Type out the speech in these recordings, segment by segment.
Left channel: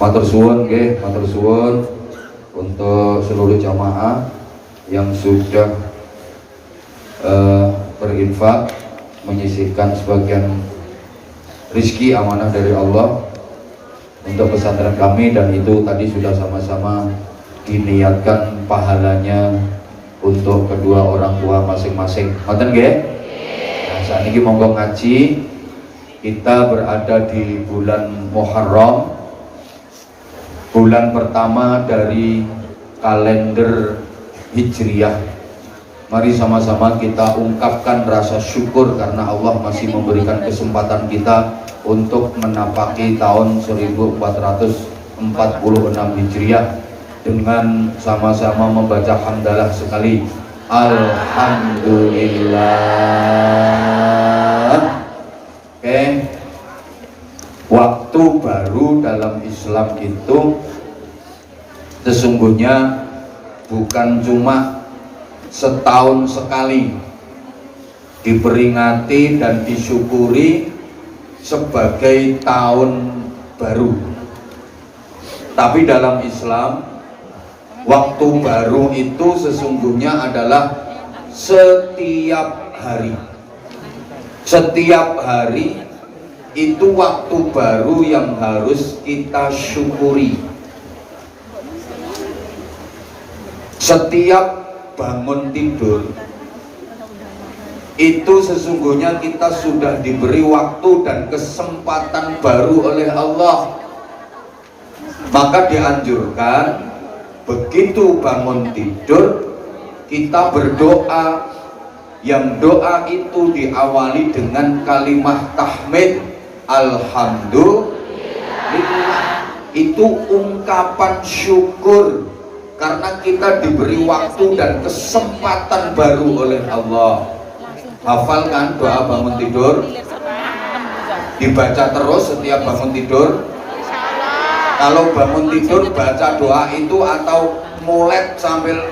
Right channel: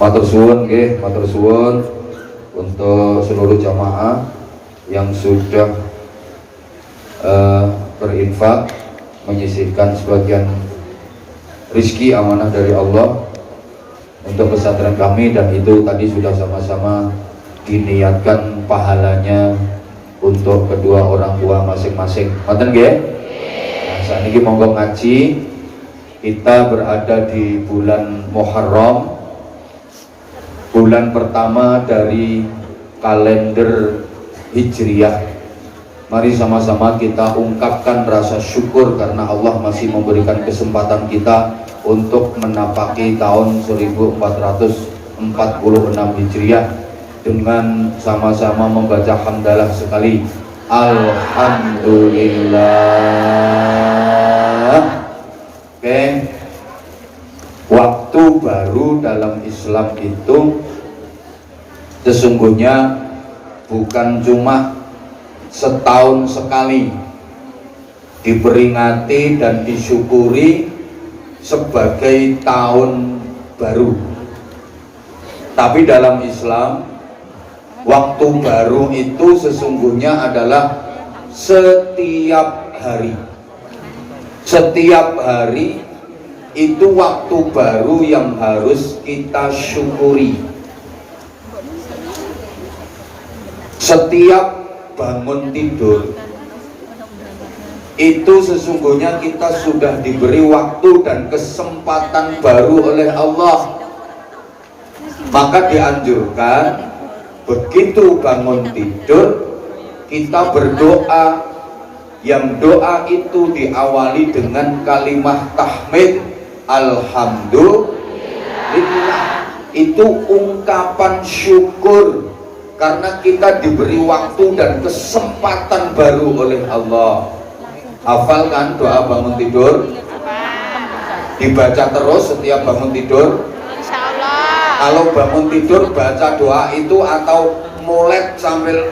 Matur suwun nggih, matur suwun untuk seluruh jamaah yang sudah berinfak menyisihkan sebagian rizki amanah dari Allah untuk pesantren kami, dan itu tadi sudah sama-sama diniatkan pahalanya untuk kedua orang tua masing-masing. Ngoten nggih? Nah, saat ini monggo ngaji. Kita berada di bulan Muharram, bulan pertama dari kalender Hijriyah. Mari sama-sama kita ungkapkan rasa syukur karena Allah masih memberikan kesempatan kita untuk menapaki tahun 1446 Hijriah dengan sama-sama membaca hamdalah sekali. Alhamdulillah. Oke. Waktu baru dalam Islam itu sesungguhnya bukan cuma setahun sekali diperingati dan disyukuri sebagai tahun baru, tapi dalam Islam waktu baru itu sesungguhnya adalah setiap hari. Setiap hari itu waktu baru yang harus kita syukuri. Setiap bangun tidur itu sesungguhnya kita sudah diberi waktu dan kesempatan baru oleh Allah. Maka dianjurkan begitu bangun tidur kita berdoa, yang doa itu diawali dengan kalimat tahmid alhamdulillah. Itu ungkapan syukur karena kita diberi waktu dan kesempatan baru oleh Allah. Hafal kan doa bangun tidur? Dibaca terus setiap bangun tidur? Kalau bangun tidur baca doa itu atau molet sambil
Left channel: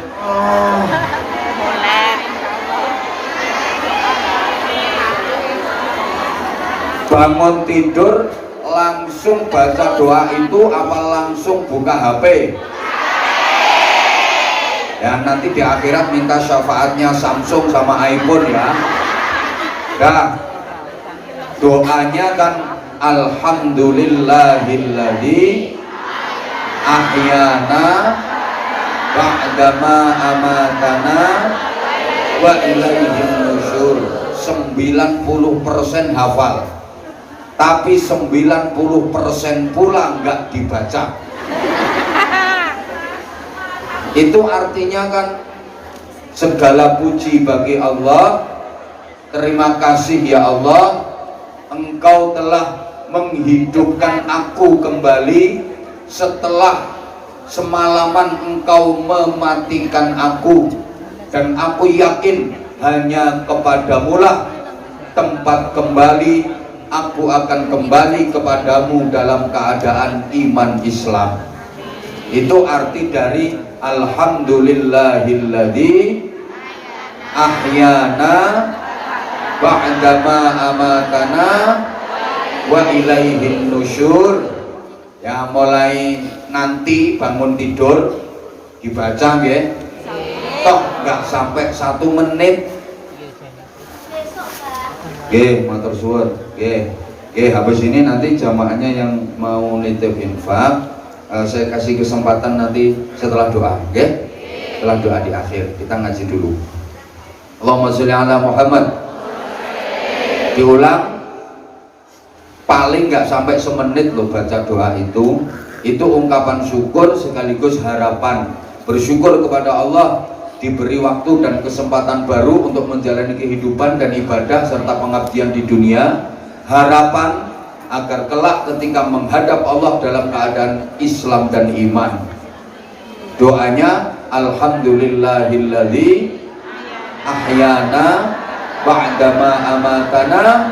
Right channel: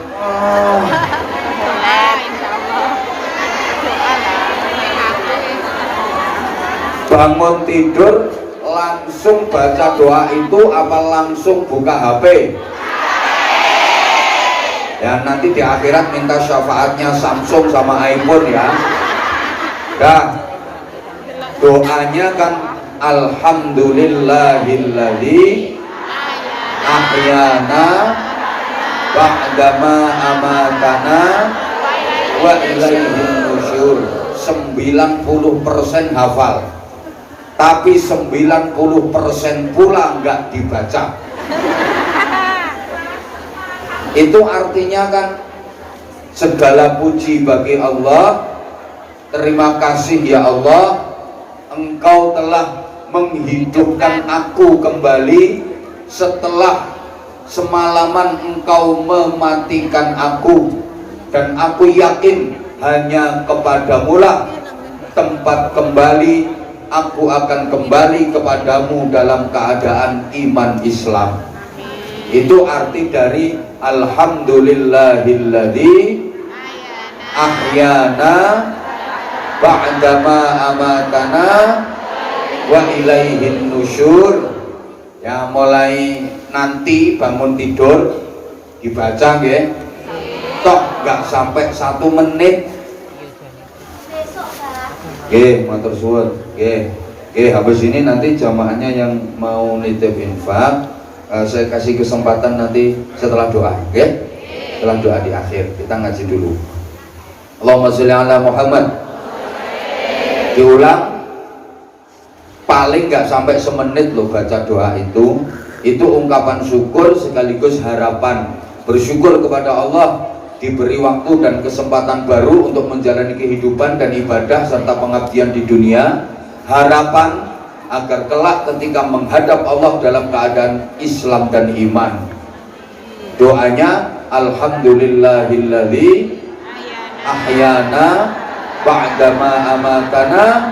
bangun tidur langsung baca doa itu apa langsung buka HP? Ya nanti di akhirat minta syafaatnya Samsung sama iPhone ya. Dah, doanya kan alhamdulillahilladzi ahyana ba'dama amatana wa ilaihin nusyur. 90% hafal, tapi 90% pula nggak dibaca. Itu artinya kan segala puji bagi Allah. Terima kasih ya Allah, Engkau telah menghidupkan aku kembali setelah semalaman Engkau mematikan aku, dan aku yakin hanya kepadamu lah tempat kembali. Aku akan kembali kepadamu dalam keadaan iman Islam. Itu arti dari alhamdulillahilladzi ahyana ba'dama amatana wa ilaihin nusyur. Ya mulai nanti bangun tidur dibaca nggih. Toh nggak sampai 1 menit. Matur suwun. Habis ini nanti jamaahnya yang mau nitip infak, saya kasih kesempatan nanti setelah doa, setelah doa di akhir kita ngaji dulu. Allahumma sholli ala Muhammad. Diulang, paling nggak sampai semenit loh baca doa itu. Itu ungkapan syukur sekaligus harapan, bersyukur kepada Allah diberi waktu dan kesempatan baru untuk menjalani kehidupan dan ibadah serta pengabdian di dunia. Harapan agar kelak ketika menghadap Allah dalam keadaan Islam dan iman. Doanya alhamdulillahilladzi ahyana ba'dama amatana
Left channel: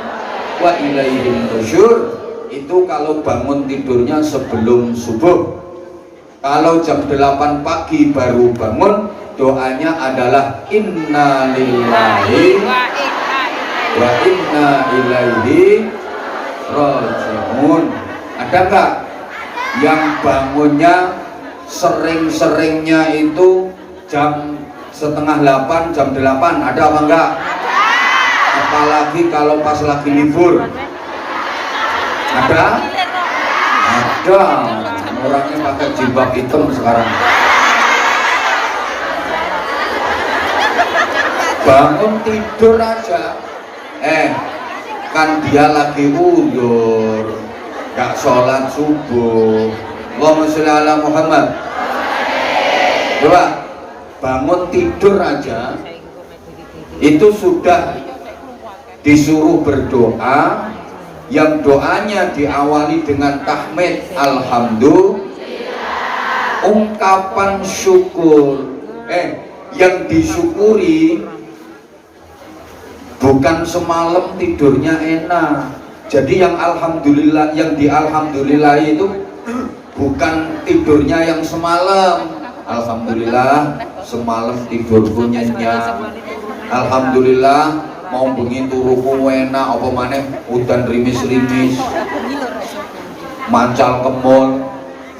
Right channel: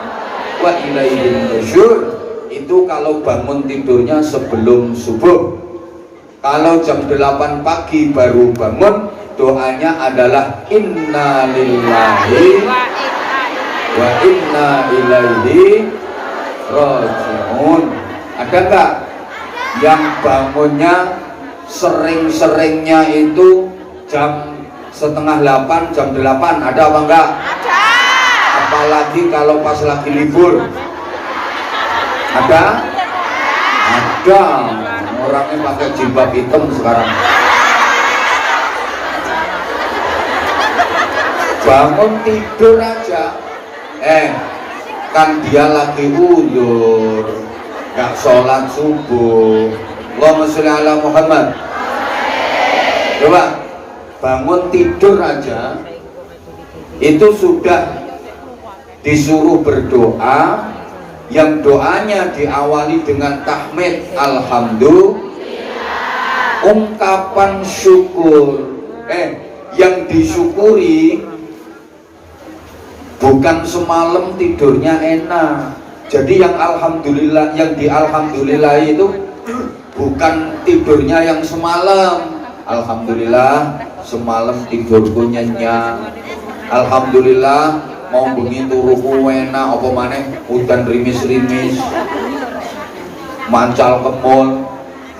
wa ilaihin nusyur. Itu kalau bangun tidurnya sebelum subuh. Kalau jam 8 pagi baru bangun, doanya adalah inna lillahi wa inna ilaihi raji'un. Ada enggak? yang bangunnya sering-seringnya itu jam setengah 8, jam 8, ada apa enggak? Apalagi kalau pas lagi libur. Ada? Ada. Orangnya pakai jilbab hitam sekarang. Bangun tidur aja, kan dia lagi undur, gak sholat subuh. Allahumma sholli ala Muhammad. Coba bangun tidur aja itu sudah disuruh berdoa, yang doanya diawali dengan tahmid alhamdulillah, ungkapan syukur. Yang disyukuri bukan semalam tidurnya enak. Jadi yang alhamdulillah, yang di alhamdulillah itu bukan tidurnya yang semalam. Alhamdulillah semalam tidurku nyenyak. Alhamdulillah mau bengi turuku enak, apa maneh udan rimis-rimis, mancal kemul.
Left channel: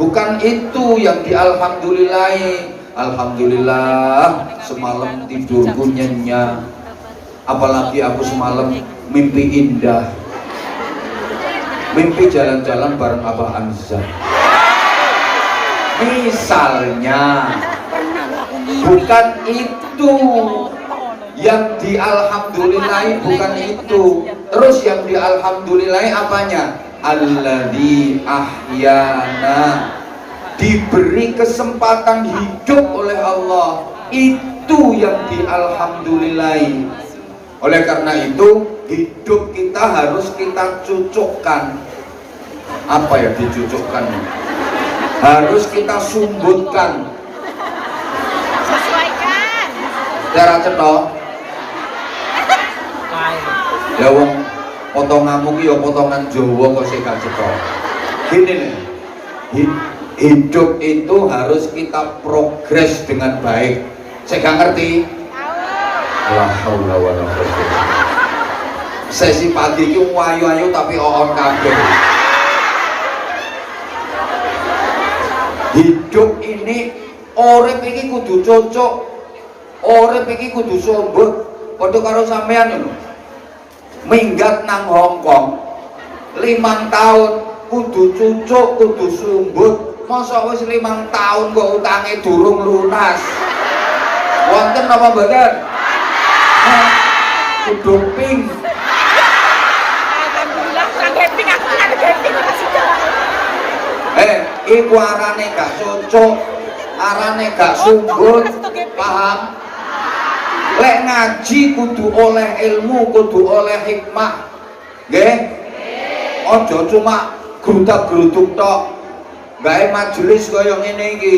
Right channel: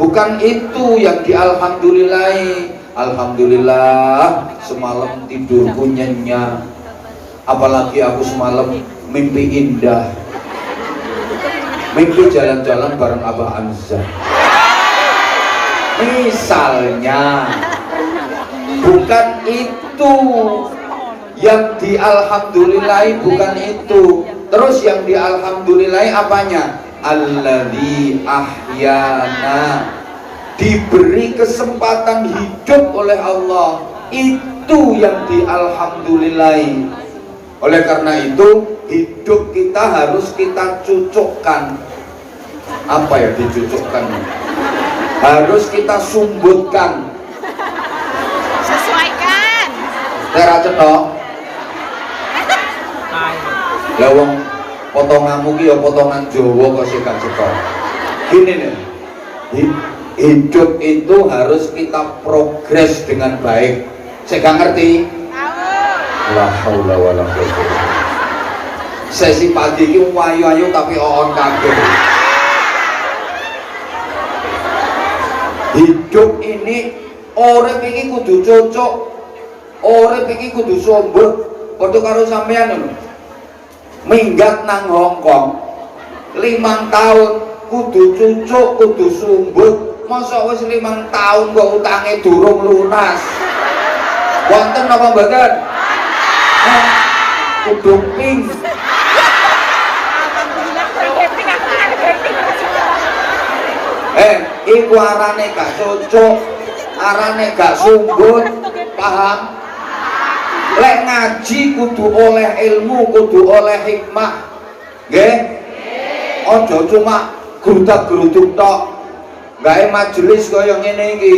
Bukan itu yang di alhamdulillahi. Alhamdulillah semalam tidurku nyenyak. Apalagi aku semalam mimpi indah, mimpi jalan-jalan bareng Abah Anza. Misalnya, bukan itu yang di alhamdulillahi, bukan itu. Terus yang di alhamdulillahi apanya? Alladzi ahyana, diberi kesempatan hidup oleh Allah, itu yang di alhamdulillahi. Oleh karena itu hidup kita harus kita cucukkan. Apa ya dicucukkan? Harus kita sumbutkan. Sesuaikan. Cara cetok. Lah wong potonganmu ki ya potongan Jawa kok sing gak cetok. Gini nih. Hidup itu harus kita progres dengan baik. Saya gak ngerti. La haula wala quwwata. Sesi pagi ki wayu-ayu tapi oon kabeh. Hidup ini urip iki kudu cocok. Urip iki kudu sombong. Padha karo sampean minggat nang Hongkong 5 tahun kudu cucuk, kudu sumbut. Masa wis 5 tahun kok utange durung lunas. Wonten apa mboten? Kudu ping. Iku arane gak cocok, arane gak sumbut, paham? Lek ngaji kudu oleh ilmu, kudu oleh hikmah. Nggih? Aja cuma grudak-gruduk tok. Gawe majelis kaya ngene iki,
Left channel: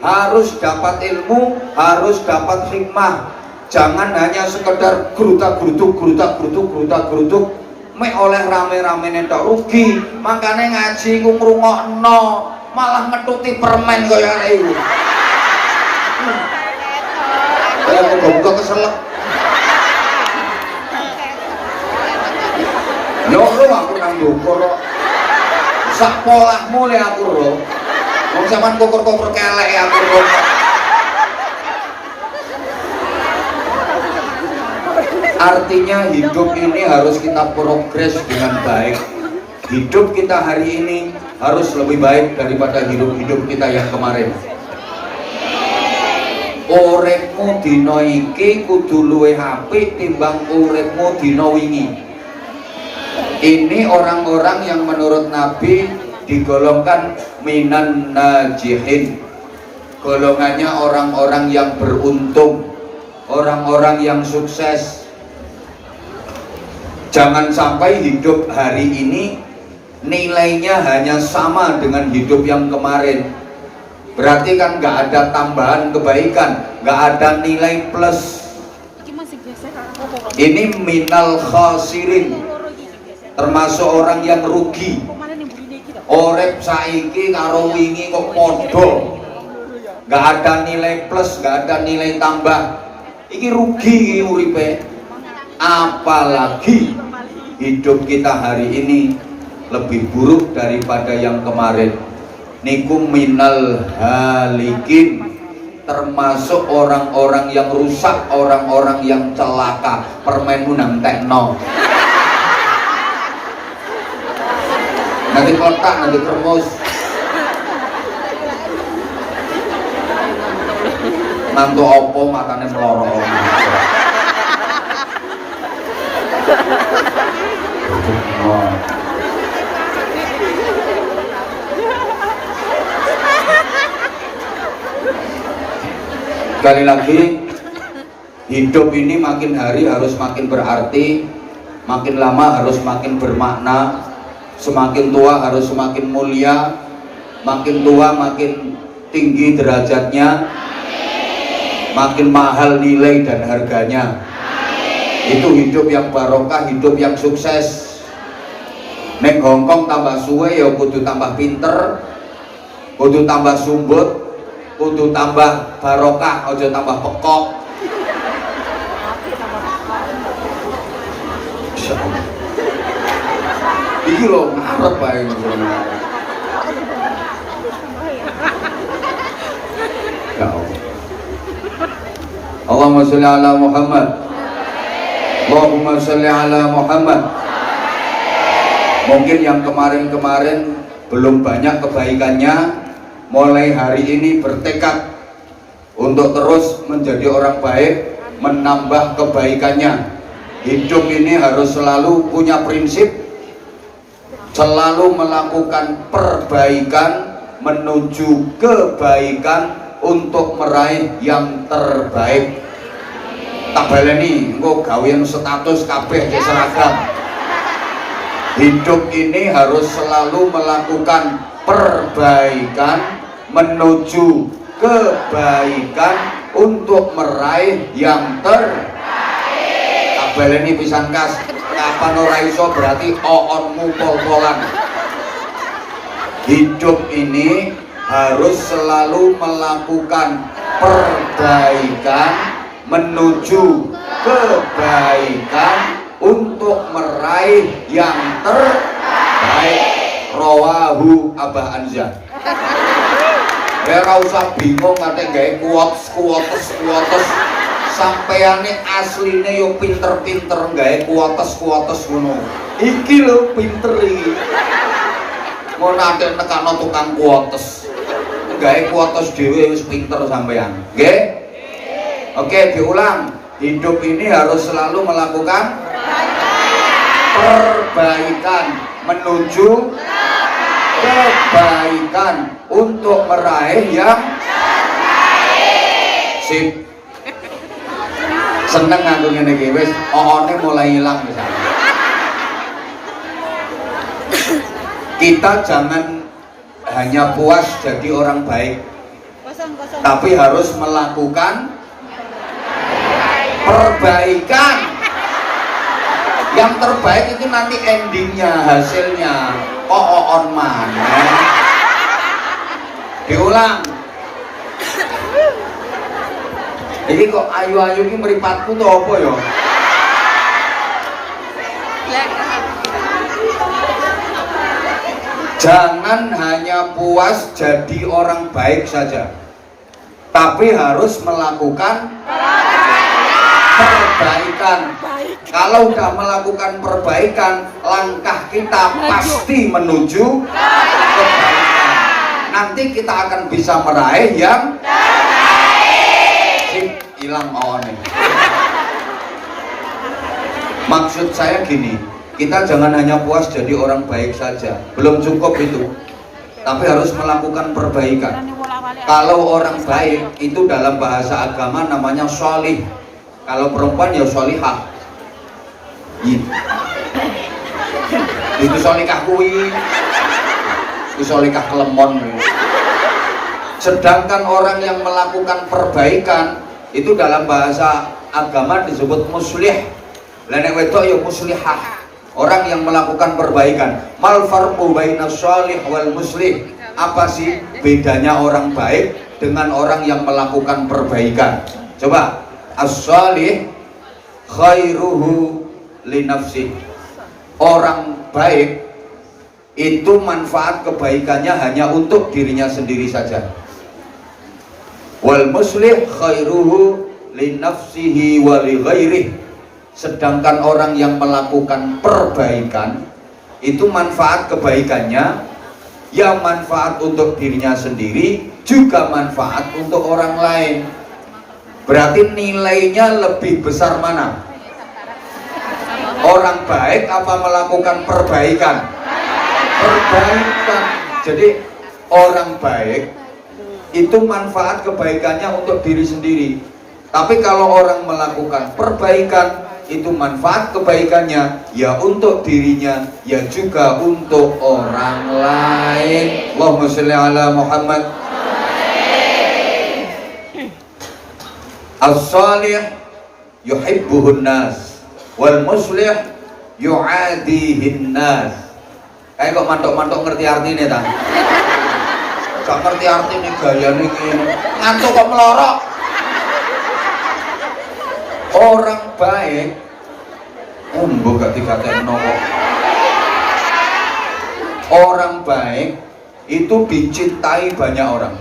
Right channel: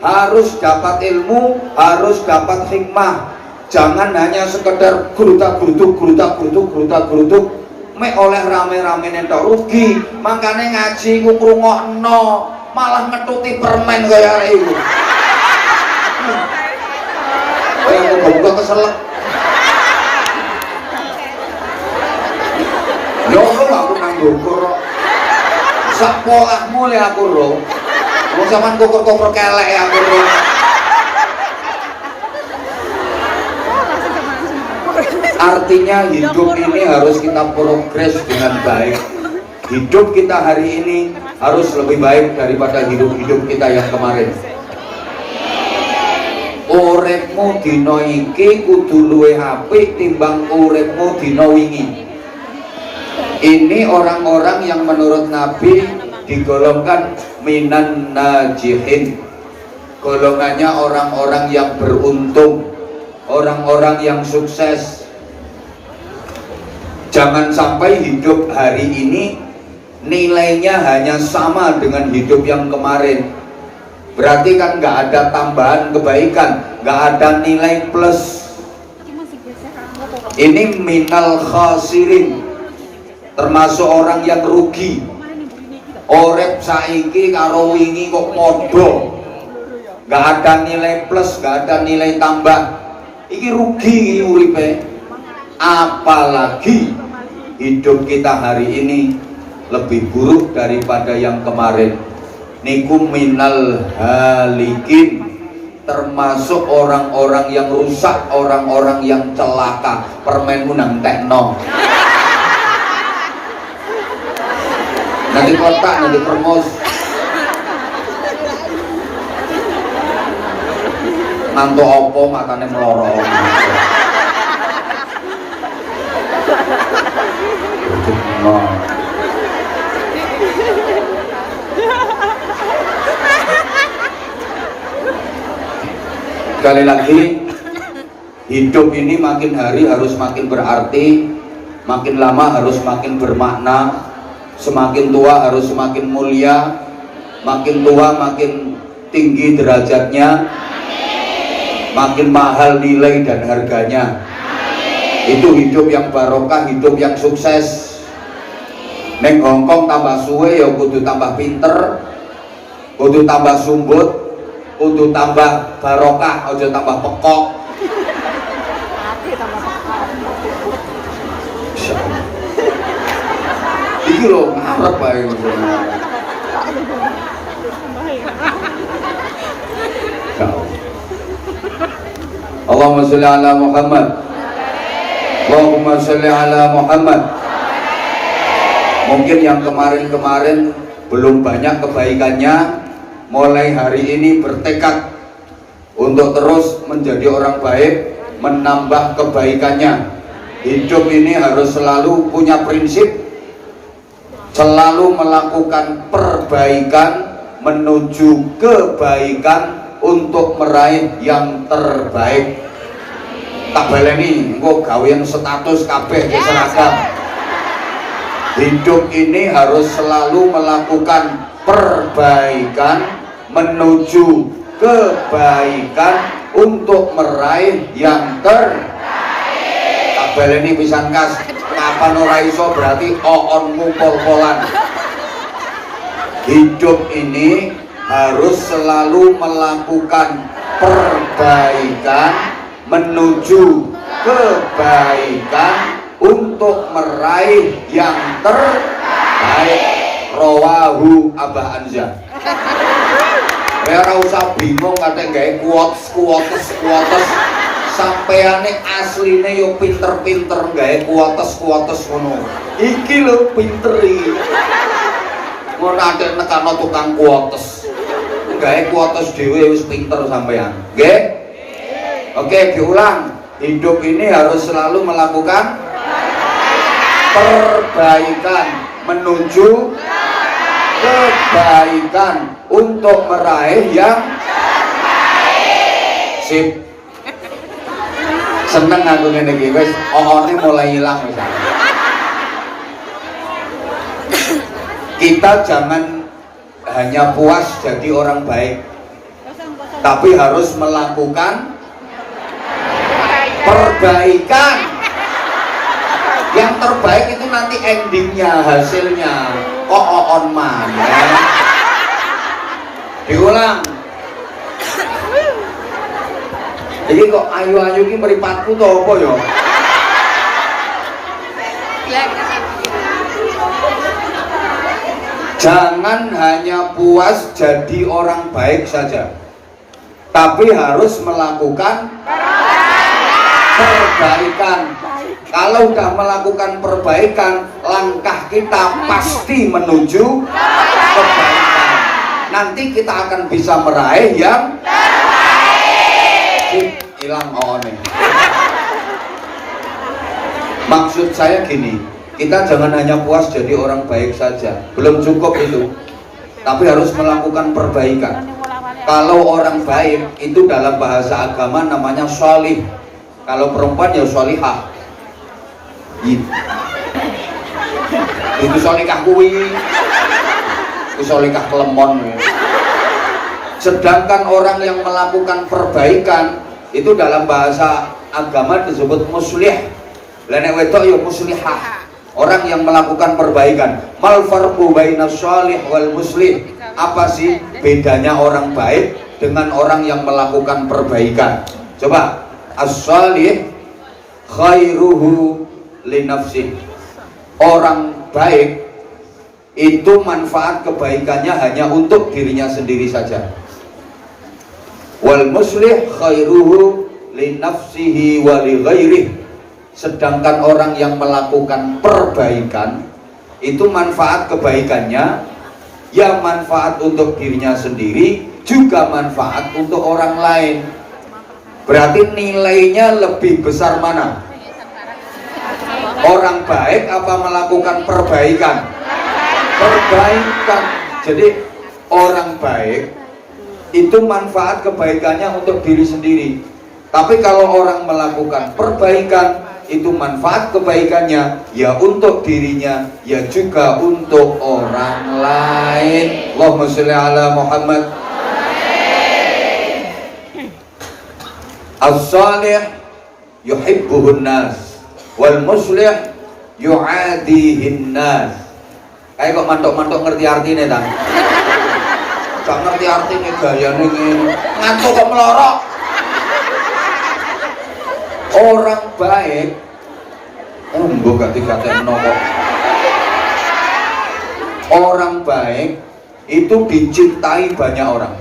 harus dapat ilmu, harus dapat hikmah. Jangan hanya sekedar grudak-gruduk, mek oleh rame-rame tok rugi. Makane ngaji ku ngrungokno, malah ngetuti permen kaya arek iku. Kaya buka keselak. Yo aku nang ndukur. Sak polahmu le aku ro. Wong sampean koker-koker kelek aku ro. Artinya hidup ini harus kita progres dengan baik. Hidup kita hari ini harus lebih baik daripada hidup-hidup kita yang kemarin. Uripmu dina iki kudu luwih apik timbang uripmu dina wingi. Ini orang-orang yang menurut Nabi digolongkan minan najihin. Golongannya orang-orang yang beruntung, orang-orang yang sukses. Jangan sampai hidup hari ini nilainya hanya sama dengan hidup yang kemarin. Berarti kan nggak ada tambahan kebaikan, nggak ada nilai plus. Ini minal khasirin, termasuk orang yang rugi. Orep saiki karo wingi kok podo, nggak ada nilai plus, nggak ada nilai tambah. Iki rugi uripe. Apalagi hidup kita hari ini lebih buruk daripada yang kemarin. niku minal halikin, termasuk orang-orang yang rusak, orang-orang yang celaka. Permen unang tekno nanti kotak, nanti kermus, nanti opo makannya melorong. Sekali lagi, hidup ini makin hari harus makin berarti, makin lama harus makin bermakna, semakin tua harus semakin mulia, makin tua makin tinggi derajatnya, makin mahal nilai dan harganya. Itu hidup yang barokah, hidup yang sukses. Neng Hongkong tambah suwe ya kudu tambah pinter, kudu tambah sumbut, kudu tambah barokah, aja tambah pekok. Iki lho ngarep bae. Allahumma sholli ala Muhammad. Allahumma sholli ala Muhammad. Mungkin yang kemarin-kemarin belum banyak kebaikannya, mulai hari ini bertekad untuk terus menjadi orang baik, menambah kebaikannya. Hidup ini harus selalu punya prinsip, selalu melakukan perbaikan menuju kebaikan untuk meraih yang terbaik. Tak baleni engko gawean status kabeh seragam. Hidup ini harus selalu melakukan perbaikan menuju kebaikan untuk meraih yang terbaik. Tak baleni pisan kas, kapan ora iso berarti oonmu pol-polan. Hidup ini harus selalu melakukan perbaikan menuju kebaikan untuk meraih yang terbaik. Rawahu Abah Anza. Ya ora usah bingung kate gawe kuotes sampeane asline yo pinter-pinter gawe kuotes ngono. Iki lho pinter iki. Ngono ate nekano tukang kuotes. Gawe kuotes dhewe wis pinter sampean. Nggih? Oke, diulang. Hidup ini harus selalu melakukan perbaikan menuju kebaikan untuk meraih yang sip. Seneng aku ngene iki wis oone mulai hilang misalnya. Kita jangan hanya puas jadi orang baik, tapi harus melakukan perbaikan. Yang terbaik itu nanti endingnya, hasilnya on mana. Diulang. Ini kok ayu-ayu ini meripatku tuh apa ya? Jangan hanya puas jadi orang baik saja, tapi harus melakukan perbaikan. Kalau sudah melakukan perbaikan, langkah kita pasti menuju kebaikan. Nanti kita akan bisa meraih yang sip, hilang oone. Maksud saya gini, kita jangan hanya puas jadi orang baik saja, belum cukup itu, tapi harus melakukan perbaikan. Kalau orang baik itu dalam bahasa agama namanya sholih, kalau perempuan ya sholihah. Itu solikah kuwi, itu solikah kelemon. Sedangkan orang yang melakukan perbaikan itu dalam bahasa agama disebut muslih. Nek wedok ya muslihah, orang yang melakukan perbaikan. Mal farqu bainas sholih wal muslih? Apa sih bedanya orang baik dengan orang yang melakukan perbaikan? Coba, as-sholih khairuhu li nafsih. Orang baik itu manfaat kebaikannya hanya untuk dirinya sendiri saja. Wal muslih khairuhu li nafsihi wa li ghairihi. Sedangkan orang yang melakukan perbaikan itu manfaat kebaikannya ya manfaat untuk dirinya sendiri, juga manfaat untuk orang lain. Berarti nilainya lebih besar mana? Orang baik apa melakukan perbaikan? Perbaikan. Jadi orang baik itu manfaat kebaikannya untuk diri sendiri. Tapi kalau orang melakukan perbaikan, itu manfaat kebaikannya ya untuk dirinya, ya juga untuk orang lain. Allahumma sholli ala Muhammad. As-salih yuhibbuhun nas wal muslih yu'adihin nas. Kayak kok mantok-mantok ngerti artinya ta? Gak ngerti artinya gayane ngene. Ngantuk kok melorok. Orang baik mbok gak dikatekno kok. Orang baik itu dicintai banyak orang.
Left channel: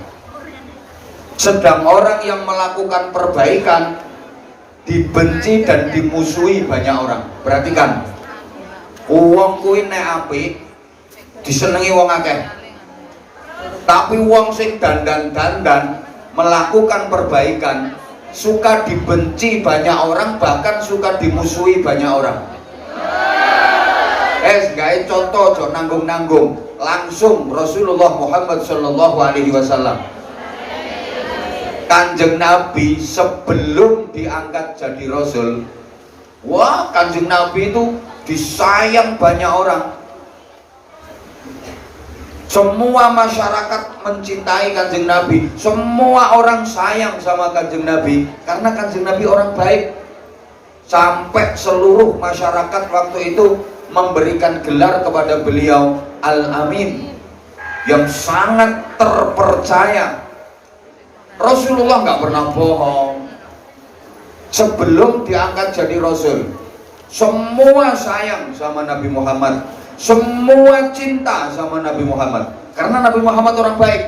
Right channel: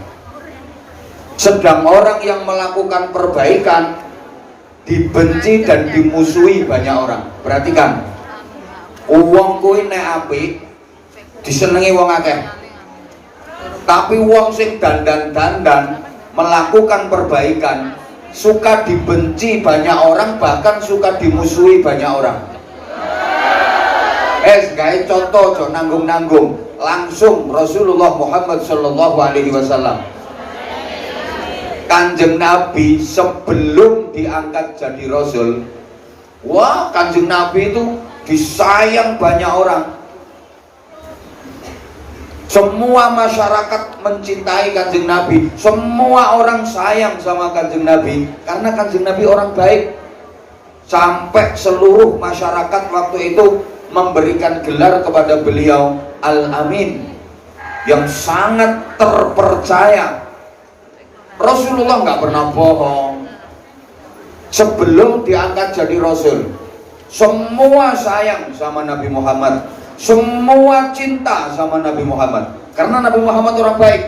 Sedang orang yang melakukan perbaikan dibenci dan dimusuhi banyak orang. Perhatikan, wong kuwi nek apik disenengi wong akeh. Tapi wong sing dandan-dandan melakukan perbaikan suka dibenci banyak orang, bahkan suka dimusuhi banyak orang. Gawe contoh, aja nanggung-nanggung. Langsung Rasulullah Muhammad sallallahu alaihi wasallam. Kanjeng Nabi sebelum diangkat jadi Rasul, wah Kanjeng Nabi itu disayang banyak orang. Semua masyarakat mencintai Kanjeng Nabi, semua orang sayang sama Kanjeng Nabi karena Kanjeng Nabi orang baik. Sampai seluruh masyarakat waktu itu memberikan gelar kepada beliau Al-Amin, yang sangat terpercaya. Rasulullah nggak pernah bohong. Sebelum diangkat jadi Rasul, semua sayang sama Nabi Muhammad, semua cinta sama Nabi Muhammad karena Nabi Muhammad orang baik.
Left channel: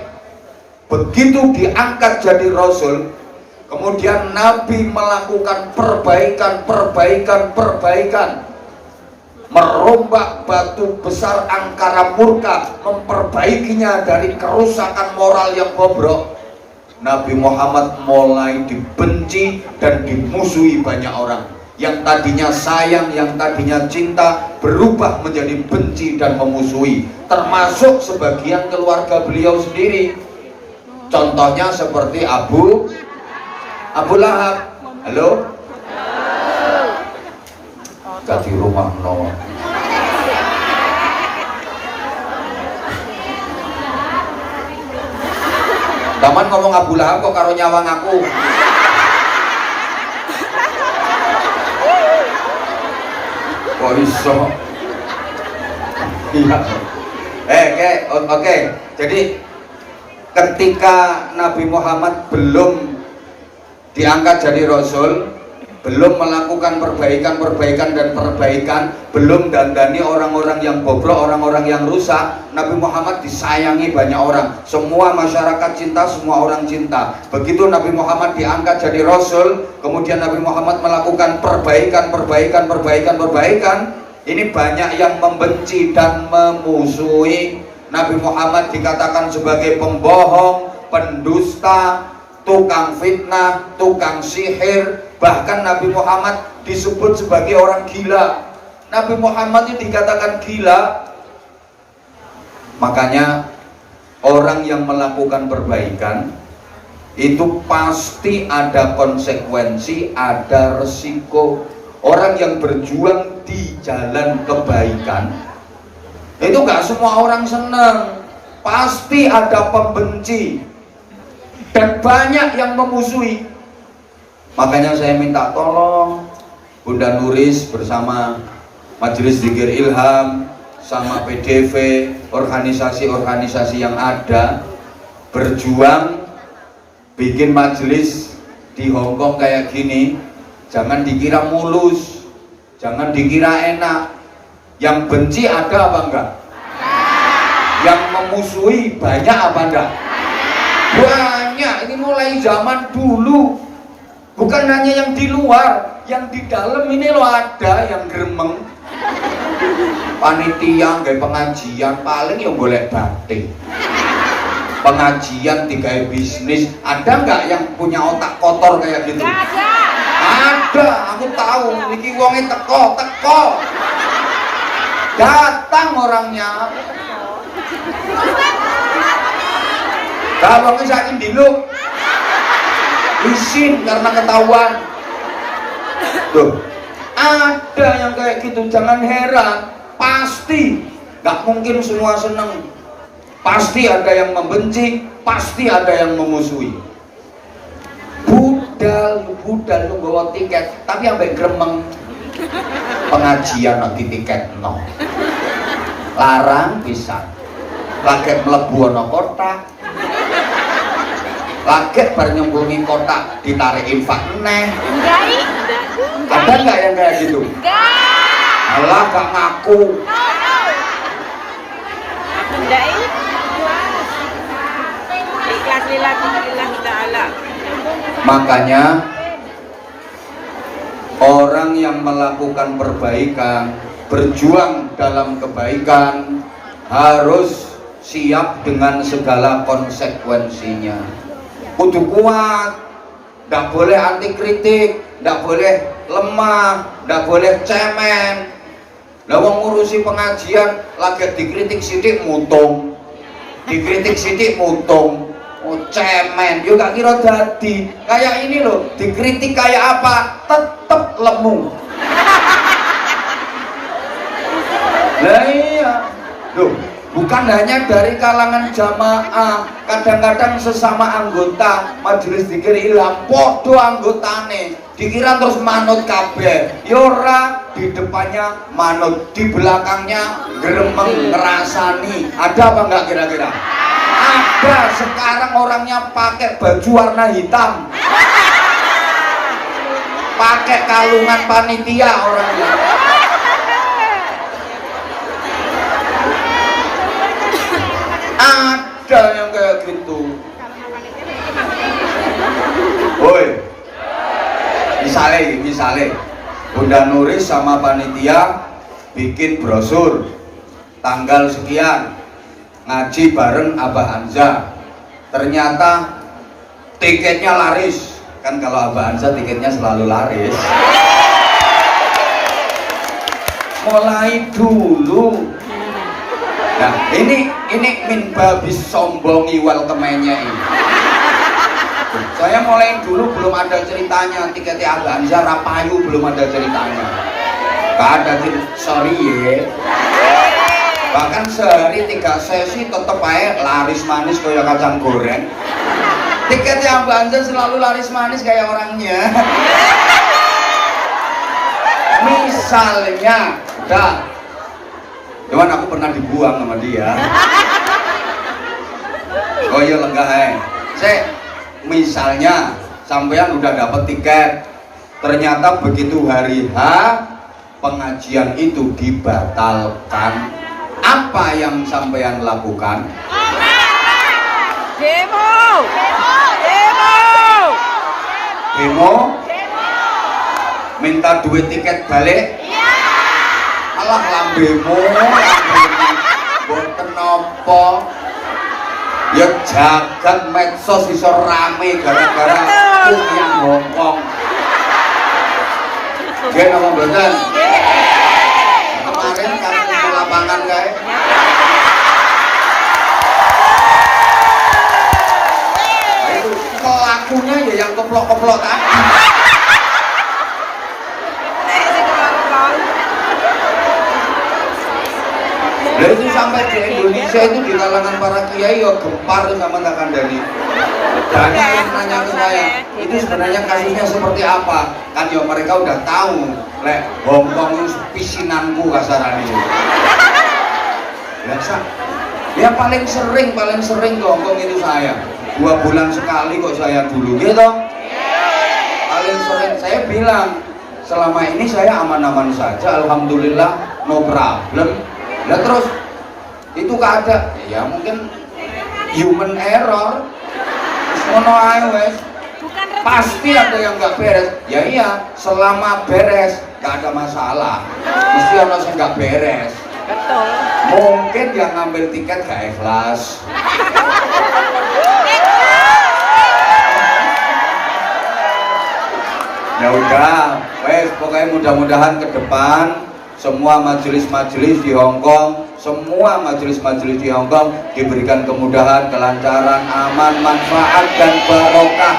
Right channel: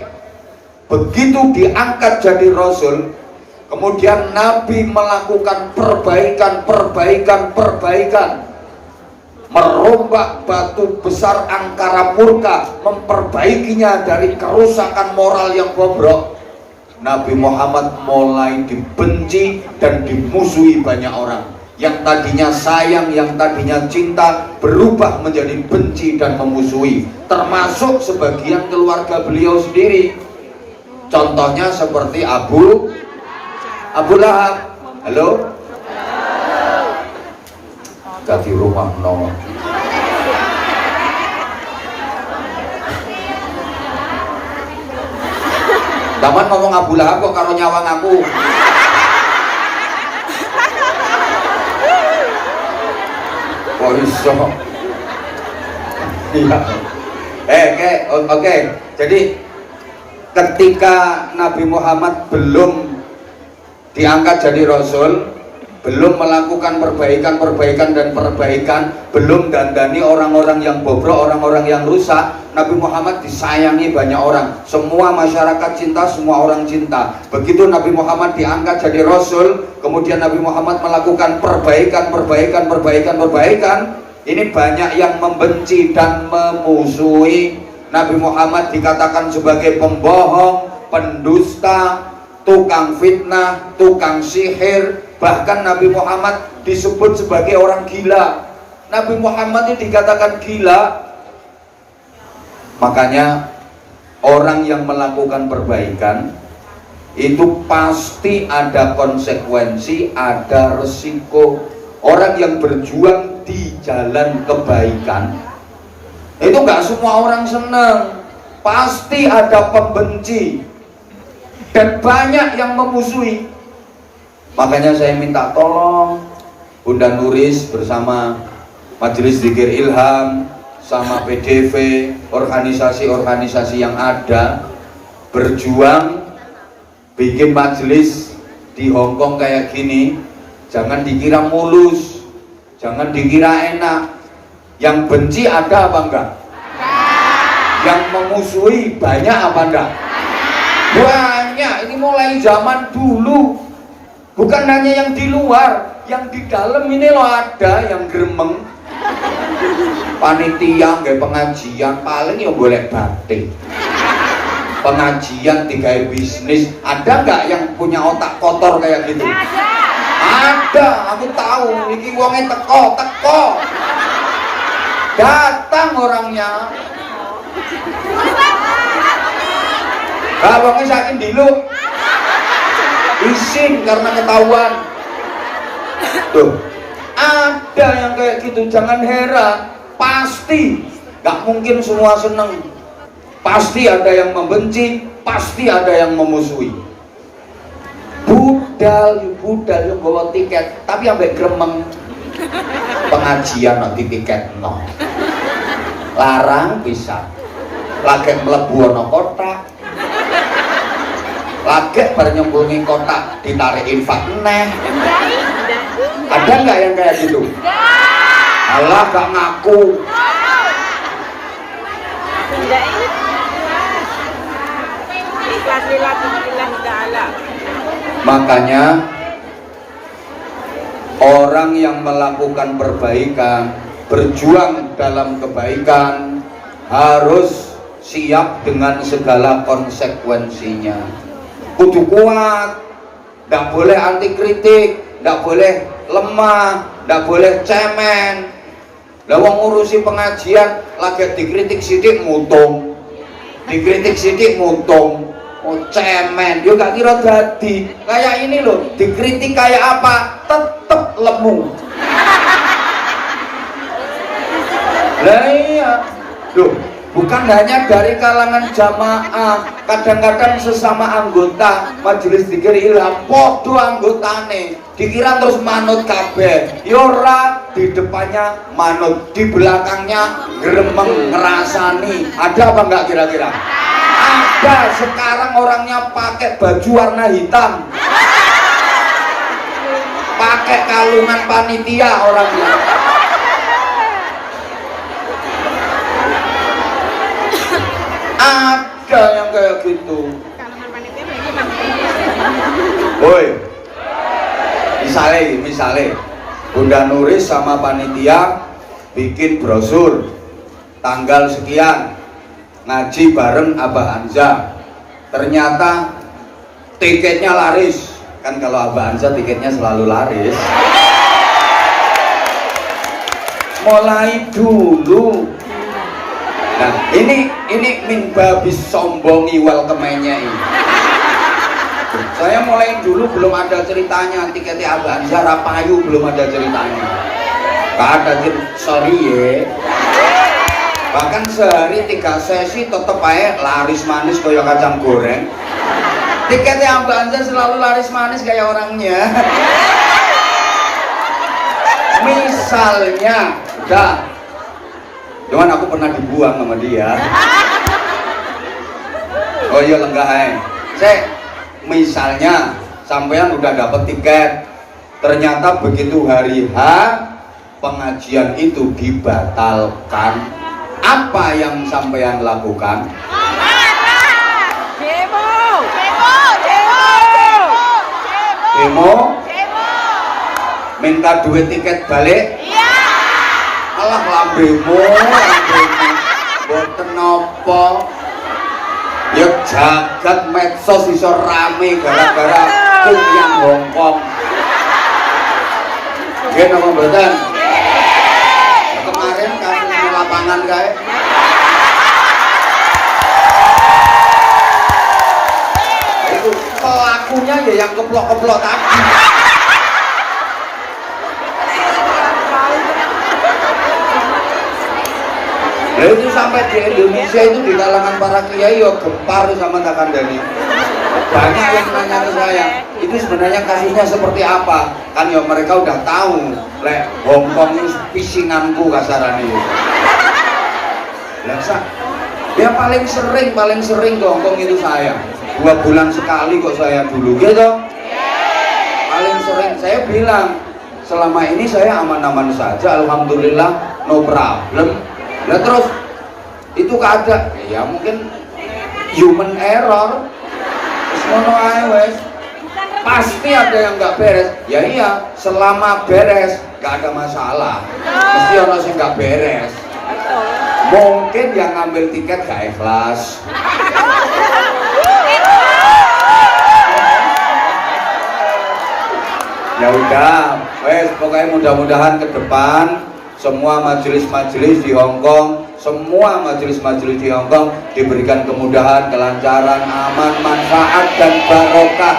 Begitu diangkat jadi Rasul, kemudian Nabi melakukan perbaikan, merombak batu besar angkara murka, memperbaikinya dari kerusakan moral yang bobrok. Nabi Muhammad mulai dibenci dan dimusuhi banyak orang. Yang tadinya sayang, yang tadinya cinta, berubah menjadi benci dan memusuhi, termasuk sebagian keluarga beliau sendiri. Contohnya seperti Abu Lahab. Halo? Ganti rumah no. Daman ngomong Abu Lahab kok karo nyawang aku. Kok iso? Iya. Oke. Jadi ketika Nabi Muhammad belum diangkat jadi Rasul, belum melakukan perbaikan dan perbaikan, belum dandani orang-orang yang bobrok, orang-orang yang rusak, Nabi Muhammad disayangi banyak orang. Semua masyarakat cinta, semua orang cinta. Begitu Nabi Muhammad diangkat jadi Rasul, kemudian Nabi Muhammad melakukan perbaikan, ini banyak yang membenci dan memusuhi. Nabi Muhammad dikatakan sebagai pembohong, pendusta, tukang fitnah, tukang sihir. Bahkan Nabi Muhammad disebut sebagai orang gila. Nabi Muhammad ini dikatakan gila. Makanya orang yang melakukan perbaikan itu pasti ada konsekuensi, ada resiko. Orang yang berjuang di jalan kebaikan itu gak semua orang senang. Pasti ada pembenci dan banyak yang memusuhi. Makanya saya minta tolong Bunda Nuris bersama Majelis Dzikir Ilham sama PDV, organisasi-organisasi yang ada, berjuang bikin majelis di Hongkong kayak gini. Jangan dikira mulus, jangan dikira enak. Yang benci ada apa enggak? Yang memusuhi banyak apa enggak? Banyak. Ini mulai zaman dulu. Bukan hanya yang di luar, yang di dalam ini loh ada yang gremeng. Panitia nggak pengajian paling yang boleh batik. Pengajian tiga bisnis. Ada nggak yang punya otak kotor kayak gitu? Ada. Aku tahu. Ini uangnya teko. Datang orangnya. Kalau ngesakin dulu izin karena ketahuan. Tuh, ada yang kayak gitu, jangan heran. Pasti gak mungkin semua seneng. Pasti ada yang membenci, pasti ada yang memusuhi. Budal yang bawa tiket, tapi ambek gremeng. Pengajian nanti tiket no. Larang bisa. Lagi mlebu ana kotak. Lagi bernyembunyi kotak ditarik infak neh. Ada nggak yang kayak gitu? Allah gak ngaku. Makanya orang yang melakukan perbaikan, berjuang dalam kebaikan harus siap dengan segala konsekuensinya. Kudu kuat, tidak boleh anti kritik, tidak boleh lemah, tidak boleh cemen. Lawang ngurusi pengajian lagi dikritik sidik mutung, dikritik sidik mutung, oh cemen, yo gak kira dadi. Kayak ini loh, dikritik kayak apa, tetep lemu. Lah iya, loh. Bukan hanya dari kalangan jamaah, kadang-kadang sesama anggota majelis zikir ilham podo anggotane dikira terus manut kabeh. Yora di depannya manut, di belakangnya gremeng ngerasani. Ada apa enggak kira-kira? Ada. Sekarang orangnya pakai baju warna hitam, pakai kalungan panitia orangnya. Ada yang kayak gitu. Woi, misalnya Bunda Nuris sama panitia bikin brosur tanggal sekian ngaji bareng Abah Hamzah. Ternyata tiketnya laris. Kan kalau Abah Hamzah tiketnya selalu laris. Mulai dulu. Nah, ini min babis sombongi welcome-nya ini. Saya mulai dulu belum ada ceritanya tiketnya Abah Hamzah Rapayu, belum ada ceritanya. Gak ada sorry ya. Bahkan sehari 3 sesi tetep aja laris manis kayak kacang goreng. Tiketnya Abah Hamzah selalu laris manis kayak orangnya. Misalnya, udah. Cuman aku pernah dibuang sama dia. Oh iya lenggah misalnya sampean udah dapet tiket, ternyata begitu hari H pengajian itu dibatalkan, apa yang sampean lakukan? Demo? Minta duit tiket balik? Alah lambemu boten napa ya jagat medsos iso rame gara-gara kuliah Hongkong. Nggih napa mboten? Kemarin kasus lapangan kae. Itu pelakunya ya yang keplok-keplok tadi. Itu sampai di Indonesia itu di kalangan para kiai ya gempar sama tak kandani. Banyak yang nanya ke saya, itu sebenarnya kasusnya seperti apa? Kan ya mereka udah tahu, lek Hongkong itu pisinanku kasaran itu. Biasa. Ya paling sering ke Hongkong itu saya. 2 bulan sekali kok saya dulu gitu. Paling sering saya bilang, selama ini saya aman-aman saja, alhamdulillah, no problem. Ya terus itu keadaan ya mungkin human error. Ngono ae wes. Pasti ada yang nggak beres. Ya iya, selama beres nggak ada masalah. Mesti orang yang nggak beres. Mungkin yang ngambil tiket gak ikhlas. Ya udah, wes pokoknya mudah-mudahan ke depan semua majelis-majelis di Hongkong, semua majelis-majelis di Hongkong diberikan kemudahan, kelancaran, aman, manfaat dan barokah.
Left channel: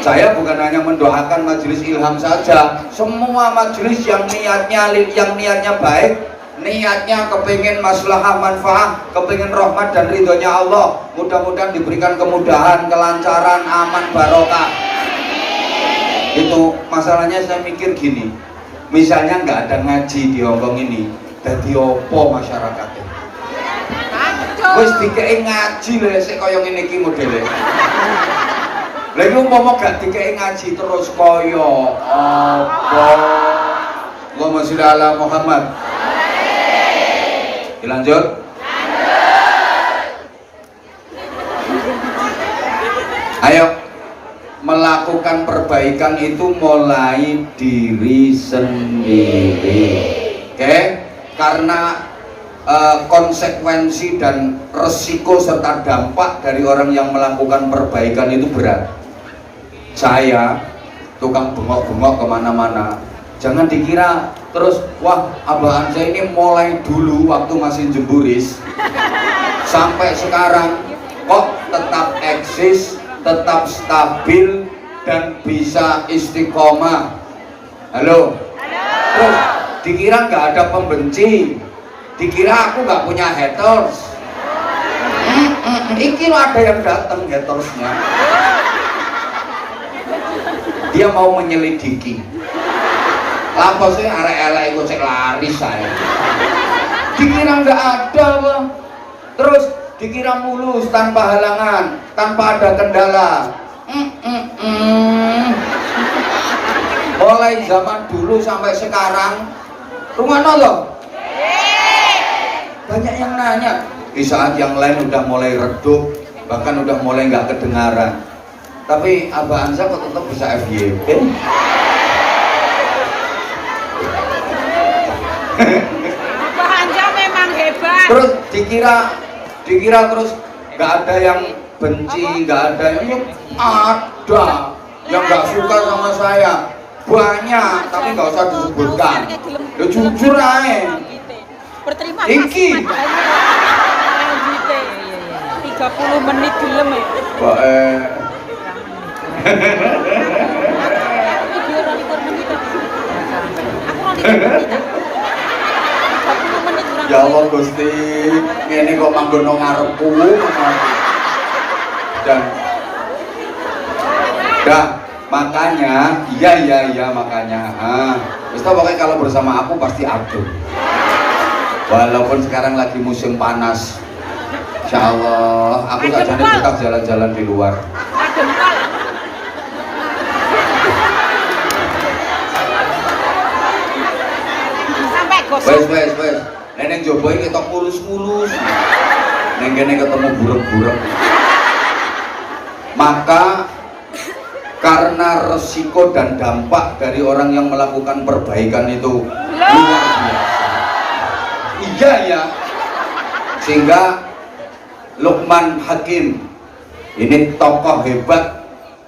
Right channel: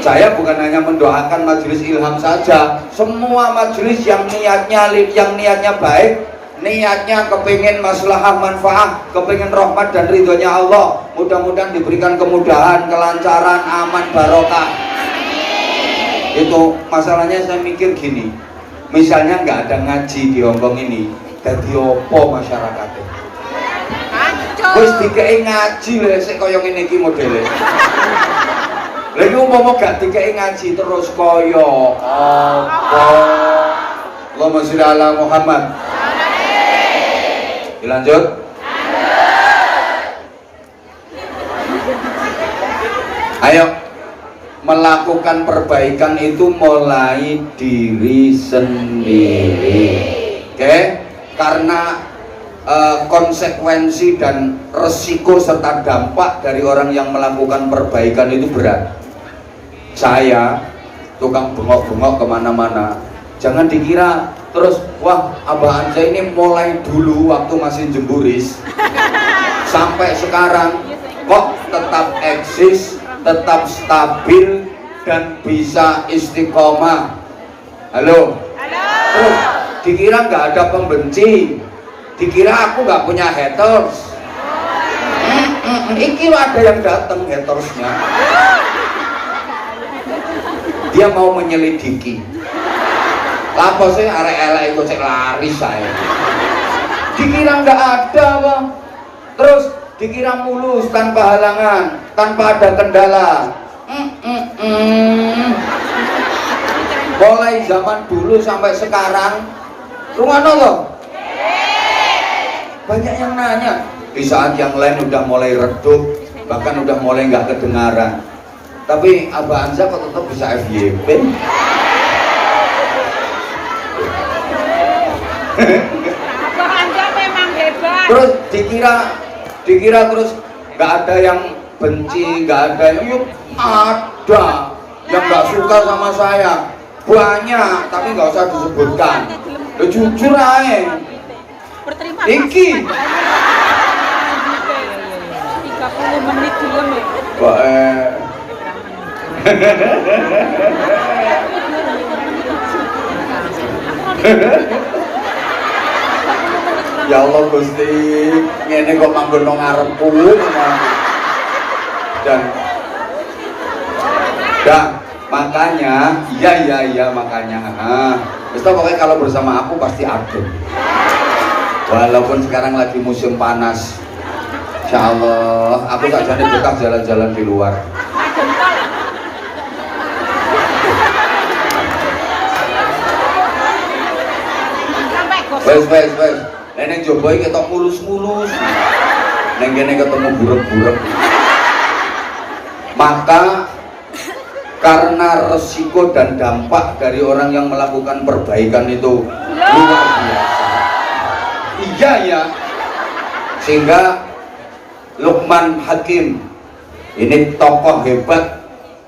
Saya bukan hanya mendoakan majelis ilham saja, semua majelis yang niatnya baik, niatnya kepingin maslahah manfaat, kepingin rahmat dan ridhonya Allah, mudah-mudahan diberikan kemudahan, kelancaran, aman, barokah. Itu masalahnya saya mikir gini, misalnya nggak ada ngaji di Hongkong ini, jadi opo masyarakatnya? Terus dikei ngaji lho, sik kaya ngene iki modele. Lagi umpama gak dikei ngaji terus kaya apa? Allahumma sholli ala Muhammad. Dilanjut. Ayo, melakukan perbaikan itu mulai diri sendiri. Oke? Karena konsekuensi dan resiko serta dampak dari orang yang melakukan perbaikan itu berat. Saya tukang bengok-bengok kemana-mana, jangan dikira terus wah Abah Anza ini mulai dulu waktu masih jemburis sampai sekarang kok tetap eksis, tetap stabil dan bisa istiqomah. Halo? Terus dikira nggak ada pembenci, dikira aku nggak punya haters. Iki lo ada yang datang hatersnya. Dia mau menyelidiki. Lapo sih arek-arek itu cek lari saya. Dikira nggak ada loh. Terus dikira mulus tanpa halangan, tanpa ada kendala. Mulai zaman dulu sampai sekarang, rumah loh. Banyak yang nanya. Di saat yang lain udah mulai redup, bahkan udah mulai nggak kedengaran. Tapi Abah Anza kok tetap bisa FYP? Abah Anza memang hebat. Terus dikira terus nggak ada yang benci, nggak ada yang yuk ada yang nggak suka sama saya banyak, tapi nggak usah disebutkan. Ya jujur aja. Berterima Iki 30 menit film ya. kok ya Allah Gusti, ngene kok manggon nang ngarepku dan makanya iya makanya terus pokoknya kalau bersama aku pasti adem, walaupun sekarang lagi musim panas. Insya Allah aku tak jadi betah jalan-jalan di luar. Wes neneng joboy ketok mulus-mulus, neng kene ketemu buruk-buruk. Maka karena resiko dan dampak dari orang yang melakukan perbaikan itu luar biasa. Iya ya, sehingga Luqman Hakim ini tokoh hebat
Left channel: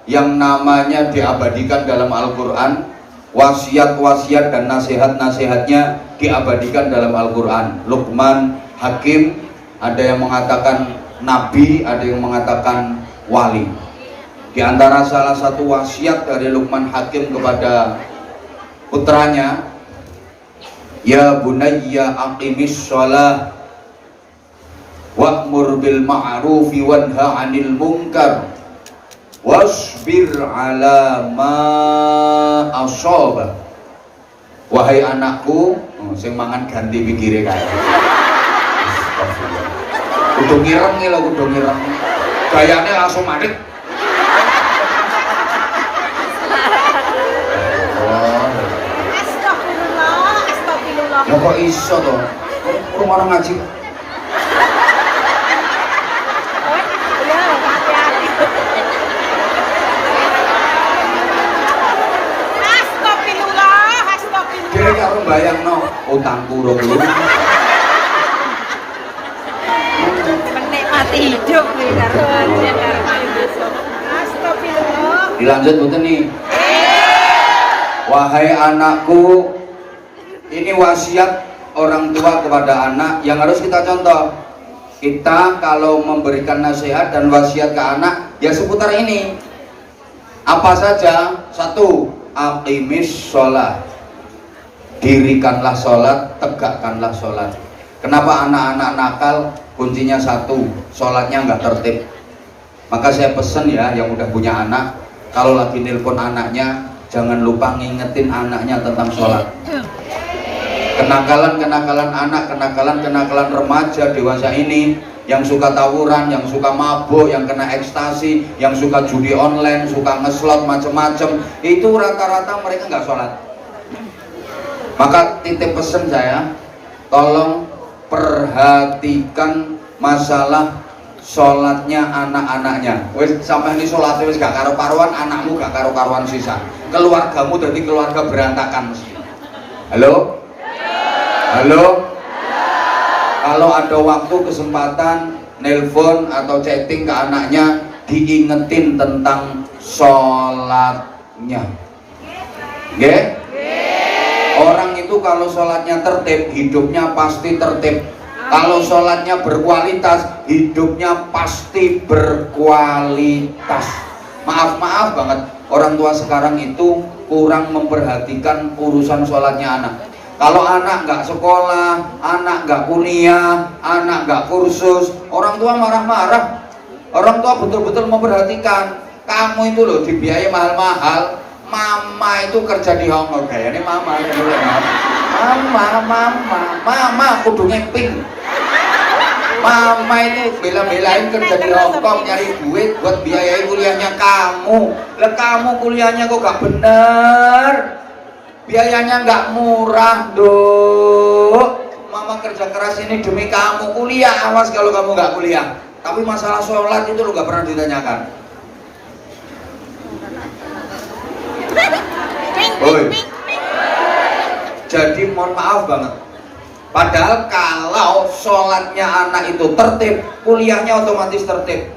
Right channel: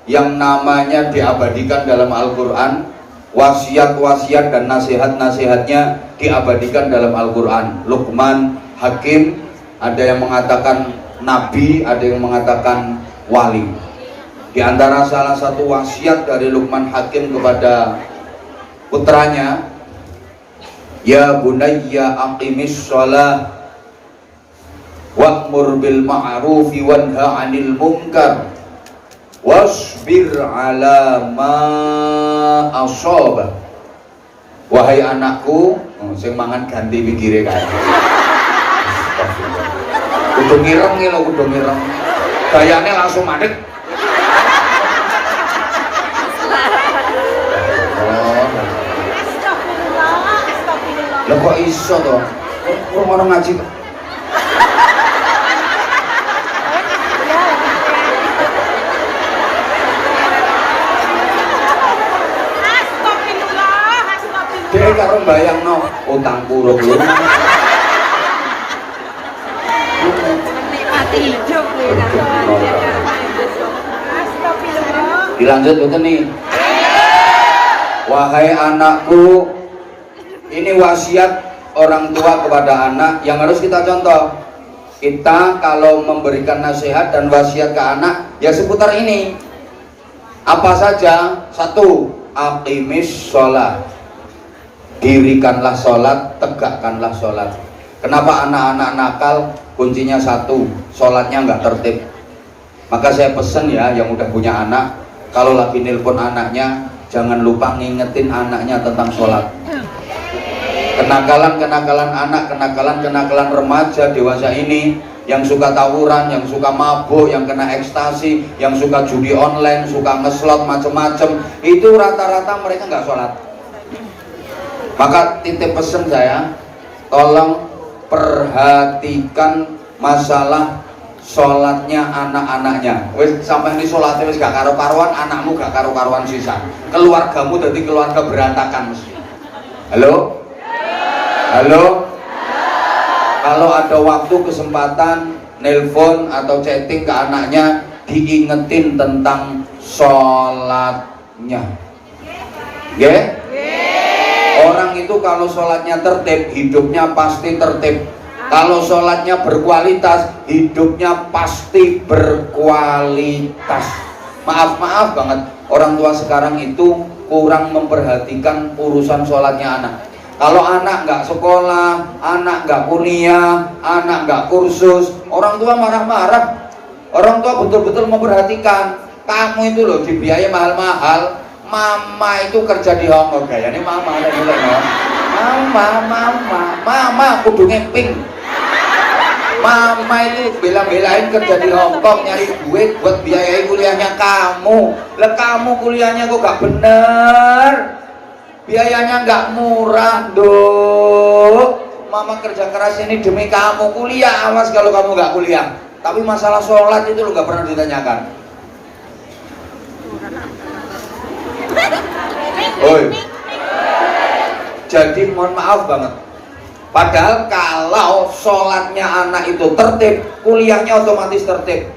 yang namanya diabadikan dalam Al-Quran. Wasiat-wasiat dan nasihat-nasihatnya diabadikan dalam Al-Quran. Luqman Hakim, ada yang mengatakan nabi, ada yang mengatakan wali. Di antara salah satu wasiat dari Luqman Hakim kepada putranya, ya bunayya aqimis shalah wa'mur bil ma'rufi wanha 'anil munkar wasbir 'ala ma asaba. Wahai anakku, sing mangan ganti pikire kae. Kudu ngireng lho, kudu ngireng. Gayane langsung manik. Lho kok iso to? orang ngaji kok. Dia karo bayangno utangku rong lunas. Menikmati hidup Astagfirullah. Dilanjut betul nih. Wahai anakku, ini wasiat orang tua kepada anak yang harus kita contoh. Kita kalau memberikan nasihat dan wasiat ke anak ya seputar ini. Apa saja? Satu, aqimis sholat. Dirikanlah sholat, tegakkanlah sholat. Kenapa anak-anak nakal? Kuncinya satu, sholatnya nggak tertib. Maka saya pesen ya yang udah punya anak, kalau lagi nelpon anaknya jangan lupa ngingetin anaknya tentang sholat. Kenakalan anak, kenakalan remaja dewasa ini yang suka tawuran, yang suka mabuk, yang kena ekstasi, yang suka judi online, suka ngeslot macem-macem, itu rata-rata mereka nggak sholat. Maka titip pesen saya, tolong perhatikan masalah sholatnya anak-anaknya. Wis sampai ini sholatnya wis gak karo-karuan, anakmu gak karo-karuan sisa. Keluargamu jadi keluarga berantakan. Halo? Halo? Kalau ada waktu kesempatan nelpon atau chatting ke anaknya, diingetin tentang sholatnya. Ya? Orang itu kalau sholatnya tertib, hidupnya pasti tertib. Kalau sholatnya berkualitas, hidupnya pasti berkualitas. Maaf banget, orang tua sekarang itu kurang memperhatikan urusan sholatnya anak. Kalau anak nggak sekolah, anak nggak kuliah, anak nggak kursus, orang tua marah-marah. Orang tua betul-betul memperhatikan. Kamu itu loh dibiayai mahal-mahal. Mama itu kerja di Hongkong, kayaknya mama ada juga ya. Mama kudu ngeping. Mama itu bela-belain kerja di Hongkong nyari duit buat biayai kuliahnya kamu. Lah kamu kuliahnya kok gak bener, biayanya gak murah dok. Mama kerja keras ini demi kamu, kuliah awas kalau kamu gak kuliah. Tapi masalah sholat itu lu gak pernah ditanyakan. Oi. Jadi mohon maaf banget. Padahal kalau sholatnya anak itu tertib, kuliahnya otomatis tertib.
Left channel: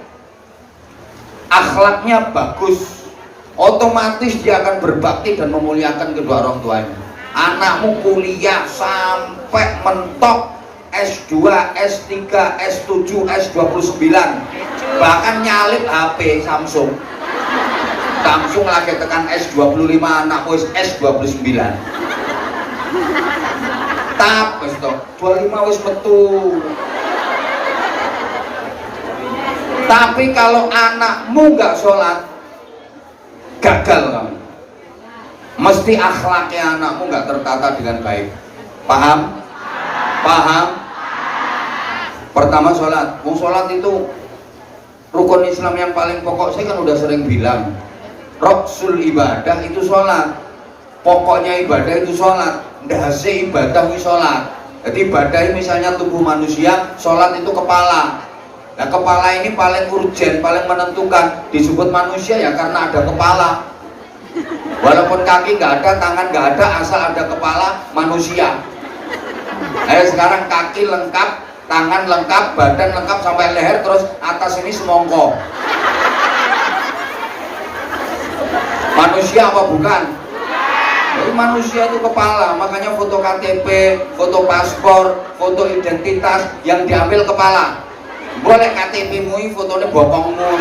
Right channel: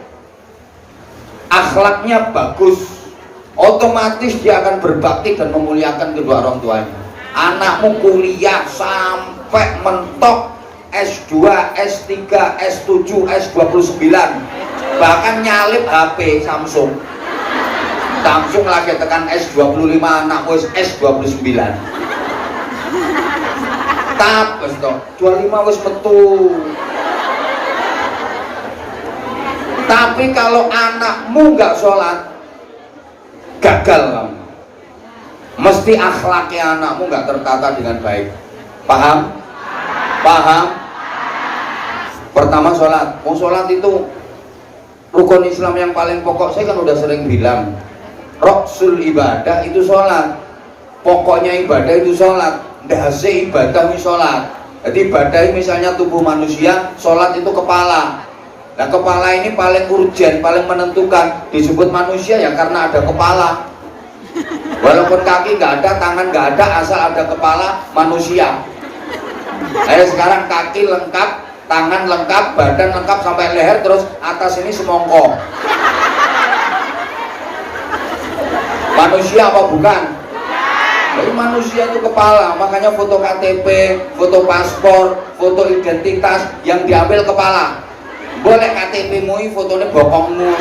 Akhlaknya bagus, otomatis dia akan berbakti dan memuliakan kedua orang tuanya. Anakmu kuliah sampai mentok S2, S3, S7, S29, bahkan nyalip HP Samsung. Samsung lagi tekan S25, anakmu S29. Tap, wis to. 25 wis metu. Tapi kalau anakmu nggak sholat, gagal kamu. Mesti akhlaknya anakmu nggak tertata dengan baik. Paham? Paham? Pertama sholat. Mau sholat itu rukun Islam yang paling pokok. Saya kan udah sering bilang, Roksul ibadah itu sholat. Pokoknya ibadah itu sholat. Dahase ibadah itu sholat. Jadi ibadah misalnya tubuh manusia, sholat itu kepala. Nah kepala ini paling urgen, paling menentukan. Disebut manusia ya karena ada kepala. Walaupun kaki nggak ada, tangan nggak ada, asal ada kepala, manusia. Ayo sekarang kaki lengkap, tangan lengkap, badan lengkap sampai leher, terus atas ini semongko. Manusia apa bukan? Jadi manusia itu kepala, makanya foto KTP, foto paspor, foto identitas yang diambil kepala. Boleh KTP-mu fotonya bokongmu.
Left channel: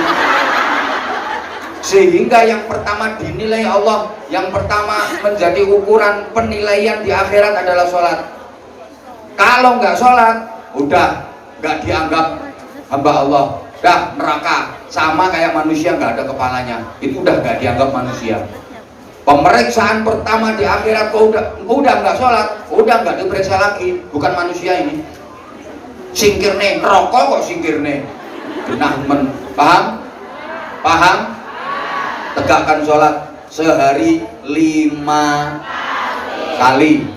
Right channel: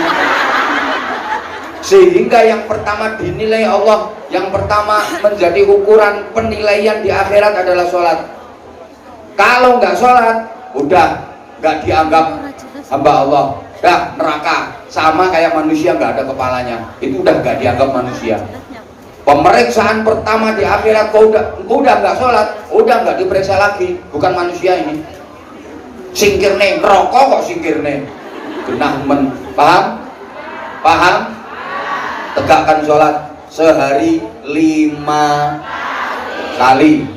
Sehingga yang pertama dinilai Allah, yang pertama menjadi ukuran penilaian di akhirat adalah sholat. Kalau nggak sholat, udah nggak dianggap hamba Allah, udah neraka. Sama kayak manusia nggak ada kepalanya, itu udah nggak dianggap manusia. Pemeriksaan pertama di akhirat, kau udah nggak sholat, udah nggak diperiksa lagi, bukan manusia ini. Singkirne, rokok kok singkirne. Genah men, paham? Paham? Tegakkan sholat sehari 5 kali.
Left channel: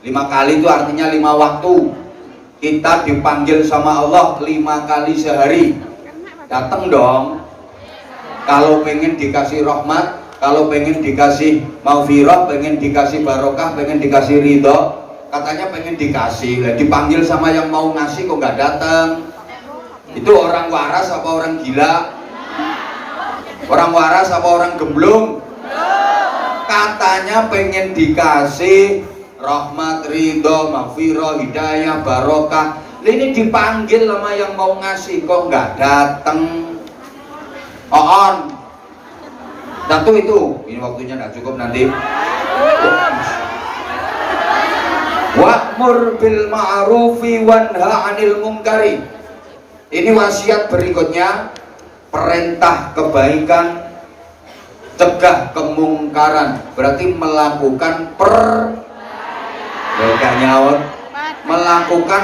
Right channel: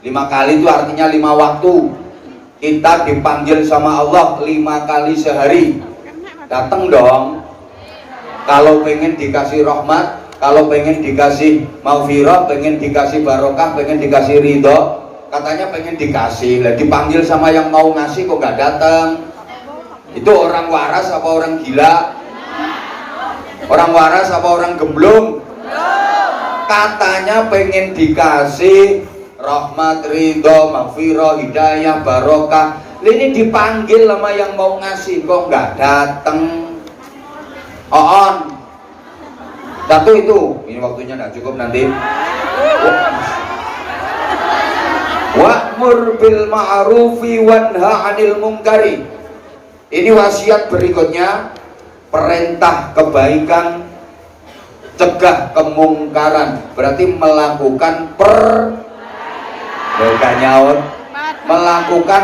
5 kali itu artinya 5 waktu. Kita dipanggil sama Allah 5 kali sehari. Datang dong. Kalau pengen dikasih rahmat, kalau pengen dikasih maghfirah, pengen dikasih barokah, pengen dikasih ridho, katanya pengen dikasih. Lah dipanggil sama yang mau ngasih kok nggak datang. Itu orang waras apa orang gila? Orang waras apa orang gemblung? Katanya pengen dikasih rahmat, ridho, maghfirah, hidayah, barokah. Ini dipanggil sama yang mau ngasih kok nggak datang. On. Satu itu. Ini waktunya nggak cukup nanti. Wa'mur bil ma'rufi wanha 'anil munkari. Ini wasiat berikutnya, perintah kebaikan, cegah kemungkaran. Berarti melakukan melakukan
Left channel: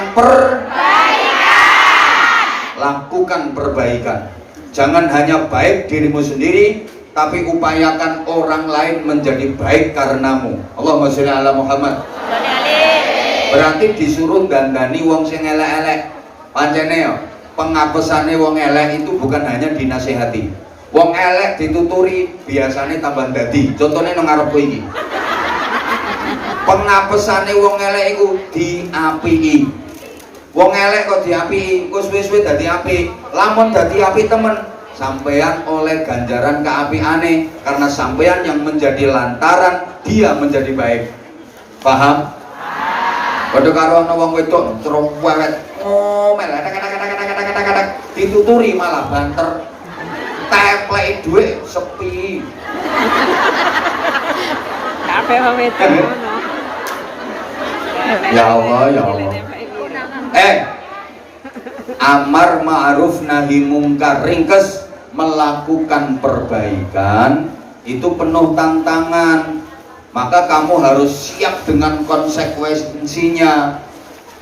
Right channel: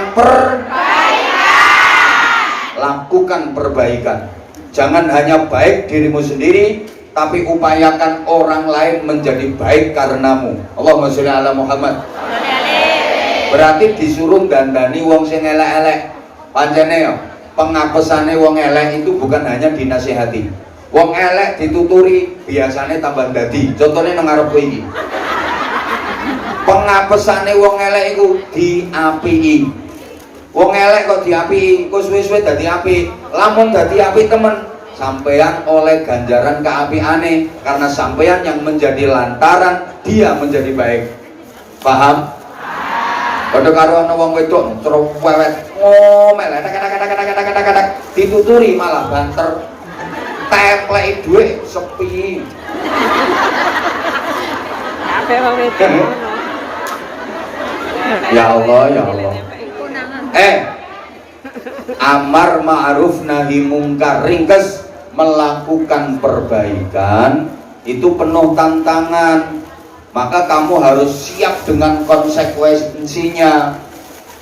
lakukan perbaikan. Jangan hanya baik dirimu sendiri, tapi upayakan orang lain menjadi baik karenamu. Allahumma sholli ala Muhammad. Berarti disuruh gandani wong sing elek-elek. Pancene ya, pengapesane wong elek itu bukan hanya dinasihati. Wong elek dituturi biasanya tambah dadi. Contohnya nang ngarepku iki. Pengapesane wong elek iku diapii. Wong elek kok diapii, kok suwe-suwe dadi apik. Lamun dadi apik temen, sampean oleh ganjaran keapiane karena sampean yang menjadi lantaran dia menjadi baik. Paham? Padha karo ana wong wedok terus wewet ngomel kadang-kadang dituturi malah banter. Tepleki dhuwit sepi. Apa wong wedok? Ya Allah, ya Allah. Amar ma'ruf nahi mungkar, ringkes melakukan perbaikan itu penuh tantangan. Maka kamu harus siap dengan konsekuensinya.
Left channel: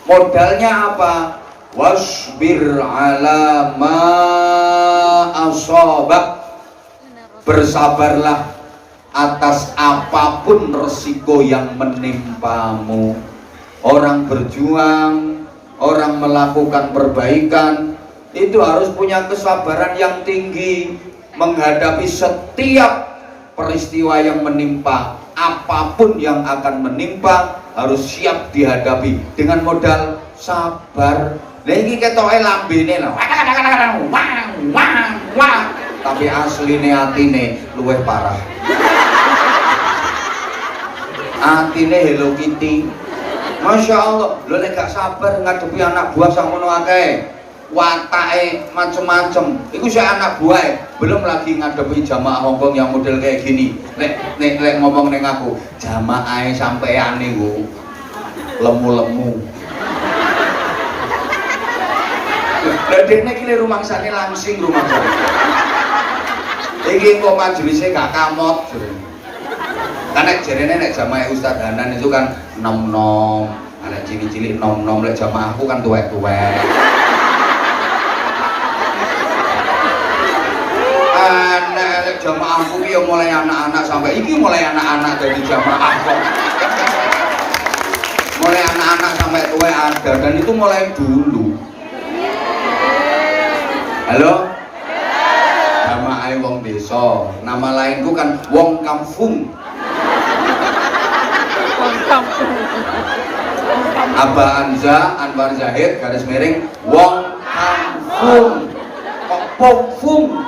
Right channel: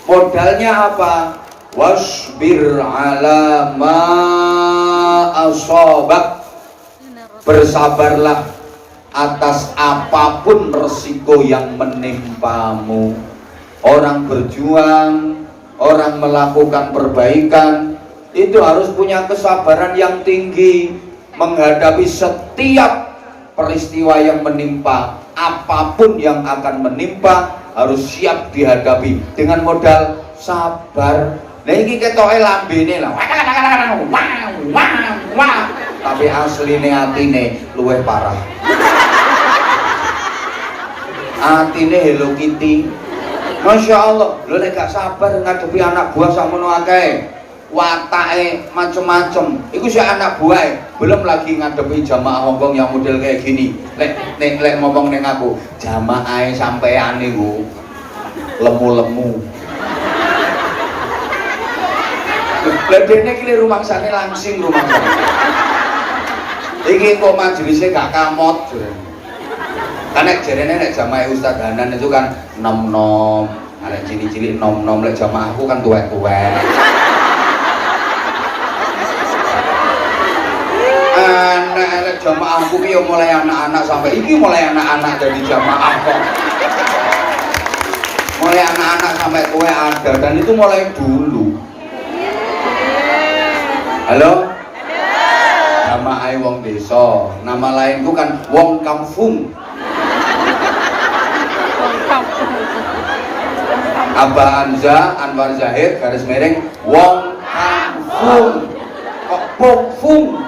Modalnya apa? Wasbir ala ma asabak. Bersabarlah atas apapun resiko yang menimpamu. Orang berjuang, orang melakukan perbaikan itu harus punya kesabaran yang tinggi menghadapi setiap peristiwa yang menimpa. Apapun yang akan menimpa harus siap dihadapi dengan modal sabar. Nah ini ketoke lambene lah, tapi asline atine luwih parah. Atine Hello Kitty. Masya Allah, lo nek gak sabar ngadepi anak buah sakmono akeh, watake macem-macem. Iku sih anak buah, belum lagi ngadepi jamaah Hongkong yang model kayak gini. Lek ngomong neng aku, jamaah sampean niku lemu-lemu. Lah dene iki rumangsane langsing rumangsane. Iki kok majelisnya gak kamot jare. Karena jarene nek jamaah Ustadz Hanan itu kan nom-nom, nek cilik-cilik nom-nom, lek jamaah aku kan tuwek-tuwek. Nek jamaah aku ki mulai anak-anak sampai iki mulai anak-anak dari jamaah kok. Mulai anak-anak sampai tuwek ada dan itu mulai dulu. Halo? Jamaah wong desa, nama lainku kan wong kampung. Abah Anza Anwar Zahid garis miring wong kampung kok pung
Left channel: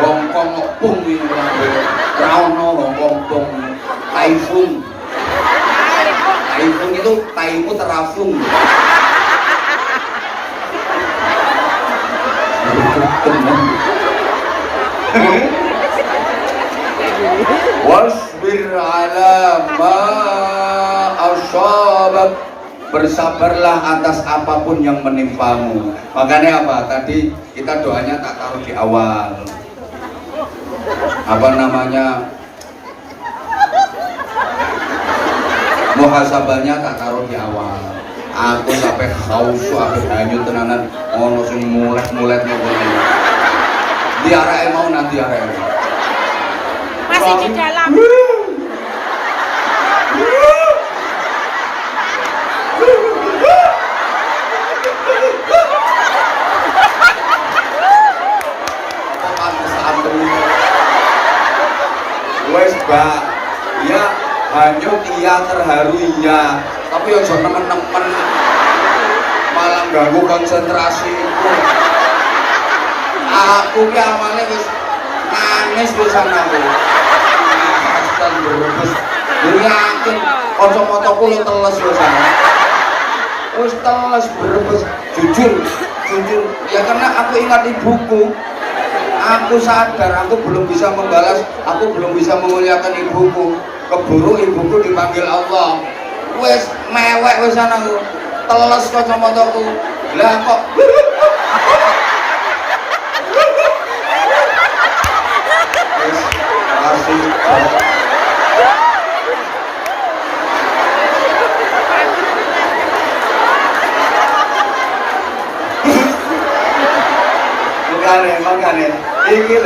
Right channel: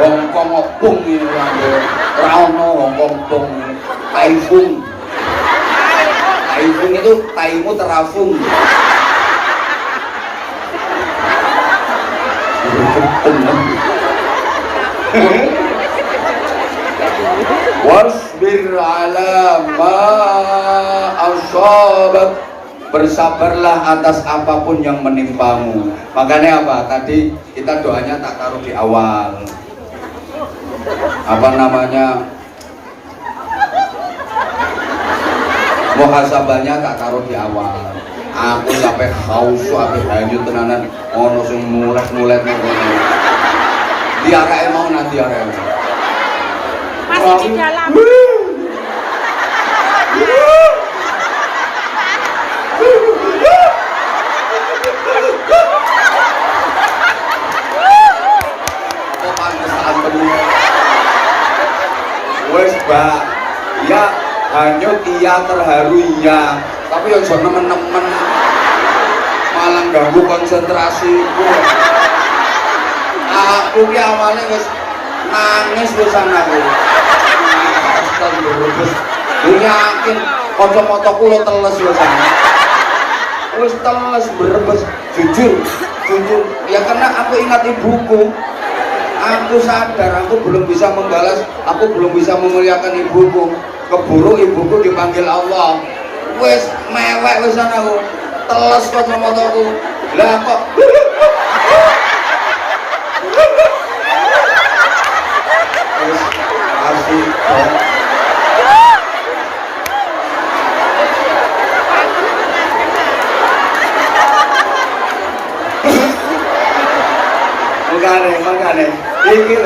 wong kong ini rauno wong kong taifung itu taimu terafung. Wasbir ala ma asabak. Bersabarlah atas apapun yang menimpamu. Makanya apa? Tadi kita doanya tak taruh di awal. Apa namanya? Muhasabahnya tak taruh di awal. Aku sampai haus, sampai hanyut tenanan. Ono sing mulet-mulet ngono. Diarake mau nanti diarake. Masih di dalam. Mbak. Ya, hanyut iya, terharu iya. Tapi yang nemen-nemen malah ganggu konsentrasiku. Aku ki awalnya wis nangis pisan aku. Astagfirullah. Lu yakin kacamataku lo teles pisan. Wis teles berbes, jujur ya karena aku ingat ibuku. Aku sadar aku belum bisa membalas, aku belum bisa memuliakan ibuku. Keburu ibuku dipanggil Allah. Wis mewek wisan aku, teles kacamataku. Lah kok wis asik. Makane iki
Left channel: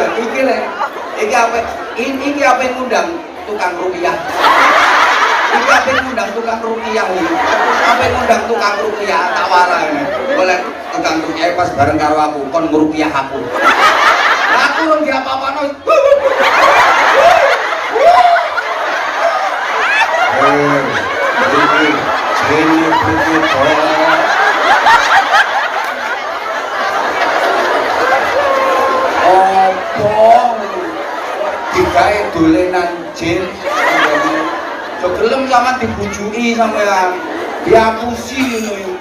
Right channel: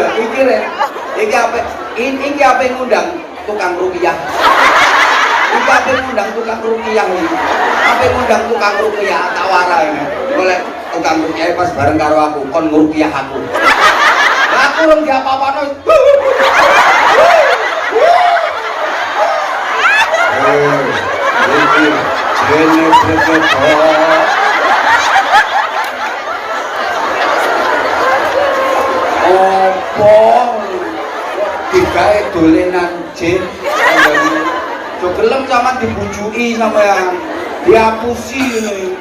apa yang ngundang tukang rupiah. Iki apa yang ngundang tukang rupiah iki. Apa yang ngundang tukang rupiah tak warane. Oleh tukang rupiah pas bareng karo aku kon ngrupiah aku. Lah aku rung diapa-apano. Iki jene begitu. Digawe dolenan jin. Jo gelem sama dibujui sampean. Dihapusi ini.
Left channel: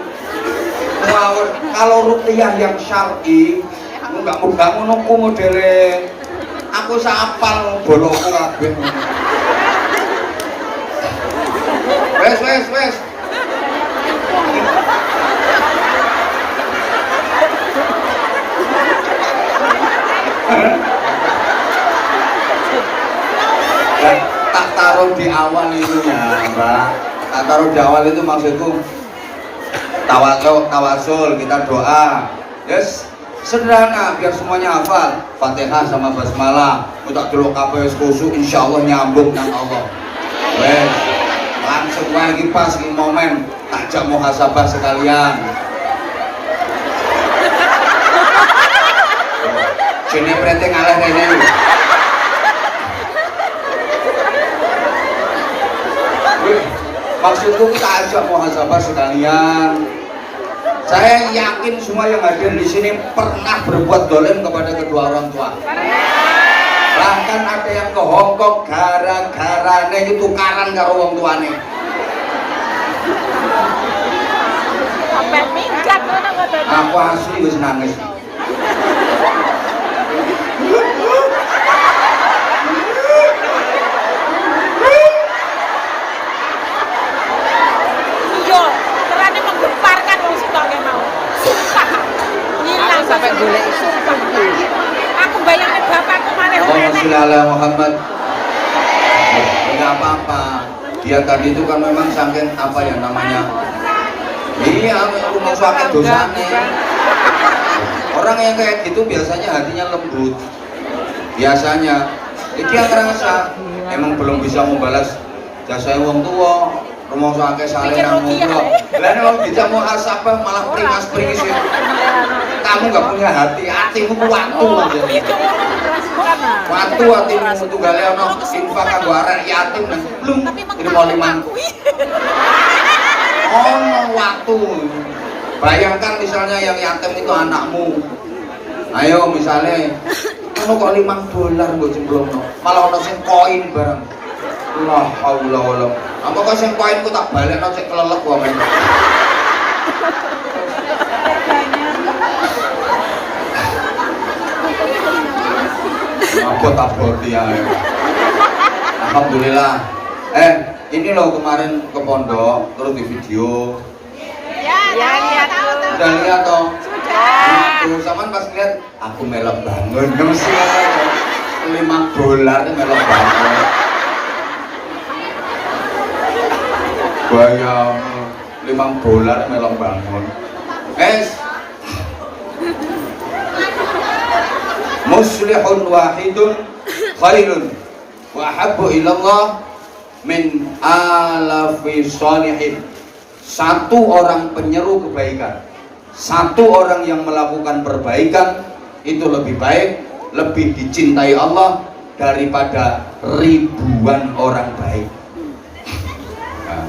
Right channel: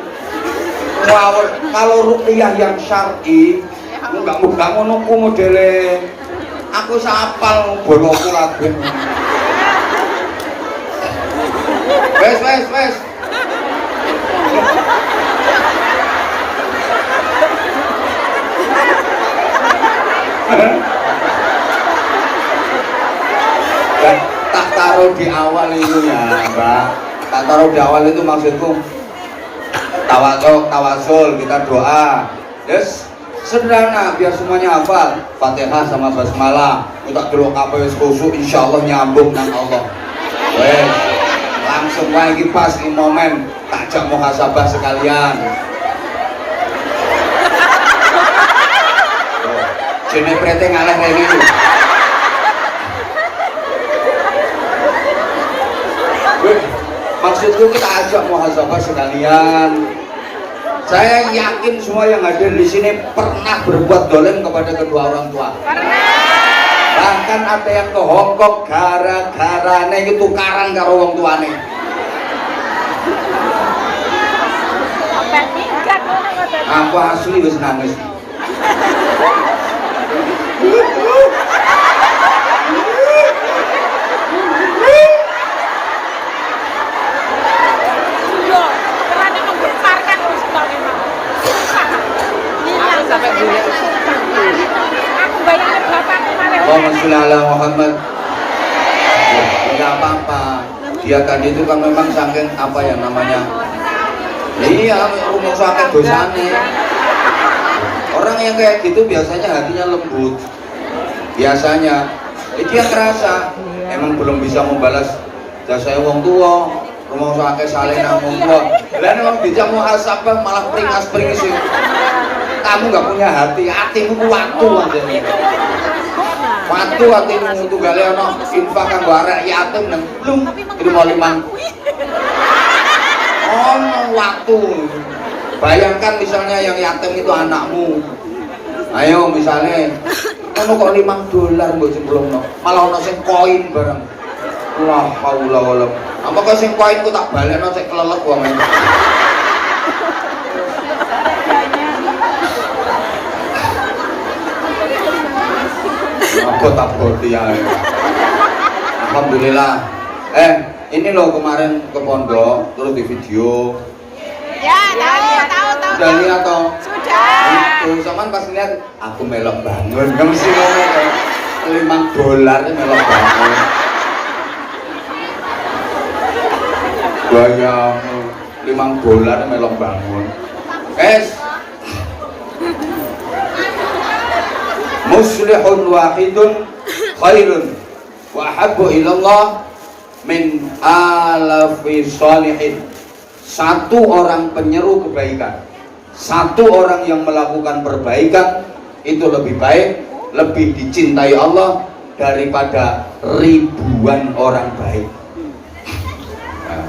Ngawur kalau ruqyah yang syar'i enggak muga ngono ku modele. Aku sapal bonoku kabeh. Wes. Tak taruh di awal itu ya Mbak. Tak taruh di awal itu maksudku tawasul, kita doa. Yes, sederhana biar semuanya hafal. Fatihah sama basmalah. Kita dulu kabeh khusyuk insyaallah nyambung nang Allah. Wes, langsung wae iki pas iki momen takjak muhasabah sekalian. Jene prete ngaleh rene iki. Maksudku kita ajak muhasabah sekalian. Saya yakin semua yang hadir di sini pernah berbuat dolim kepada kedua orang tua. Bahkan ada yang ke Hongkong gara-gara itu tukaran karo wong tuane. Aku asli wis nangis. Allahumma sholli ala Muhammad. Enggak apa-apa. Dia tadi itu kan memang saking apa ya namanya? Iya, rumah sakit dosane. Orang yang kayak gitu biasanya hatinya lembut. Biasanya dia ngerasa emang belum bisa membalas jasa wong tua. Rumah sakit saleh nang wong tua. Lah nek bisa muhasabah malah pringas-pringis. Kamu nggak punya hatimu kuwatu aja. Waktu hatimu untuk gale ono infak kanggo arek yatim nang belum itu mau liman. Waktu. Bayangkan misalnya yang yatim itu anakmu. Ayo misalnya ono kok $5 mbok jemblongno. Malah ono sing koin bareng. La haula wala. Apa kok sing koin ku tak balekno sik kelelek wong. Aku tak boti ya. Alhamdulillah. Ini loh kemarin ke pondok terus di video. Ya, tahu. Sudah lihat toh? Sudah. Itu sama pas lihat aku melok bangun. Kamu sih $5 melok bangun. Bayangmu $5 melok bangun. Muslihun wahidun khairun wa habbu ilallah min alafi salihin. Satu orang penyeru kebaikan, satu orang yang melakukan perbaikan itu lebih baik, lebih dicintai Allah daripada ribuan orang baik. Nah,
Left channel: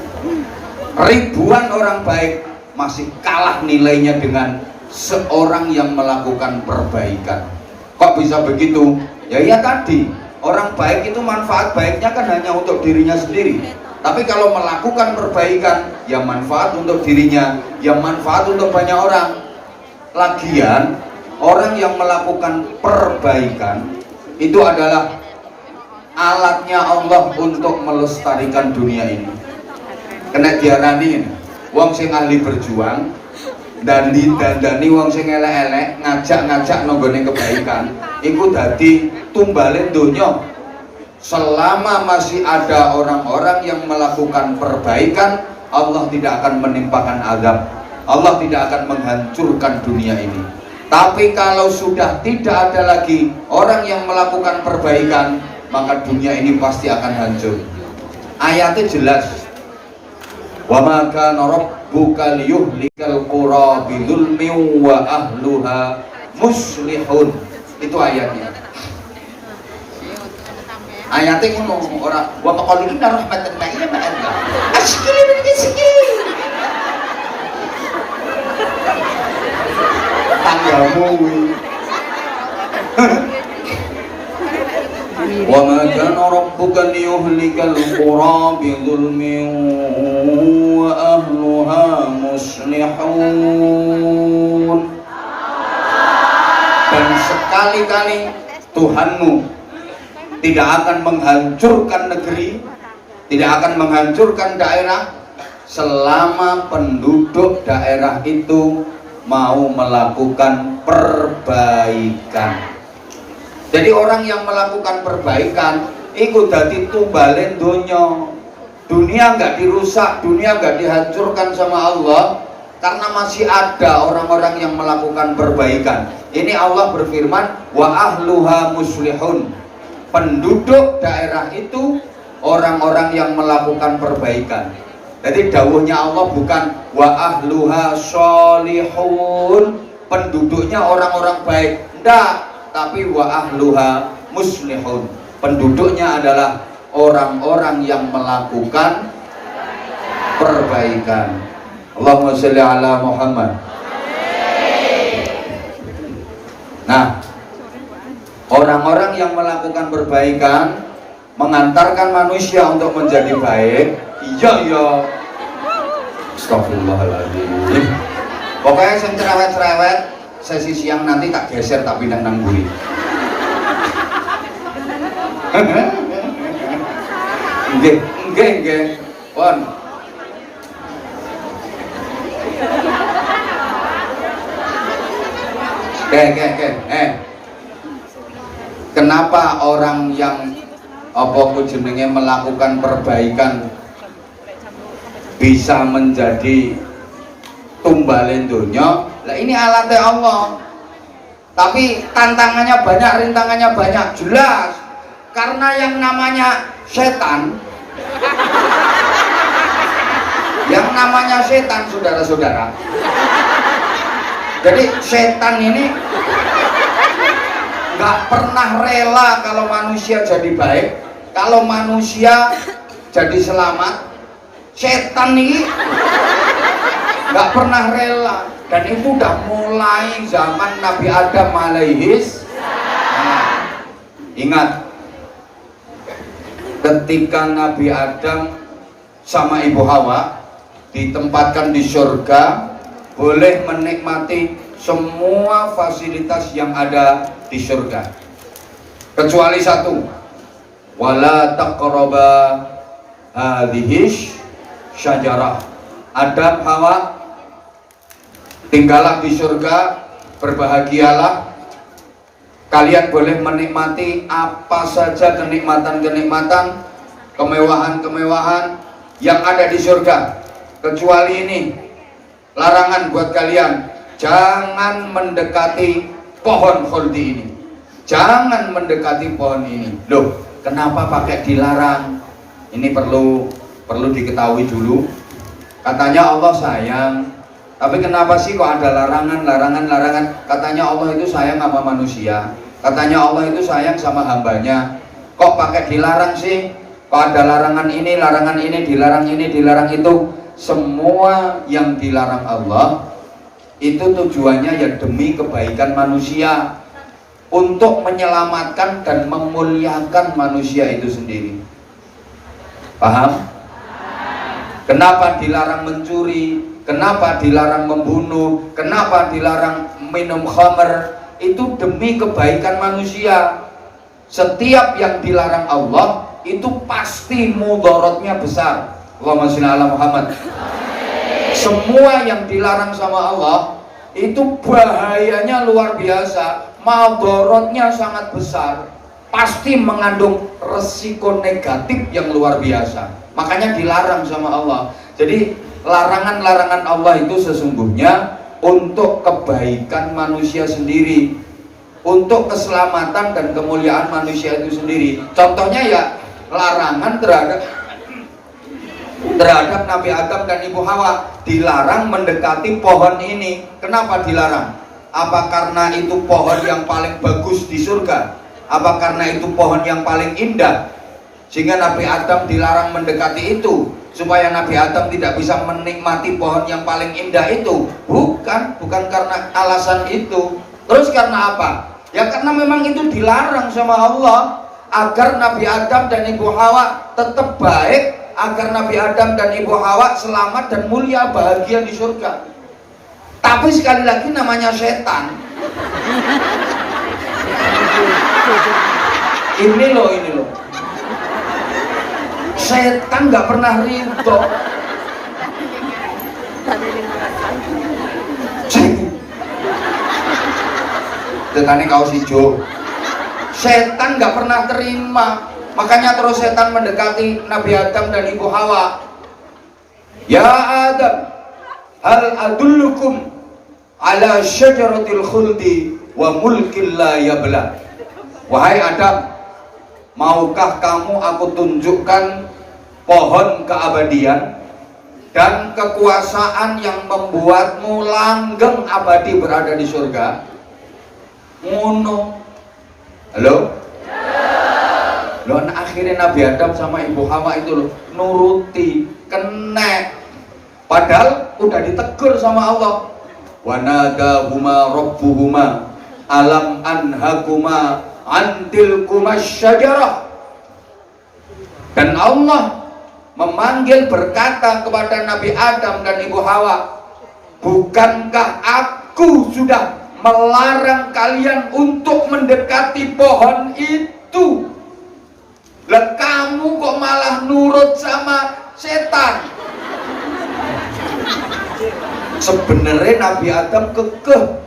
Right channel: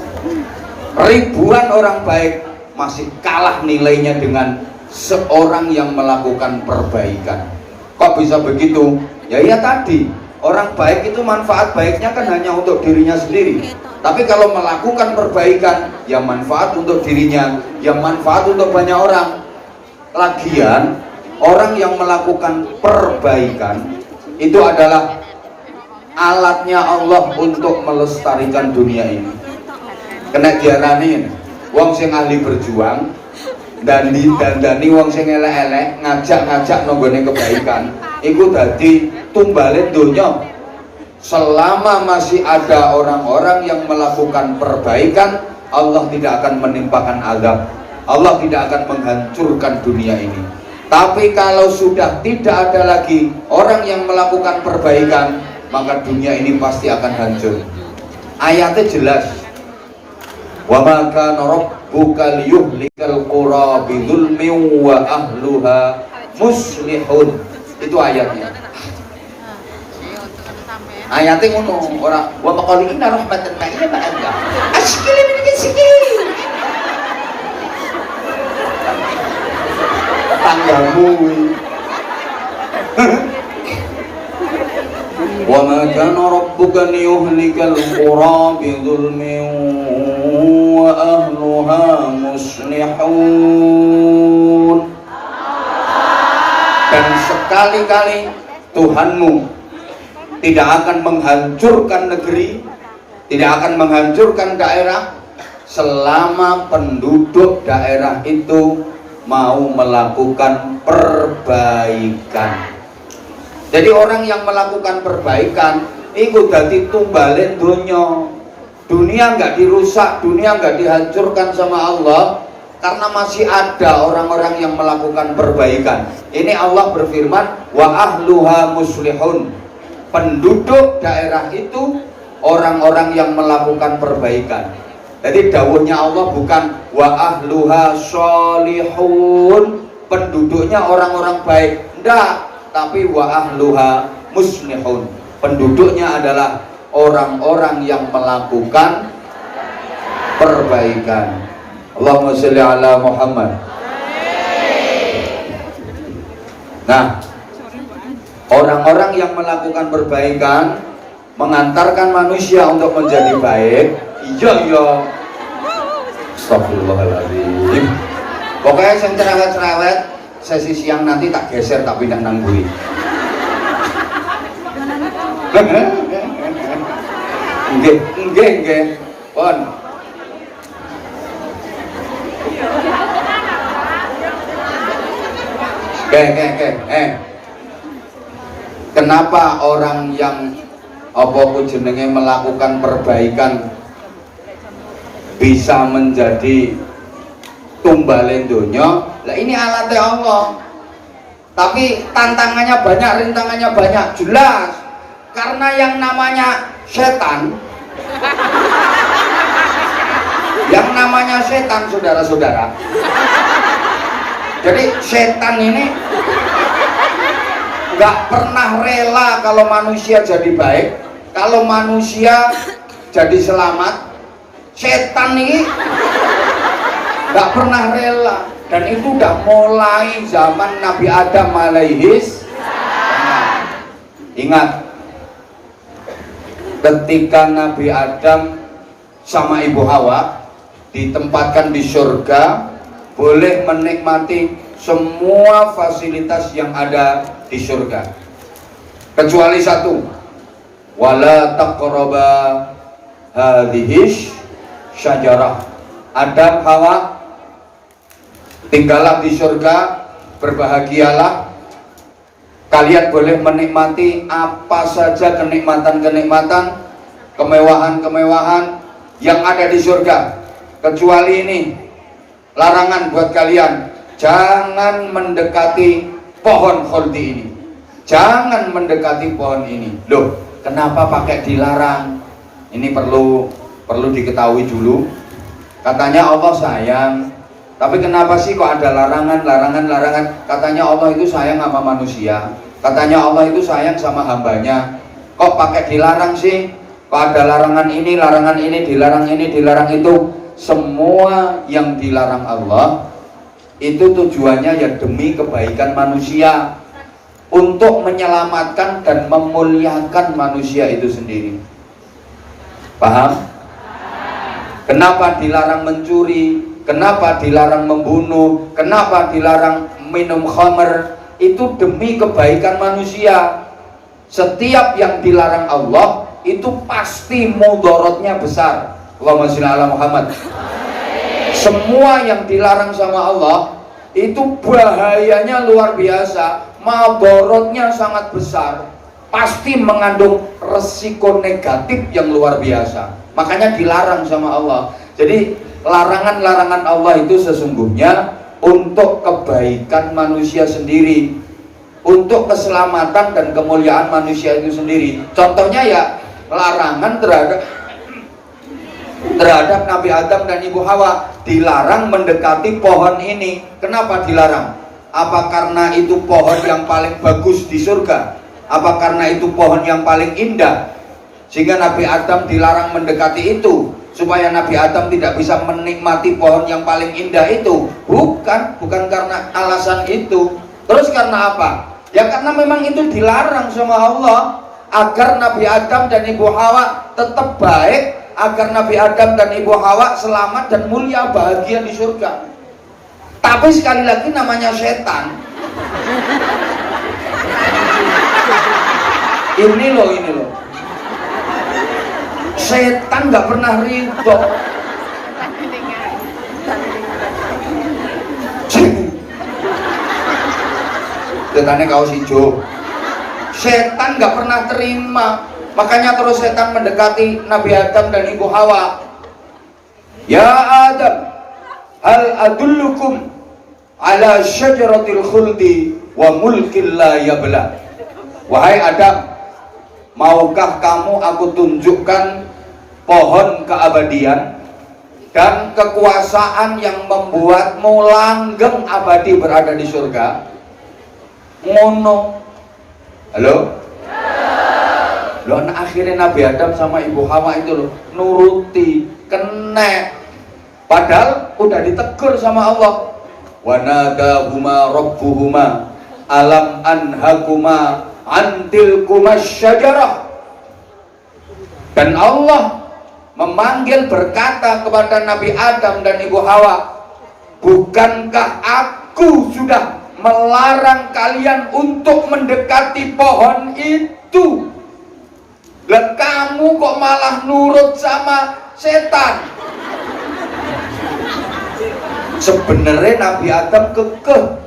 ribuan orang baik masih kalah nilainya dengan seorang yang melakukan perbaikan. Kok bisa begitu? Ya tadi, orang baik itu manfaat baiknya kan hanya untuk dirinya sendiri. Tapi kalau melakukan perbaikan, ya manfaat untuk dirinya, ya manfaat untuk banyak orang. Lagian, orang yang melakukan perbaikan itu adalah alatnya Allah untuk melestarikan dunia ini. Kena diarani wong sing ahli berjuang dan didandani wong sing elek-elek, ngajak-ngajak nonggone kebaikan, iku dadi tumbale donya. Selama masih ada orang-orang yang melakukan perbaikan, Allah tidak akan menimpakan azab, Allah tidak akan menghancurkan dunia ini. Tapi kalau sudah tidak ada lagi orang yang melakukan perbaikan, maka dunia ini pasti akan hancur. Ayatnya jelas, wa ma kana rabbuka liyuhlikal qura bidzulmin wa ahluha muslihun. Itu ayatnya. Ayatnya ngono, ora wa maqalina rahmatan ta'ala ma'aka. Asyikili min sikili. Tanggamu wa ma kana rabbuka liyuhlikal qura bidzulmin wa ahluha muslihun. Dan sekali-kali Tuhanmu tidak akan menghancurkan negeri, tidak akan menghancurkan daerah selama penduduk daerah itu mau melakukan perbaikan. Jadi orang yang melakukan perbaikan itu dadi tumbalen dunia. Dunia nggak dirusak, dunia nggak dihancurkan sama Allah karena masih ada orang-orang yang melakukan perbaikan. Ini Allah berfirman, wa ahluha muslihun. Penduduk daerah itu orang-orang yang melakukan perbaikan. Jadi dawuhnya Allah bukan wa ahluha sholihun, penduduknya orang-orang baik, enggak, tapi wa ahluha muslihun, penduduknya adalah orang-orang yang melakukan perbaikan. Allahumma sholli ala Muhammad. Nah, orang-orang yang melakukan perbaikan mengantarkan manusia untuk menjadi baik. Iya. Astagfirullahaladzim. Pokoknya yang cerewet-cerewet sesi siang nanti tak geser tak pindah nang buri. Nggih. Pon. Kenapa orang yang jenenge melakukan perbaikan bisa menjadi tumbalen donya? Lah ini alatnya Allah. Tapi tantangannya banyak, rintangannya banyak, jelas. Karena yang namanya setan, saudara-saudara. Jadi setan ini nggak pernah rela kalau manusia jadi baik, kalau manusia jadi selamat. Setan ini nggak pernah rela, dan itu udah mulai zaman Nabi Adam alaihis. Ingat, ketika Nabi Adam sama Ibu Hawa ditempatkan di surga, boleh menikmati semua fasilitas yang ada di surga, kecuali satu, wala taqraba hadhihi syajarah. Adam, Hawa, tinggallah di surga, berbahagialah, kalian boleh menikmati apa saja kenikmatan-kenikmatan, kemewahan-kemewahan yang ada di surga, kecuali ini, larangan buat kalian, jangan mendekati pohon khuldi ini, jangan mendekati pohon ini. Loh, kenapa pakai dilarang? Ini perlu diketahui dulu. Katanya Allah sayang, tapi kenapa sih kok ada larangan? Katanya Allah itu sayang sama manusia, katanya Allah itu sayang sama hambanya. Kok pakai dilarang sih? Kok ada larangan ini, dilarang ini, dilarang itu? Semua yang dilarang Allah itu tujuannya ya demi kebaikan manusia, untuk menyelamatkan dan memuliakan manusia itu sendiri. Paham? Kenapa dilarang mencuri? Kenapa dilarang membunuh? Kenapa dilarang minum khamr? Itu demi kebaikan manusia. Setiap yang dilarang Allah itu pasti mudaratnya besar. Allahumma sholli ala Muhammad. Semua yang dilarang sama Allah itu bahayanya luar biasa, mudaratnya sangat besar, pasti mengandung resiko negatif yang luar biasa. Makanya dilarang sama Allah. Jadi larangan-larangan Allah itu sesungguhnya untuk kebaikan manusia sendiri, untuk keselamatan dan kemuliaan manusia itu sendiri. Contohnya ya larangan terhadap Nabi Adam dan Ibu Hawa, dilarang mendekati pohon ini. Kenapa dilarang? Apa karena itu pohon yang paling bagus di surga? Apa karena itu pohon yang paling indah? Sehingga Nabi Adam dilarang mendekati itu, supaya Nabi Adam tidak bisa menikmati pohon yang paling indah itu? Bukan karena alasan itu. Terus karena apa? Ya karena memang itu dilarang sama Allah, agar Nabi Adam dan Ibu Hawa tetap baik, agar Nabi Adam dan Ibu Hawa selamat dan mulia bahagia di surga. Tapi sekali lagi namanya setan. Ini loh. Setan nggak pernah ridho. Setannya kaos hijau. Setan nggak pernah terima. Makanya terus setan mendekati Nabi Adam dan Ibu Hawa. Ya Adam, hal adullukum ala syajaratil khuldi wa mulkin la yabla. Wahai Adam, maukah kamu aku tunjukkan pohon keabadian dan kekuasaan yang membuatmu langgeng abadi berada di surga? Ngono. Halo? Loh, akhirnya Nabi Adam sama Ibu Hawa itu loh nuruti, kena. Padahal udah ditegur sama Allah. Wa nadahuma rabbuhuma alam anhakuma antilkuma syajarah. Dan Allah memanggil, berkata kepada Nabi Adam dan Ibu Hawa, bukankah aku sudah melarang kalian untuk mendekati pohon itu? Dan kamu kok malah nurut sama setan? Sebenarnya Nabi Adam kekeh,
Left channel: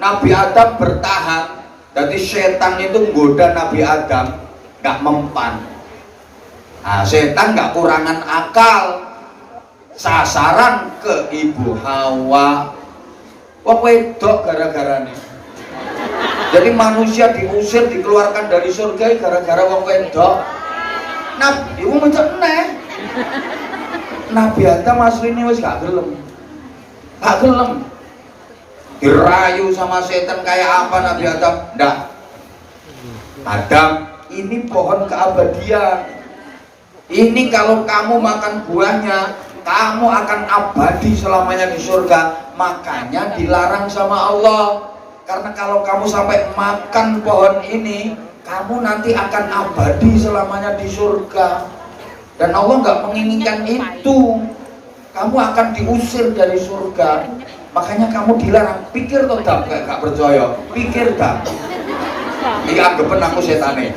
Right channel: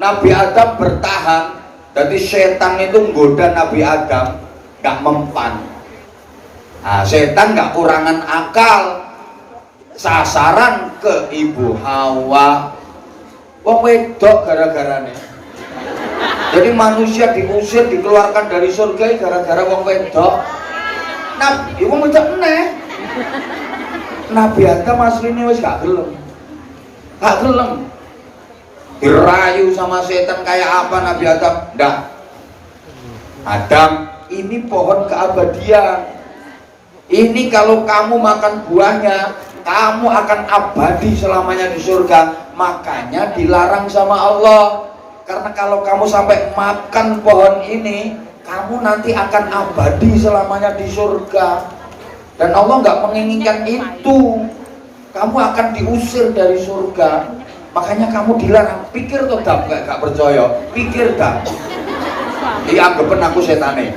Nabi Adam bertahan. Jadi setan itu menggoda Nabi Adam gak mempan. Nah, setan gak kurangan akal, sasaran ke Ibu Hawa. Wong wedok gara-garane. Jadi manusia diusir, dikeluarkan dari surga gara-gara wong wedok. Nabi iku mencek neh. Nabi Adam asline wis gak gelem. Gak gelem. Dirayu sama setan kayak apa Nabi Adam? Ndak. Adam, ini pohon keabadian. Ini kalau kamu makan buahnya, kamu akan abadi selamanya di surga. Makanya dilarang sama Allah. Karena kalau kamu sampai makan pohon ini, kamu nanti akan abadi selamanya di surga. Dan Allah nggak menginginkan itu. Kamu akan diusir dari surga. Makanya kamu dilarang. Pikir tuh Dam, gak percaya. Pikir Dam. Dianggepen aku setane.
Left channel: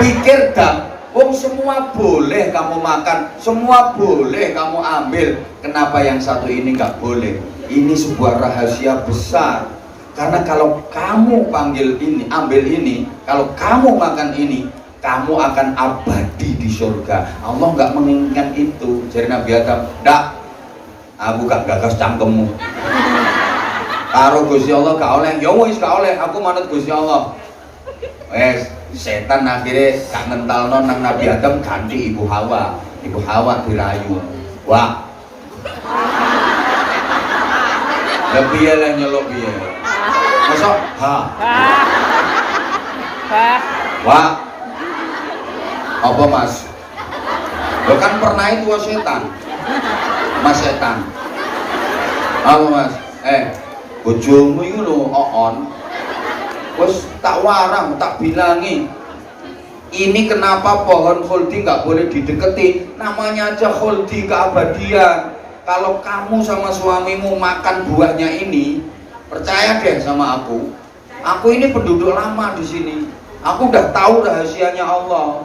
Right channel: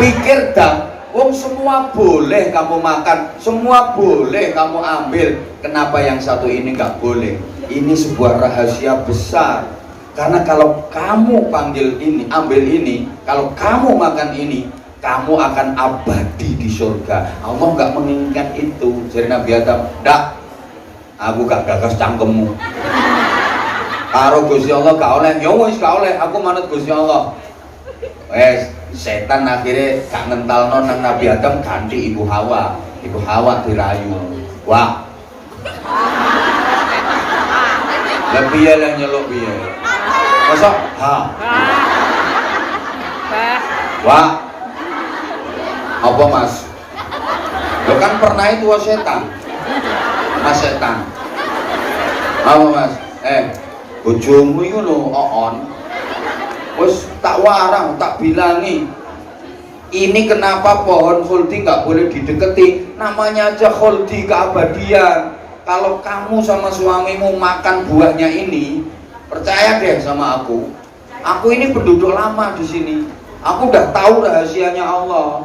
Pikir Dam. Wong semua boleh kamu makan, semua boleh kamu ambil. Kenapa yang satu ini nggak boleh? Ini sebuah rahasia besar. Karena kalau kamu panggil ini, ambil ini, kalau kamu makan ini, kamu akan abadi di surga. Allah nggak menginginkan itu. Jadi Nabi Adam, dak, aku gak gagas cangkemmu. Karo Gusti Allah gak oleh, ya wis gak oleh. Aku manut Gusti Allah. Wes. Setan akhirnya gak ngentalno nang Nabi Adam, ganti Ibu Hawa. Ibu Hawa dirayu. Wah. Lebih yang nyeluk piye? Masa? Ha. Wah, apa mas? Lo kan pernah itu setan, mas setan. Apa mas? Bojomu itu lo on. Terus tak warang, tak bilangi. Ini kenapa pohon khuldi nggak boleh dideketi? Namanya aja khuldi, keabadian. Kalau kamu sama suamimu makan buahnya ini, percaya deh sama aku. Aku ini penduduk lama di sini. Aku udah tahu rahasianya Allah.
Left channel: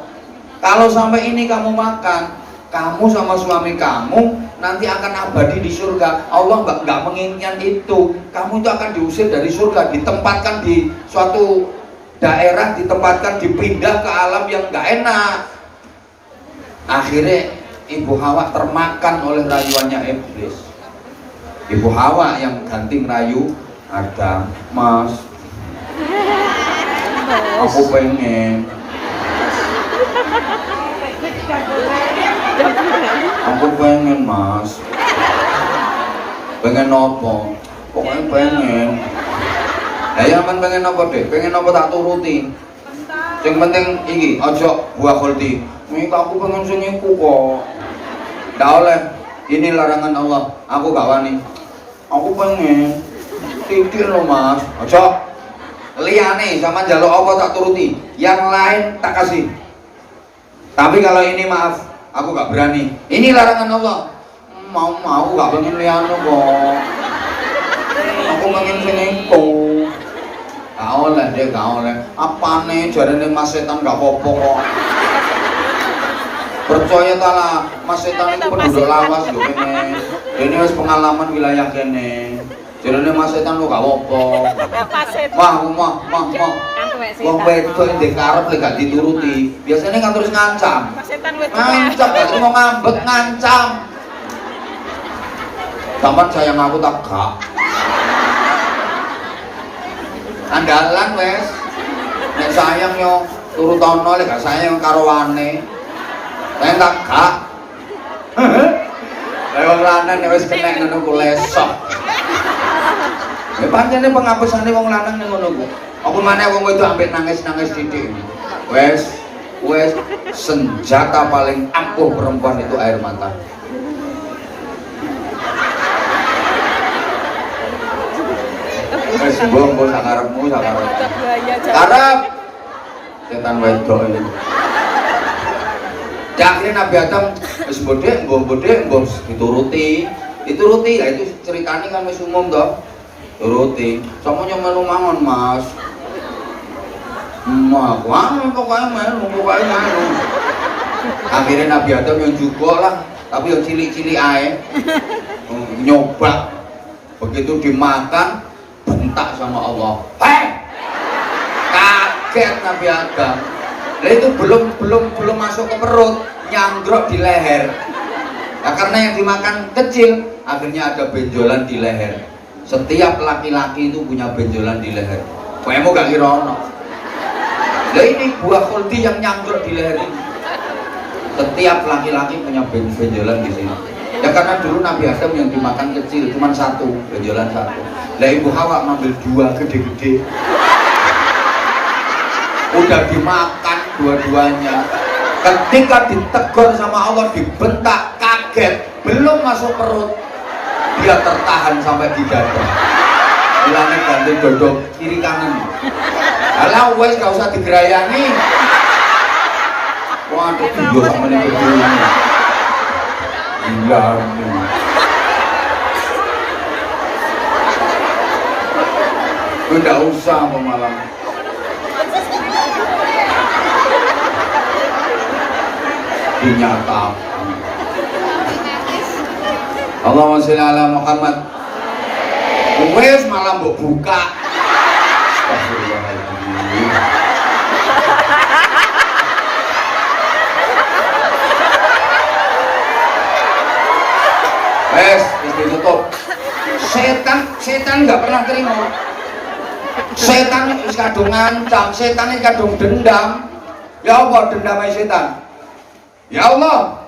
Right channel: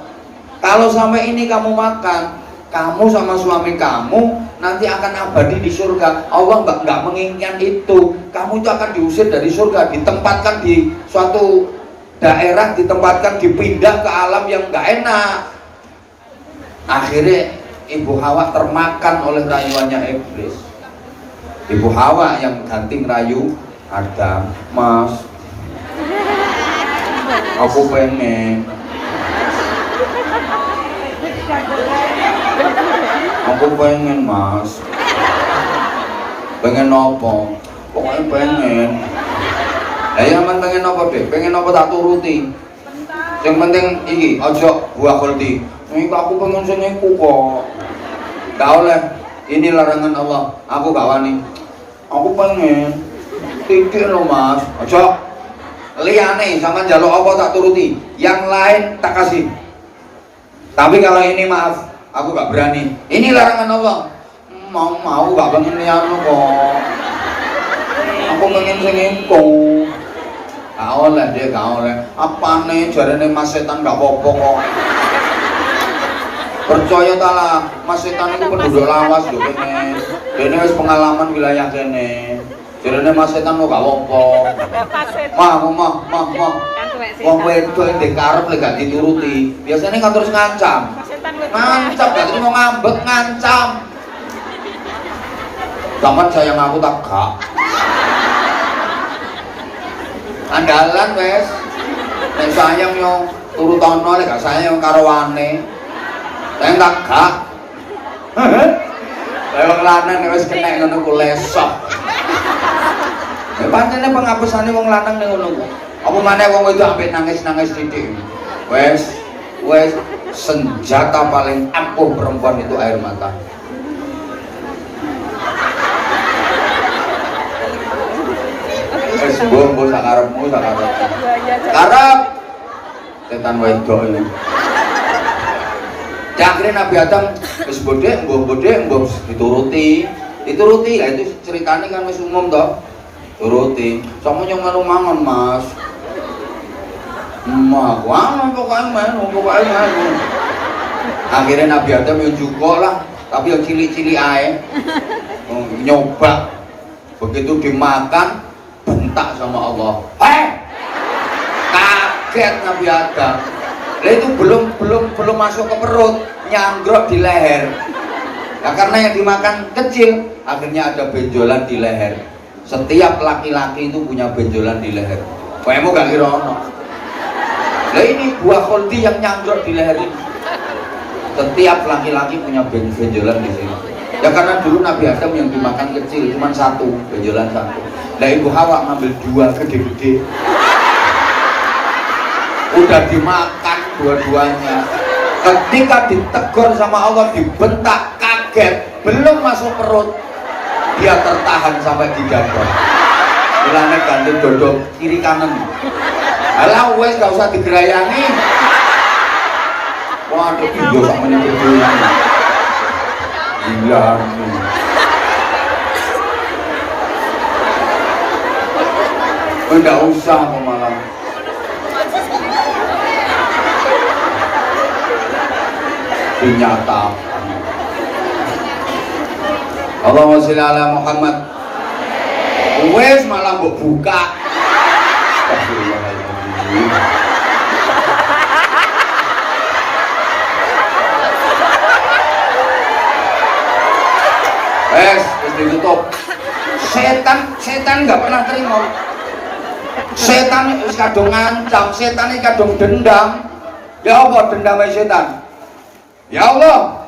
Kalau sampai ini kamu makan, kamu sama suami kamu nanti akan abadi di surga. Allah nggak menginginkan itu. Kamu itu akan diusir dari surga, ditempatkan di suatu daerah, ditempatkan dipindah ke alam yang nggak enak. Akhirnya Ibu Hawa termakan oleh rayuannya iblis. Ibu Hawa yang ganti rayu Adam, mas, aku pengen mas, pengen nopo, pokoknya pengen. Man pengen nopo deh, pengen nopo tak turuti. Yang penting iki, ojo buah khuldi. Ini aku pengen sing iku kok. Nggak oleh, ini larangan Allah. Aku gak wani. Aku pengen titik lo mas. Ojo liane sama jaluk apa tak turuti, yang lain tak kasih. Tapi kalau ini maaf, aku gak berani. Ini larangan Allah. Mau gak pengen liane kok. Aku pengen sing iku. Gak oleh dia, gak oleh. Apa nih jarene mas setan gak apa-apa kok. Percaya talah, mas setan itu penduduk lawas lho kene. Dene wis pengalaman wilayah kene. Jarene mas setan lo gak apa-apa. Mah. Wong wedok ndek karep lek gak dituruti, biasanya kan terus ngancam. Ngancam gak mau ngambek, ngancam. Sampeyan sayang aku tak gak. Andalan wes, nek sayang yo turutono, lek gak sayang karo wane. Nek tak gak. Lah wong lanang nek wis kena ngono ku lesok. Ya pancene pengapusane wong lanang ning ngono ku. Apa maneh wong wedok sampe nangis-nangis titik. Wes senjata paling ampuh perempuan itu air mata. Wes mbok sakarepmu sakarep. Karep setan wedok ini. Akhirnya Nabi Adam wis bodhe, mbok dituruti. Lah itu ceritanya kan wis umum toh. Turuti. Sama nyomelu mangon, Mas. Wah, pokoknya melu. Akhirnya Nabi Adam yang juga lah, tapi yang cilik-cilik aja nyoba. Begitu dimakan, bentak sama Allah. Kaget Nabi Adam. Nah, itu belum masuk ke perut, nyanggrok di leher. Ya karena yang dimakan kecil, akhirnya ada benjolan di leher. Setiap laki-laki itu punya benjolan di leher. Kamu gak kira ono? Nah ini buah khuldi yang nyangkruk di leher ini. Setiap laki-laki punya benjolan di sini. Ya karena dulu Nabi Adam yang dimakan kecil, cuma satu, benjolan satu. Nah Ibu Hawa ngambil dua gede-gede. Udah dimakan dua-duanya. Ketika ditegur sama Allah, dibentak, kaget, belum masuk perut, dia tertahan sampai di dada. Bilangnya ganti dodok kiri kanan. Alah wes gak usah digerayangi. Waduh tidur sama ini berdua. Gila nih. Enggak usah malam. Dinyatakan. Allahumma sholli ala Muhammad. Wes malah mbok buka. Astagfirullahaladzim. Wes ditutup. Setan nggak pernah terima. Setan wis kadung ngancam, setan iki kadung dendam. Ya apa dendamnya setan? Ya Allah,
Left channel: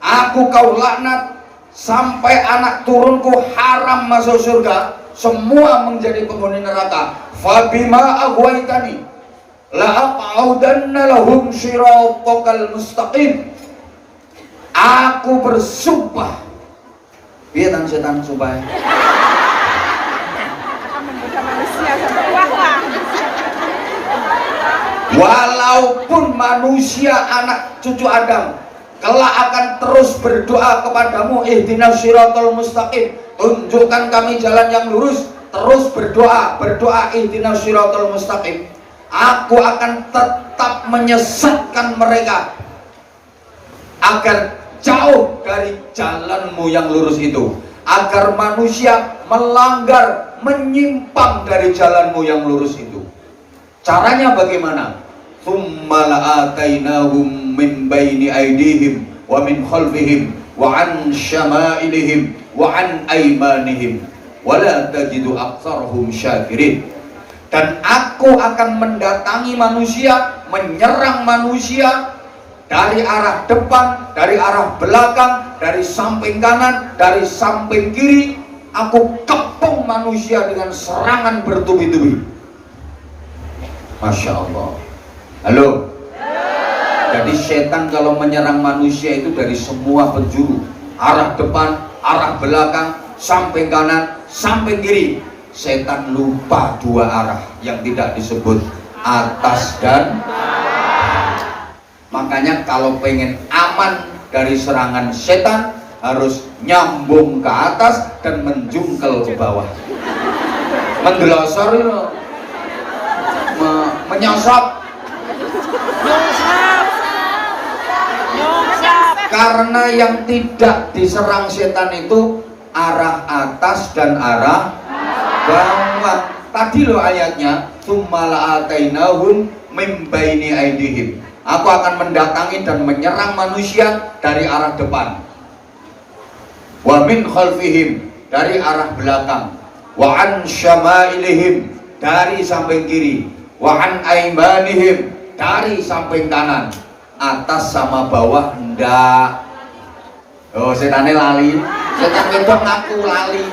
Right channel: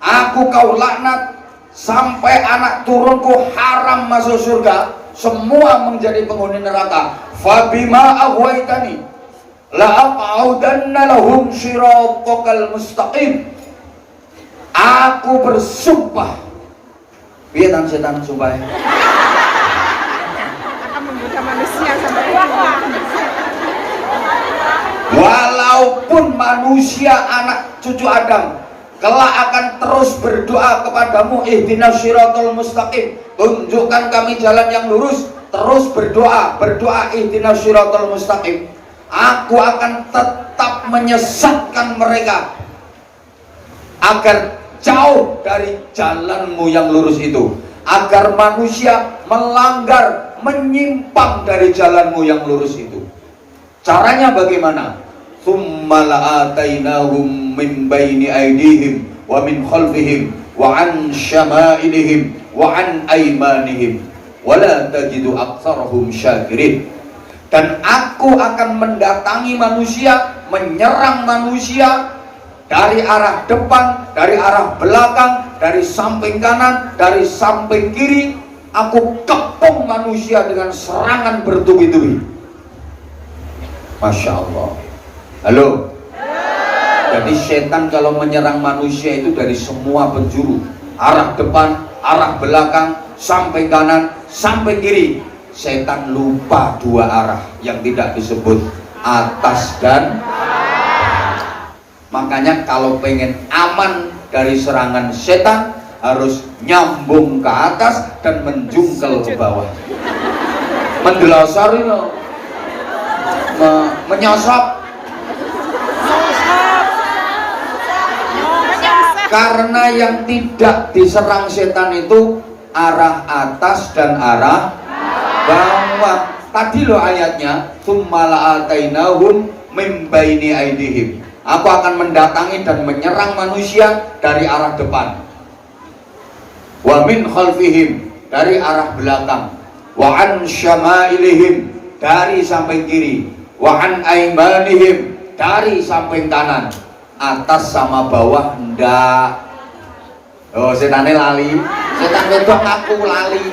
aku kau laknat sampai anak turunku haram masuk surga, semua menjadi penghuni neraka. Fabima aghwaytani, la aq'udanna lahum shiratal mustaqim. Aku bersumpah. Piye tang setan sumpah? Walaupun manusia anak cucu Adam kelak akan terus berdoa kepadamu, ihdinas siratal mustaqim, tunjukkan kami jalan yang lurus, terus berdoa ihdinas siratal mustaqim, aku akan tetap menyesatkan mereka agar jauh dari jalanmu yang lurus itu, agar manusia melanggar, menyimpang dari jalanmu yang lurus itu. Caranya bagaimana? Tsumma la'atainahum min baini aydihim wa min khalfihim wa an syama'ilihim wa an aymanihim wa la tajidu aktsarahum syakirin. Dan aku akan mendatangi manusia, menyerang manusia dari arah depan, dari arah belakang, dari samping kanan, dari samping kiri. Aku kepung manusia dengan serangan bertubi-tubi. Masya Allah. Halo. Jadi setan kalau menyerang manusia itu dari semua penjuru, arah depan, arah belakang, samping kanan, samping kiri. Setan lupa dua arah yang tidak disebut atas dan bawah. Makanya kalau pengen aman dari serangan setan, harus nyambung ke atas dan menjungkel ke bawah. Mendelasar itu, menyasap. Karena yang tidak diserang setan itu arah atas dan arah bawah. Tadi loh ayatnya, tsumma atainahum min baini aydihim. Aku akan mendatangi dan menyerang manusia dari arah depan. Wa min khalfihim, dari arah belakang. Wa an syama'ilihim, dari samping kiri. Wa an aymanihim, dari samping kanan. Atas sama bawah ndak. Oh, setane lali. Setan wedok ngaku lali.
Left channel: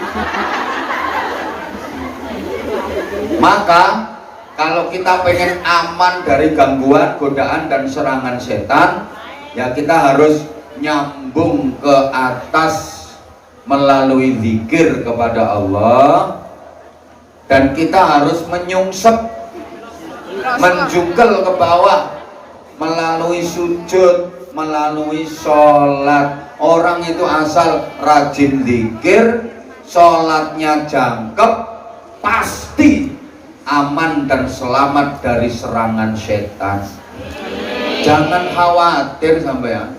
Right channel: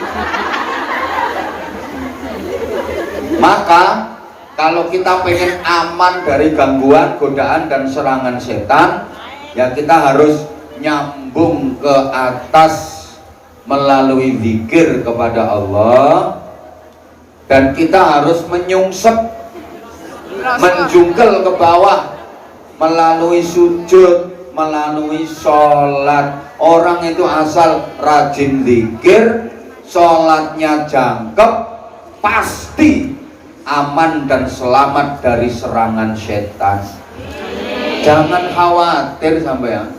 Maka kalau kita pengen aman dari gangguan, godaan dan serangan setan, ya kita harus nyambung ke atas melalui zikir kepada Allah, dan kita harus menyungsep, menjungkel ke bawah melalui sujud, melalui sholat. Orang itu asal rajin zikir, sholatnya jangkep, pasti aman dan selamat dari serangan setan. Jangan khawatir sampean.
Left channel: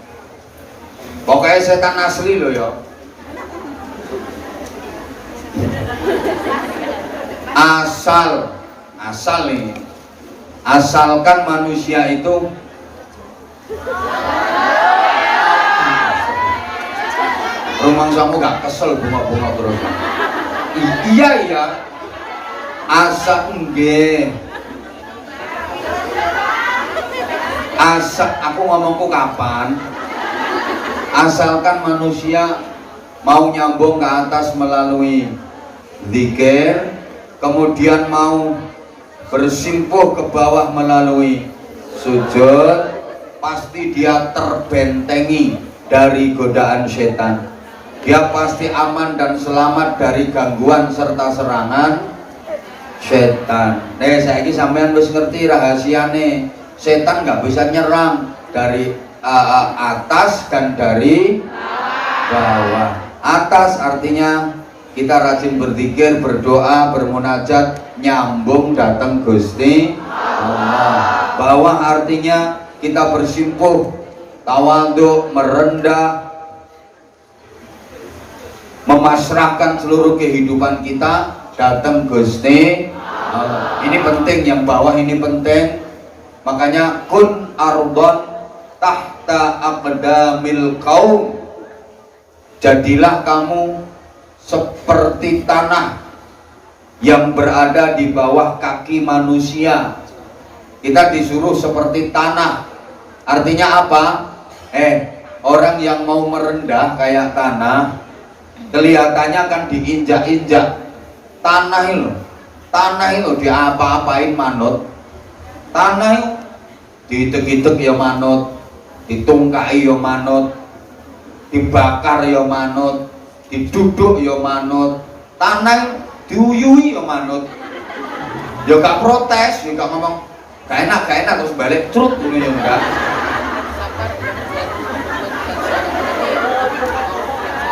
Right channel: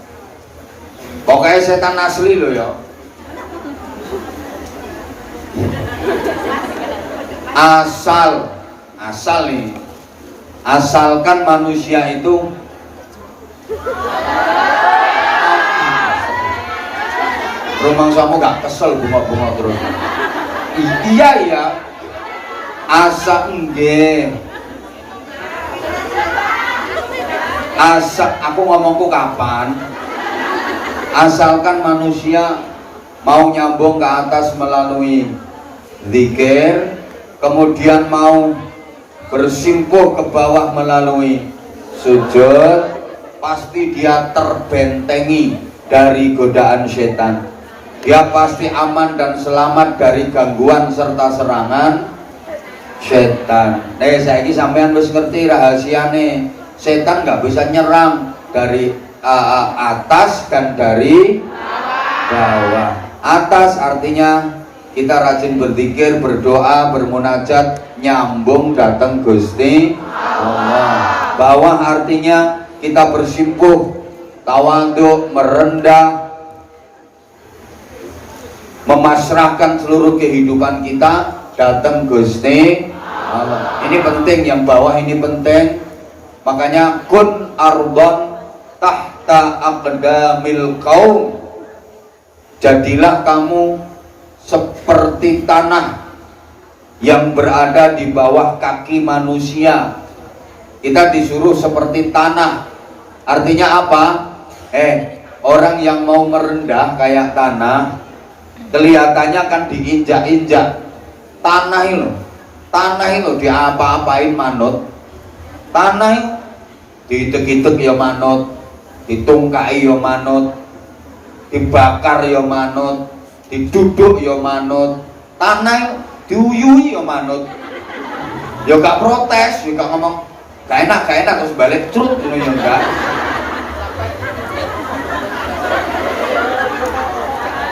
Pokoknya setan asli loh ya. Asal nih, asalkan manusia itu rumah kamu gak kesel bunga-bunga terus. Iya ya, asal enggak. Asal aku ngomongku kapan? Asalkan manusia mau nyambung ke atas melalui zikir, kemudian mau bersimpuh ke bawah melalui sujud, pasti dia terbentengi dari godaan setan. Dia pasti aman dan selamat dari gangguan serta serangan setan. Saya ini sampean wis ngerti rahasiane. Setan nggak bisa nyerang dari atas dan dari bawah. Atas artinya kita rajin berzikir, berdoa, bermunajat, nyambung datang Gusti Allah. Bawah artinya kita bersimpuh, tawadhu, merendah, memasrahkan seluruh kehidupan kita datang Gusti Allah. Ini penting, yang bawah ini penting. Makanya kun ardon tahta aqdamil qaum, jadilah kamu seperti tanah yang berada di bawah kaki manusia. Kita disuruh seperti tanah. Artinya apa? Orang yang mau merendah kayak tanah, kelihatannya kan diinjak-injak. Tanah itu diapa-apain manut. Tanah diitek-itek ya manut, ditungkai ya manut, dibakar ya manut, diduduk ya manut, tanah diuyui ya manut. Ya gak protes, ya gak ngomong gak enak terus balik crut ngono ya enggak.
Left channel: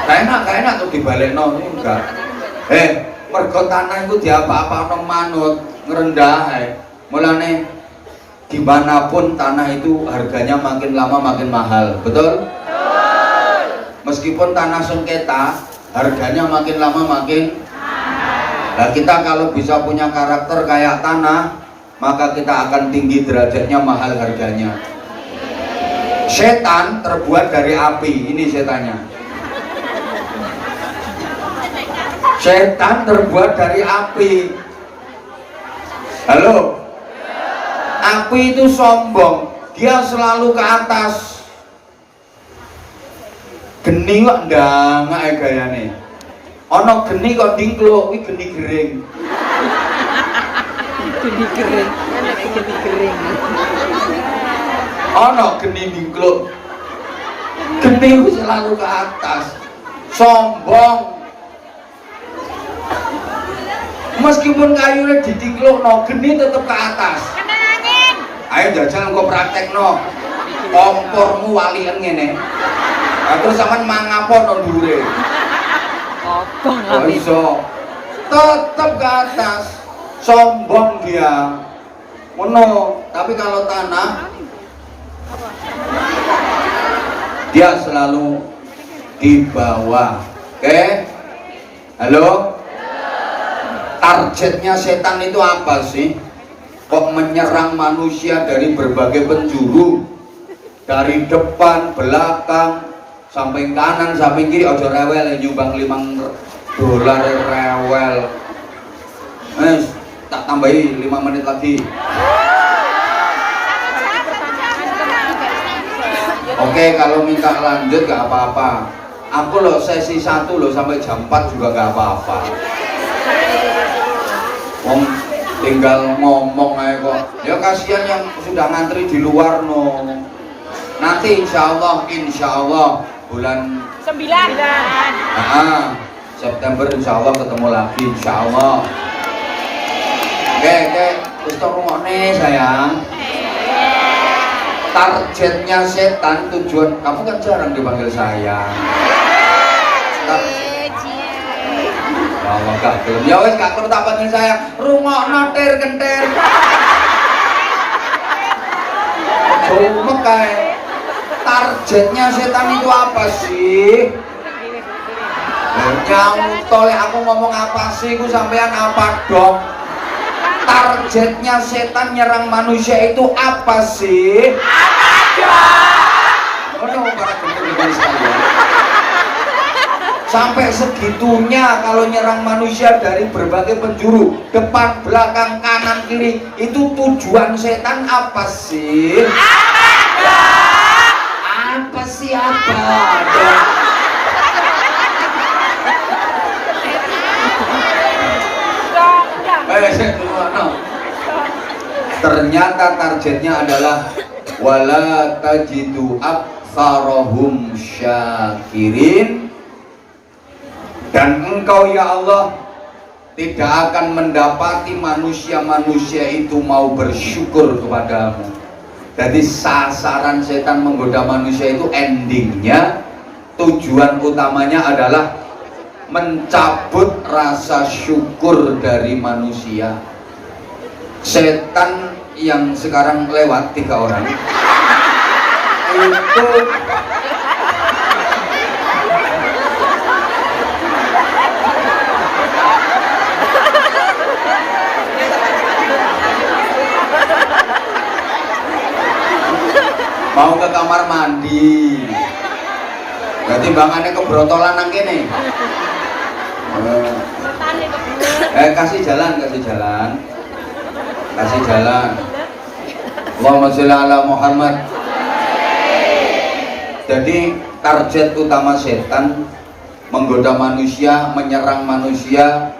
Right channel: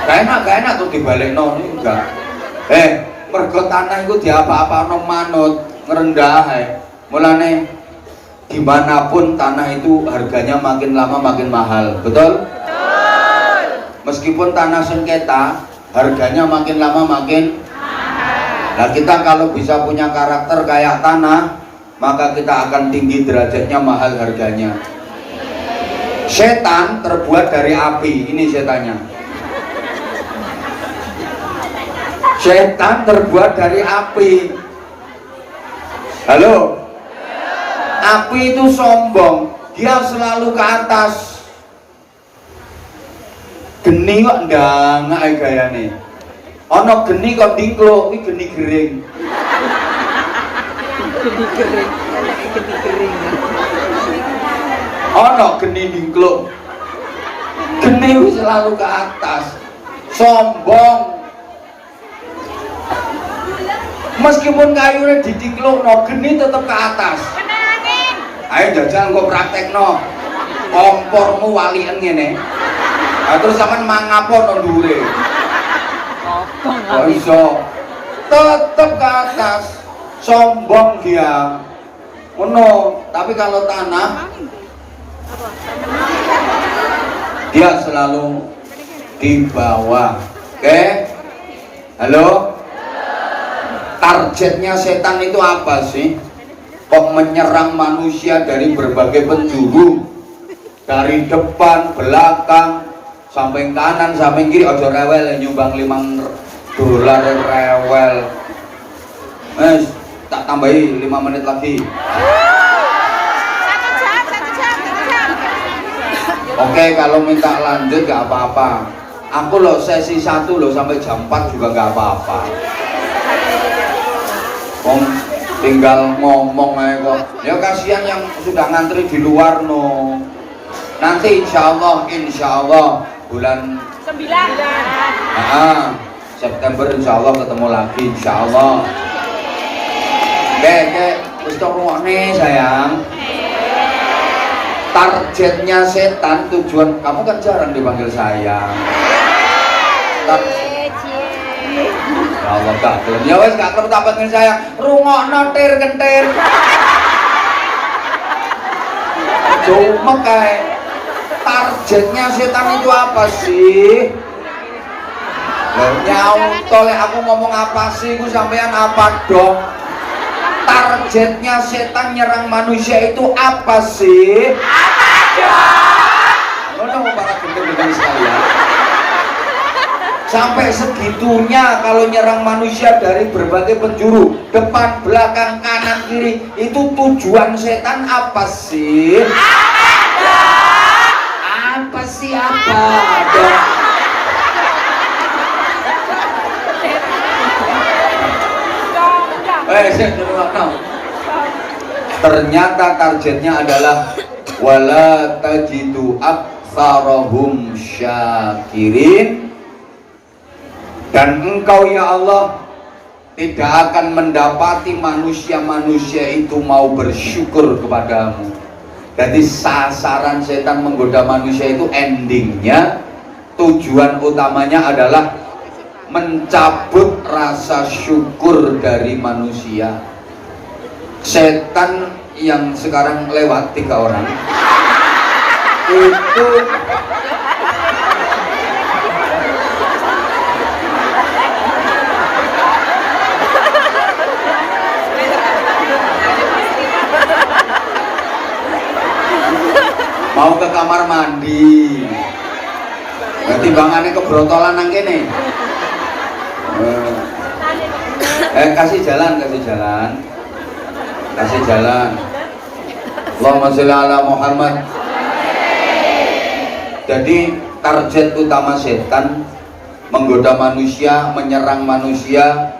Gak enak tuh dibalekno enggak. Mergo tanah iku diapa-apano manut, ngrendah ae. Mulane dimanapun tanah itu harganya makin lama makin mahal, betul? Meskipun tanah sengketa harganya makin lama makin mahal. Nah kita kalau bisa punya karakter kayak tanah, maka kita akan tinggi derajatnya, mahal harganya. Setan terbuat dari api, ini setannya. Setan terbuat dari api. Halo? Api itu sombong, dia selalu ke atas. Geni kok ndangake gayane. Ana geni kok dingkluk, kuwi geni gering. Geni kering. Geni kering. Ana geni dingkluk. Geni selalu ke atas. Sombong. Meskipun kayunya didingklukno, geni tetap ke atas. Ayo jajal engko praktekno. Kompormu walien ngene. Nah, terus sampean mangapon nang dhuwure. Kok iso? Tetep ke atas. Sombong dia. Ngono, tapi kalau tanah dia selalu di bawah. Oke? Halo? Targetnya setan itu apa sih? Kok menyerang manusia dari berbagai penjuru, dari depan, belakang, samping kanan, samping kiri. Ojo rewel, nyumbang $5 rewel. Tak tambahi 5 menit lagi. Oke, kalau minta lanjut gak apa-apa. Aku loh sesi 1 loh sampai jam 4 juga gak apa-apa. Tinggal ngomong aja kok. Ya kasihan yang sudah ngantri di luar no. Nanti insya Allah bulan 9 September insya Allah ketemu lagi insya Allah. Oke, terus ngomongnya sayang. Targetnya setan, tujuan kamu kan jarang dipanggil sayang. Ya Allah gak gelem. Ya wis gak perlu tak panggil sayang. Rungokno tir kentir. Cuma kayak targetnya setan itu apa sih? Nyautol aku ngomong apa sih? Aku sampean apa dong? Targetnya setan nyerang manusia itu apa sih? Apa dong? Para gendut-gendut sekalian. Sampai segitunya kalau nyerang manusia dari berbagai penjuru, depan, belakang, kanan, kiri. Itu tujuan setan apa sih? Apa sih apa? Ternyata targetnya adalah wala tajidu aktsarahum syakirin. Dan engkau ya Allah tidak akan mendapati manusia-manusia itu mau bersyukur kepadamu. Jadi sasaran setan menggoda manusia itu endingnya, tujuan utamanya adalah mencabut rasa syukur dari manusia. Setan yang sekarang lewat 3 orang itu mau ke kamar mandi, berarti bangannya kebrotolan nang kene. Kasih jalan. Allahumma sholli ala Muhammad. Jadi target utama setan menggoda manusia, menyerang manusia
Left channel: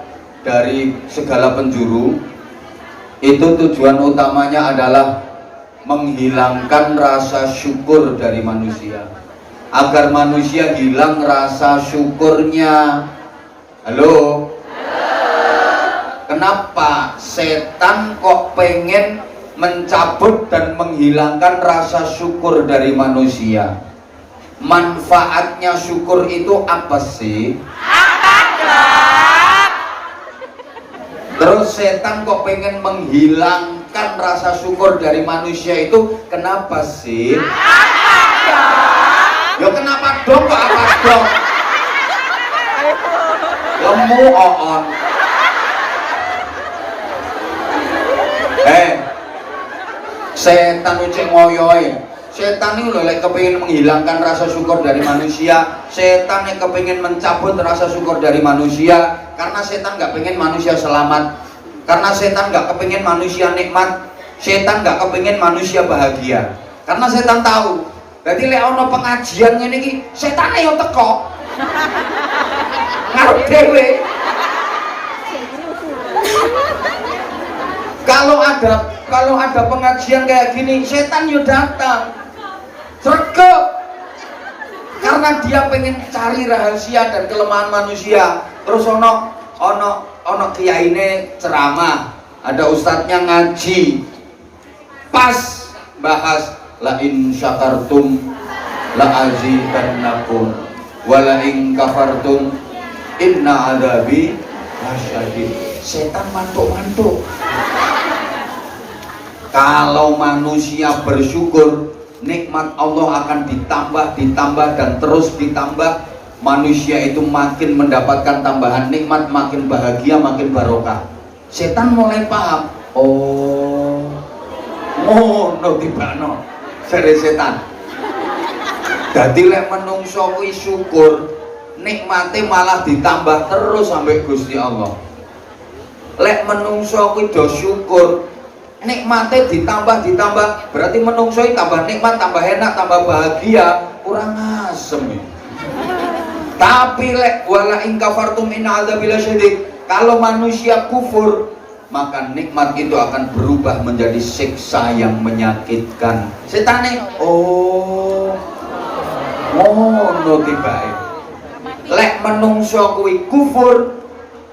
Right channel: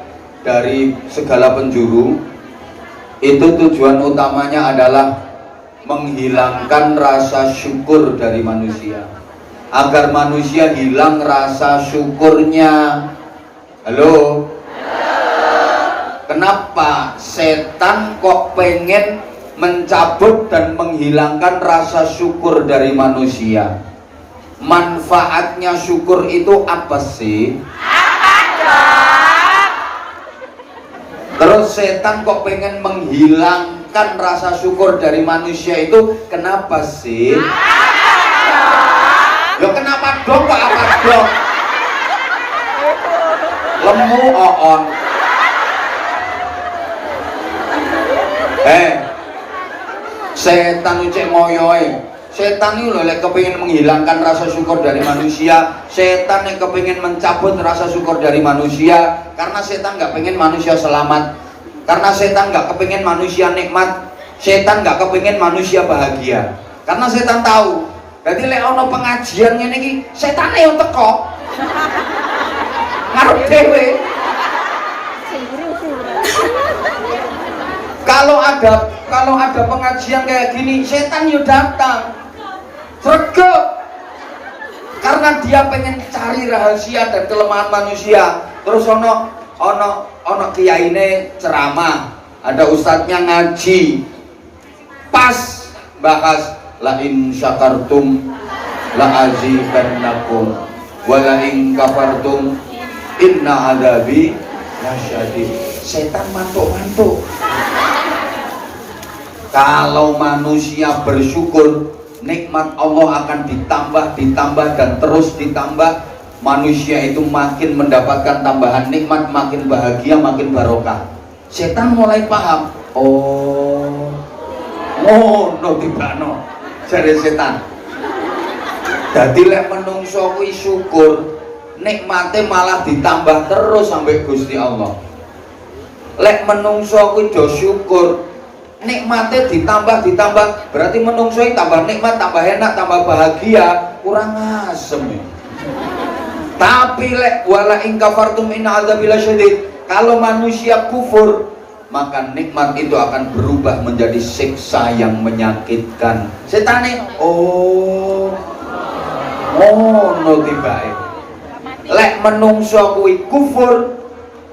dari segala penjuru. Itu tujuan utamanya adalah menghilangkan rasa syukur dari manusia, agar manusia hilang rasa syukurnya. Halo? Kenapa setan kok pengen mencabut dan menghilangkan rasa syukur dari manusia? Manfaatnya syukur itu apa sih? Terus setan kok pengen menghilangkan rasa syukur dari manusia itu kenapa sih? Yo kenapa dong kok apa dong? Lemu oon. Setan itu ngoyoy. Setan itu lek kepingin menghilangkan rasa syukur dari manusia. Setan yang kepingin mencabut rasa syukur dari manusia. Karena setan nggak pengen manusia selamat. Karena setan nggak kepingin manusia nikmat. Setan nggak kepingin manusia bahagia. Karena setan tahu. Jadi lek ono pengajian ini ki, setan yang teko. Ngarep dewe. Kalau ada pengajian kayak gini, setan yo datang. Sregep. Karena dia pengen cari rahasia dan kelemahan manusia. Terus ono kiyaine ceramah, ada ustadznya ngaji. Pas bahas la in syakartum la azidannakum wa la in kafartum inna adabi lasyadid. Setan mantuk-mantuk. Kalau manusia bersyukur, nikmat Allah akan ditambah dan terus ditambah. Manusia itu makin mendapatkan tambahan nikmat, makin bahagia, makin barokah. Setan mulai paham. Oh, no tibano. Sere setan. Dadi lek menungso kuwi syukur, nikmate malah ditambah terus sampai Gusti Allah. Lek menungso kuwi do syukur, nikmatnya ditambah, berarti menungso tambah nikmat, tambah enak, tambah bahagia, kurang asem ya. Tapi lek wala in kafartum inna adzabil syadid, kalau manusia kufur, maka nikmat itu akan berubah menjadi siksa yang menyakitkan. Setan nih, no tibae. Lek menungso kuwi kufur,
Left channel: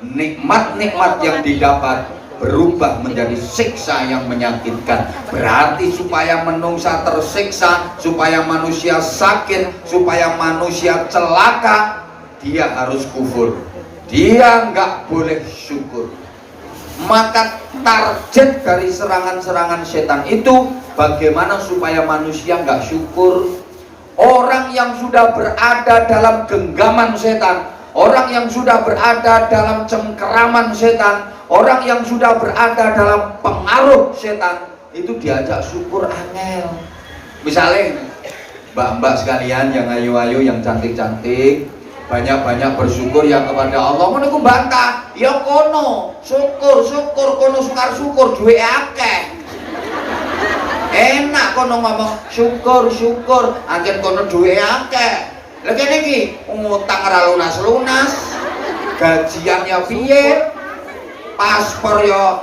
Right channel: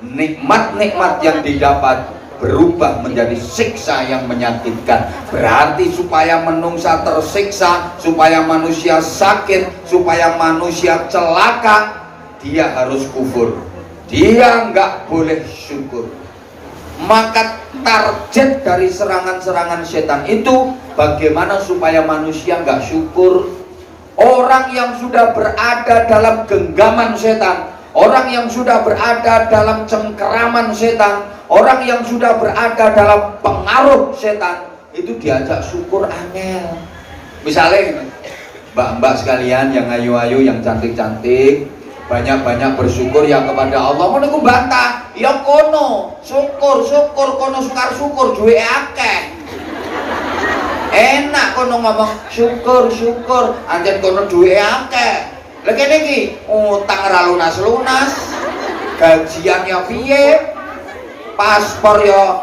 nikmat-nikmat yang didapat berubah menjadi siksa yang menyakitkan. Berarti supaya menungsa tersiksa, supaya manusia sakit, supaya manusia celaka, dia harus kufur. Dia nggak boleh syukur. Maka target dari serangan-serangan setan itu bagaimana supaya manusia nggak syukur. Orang yang sudah berada dalam genggaman setan, orang yang sudah berada dalam cengkeraman setan, orang yang sudah berada dalam pengaruh setan, itu diajak syukur angel. Misalnya mbak-mbak sekalian yang ayu-ayu, yang cantik-cantik, banyak-banyak bersyukur yang kepada Allah. Mau niku bantah, ya kono syukur, kono sukar syukur, duwe akeh. Enak kono ngomong syukur, anjen kono duwe akeh. Lha kene iki utang ra lunas-lunas, gajian ya piye, paspor ya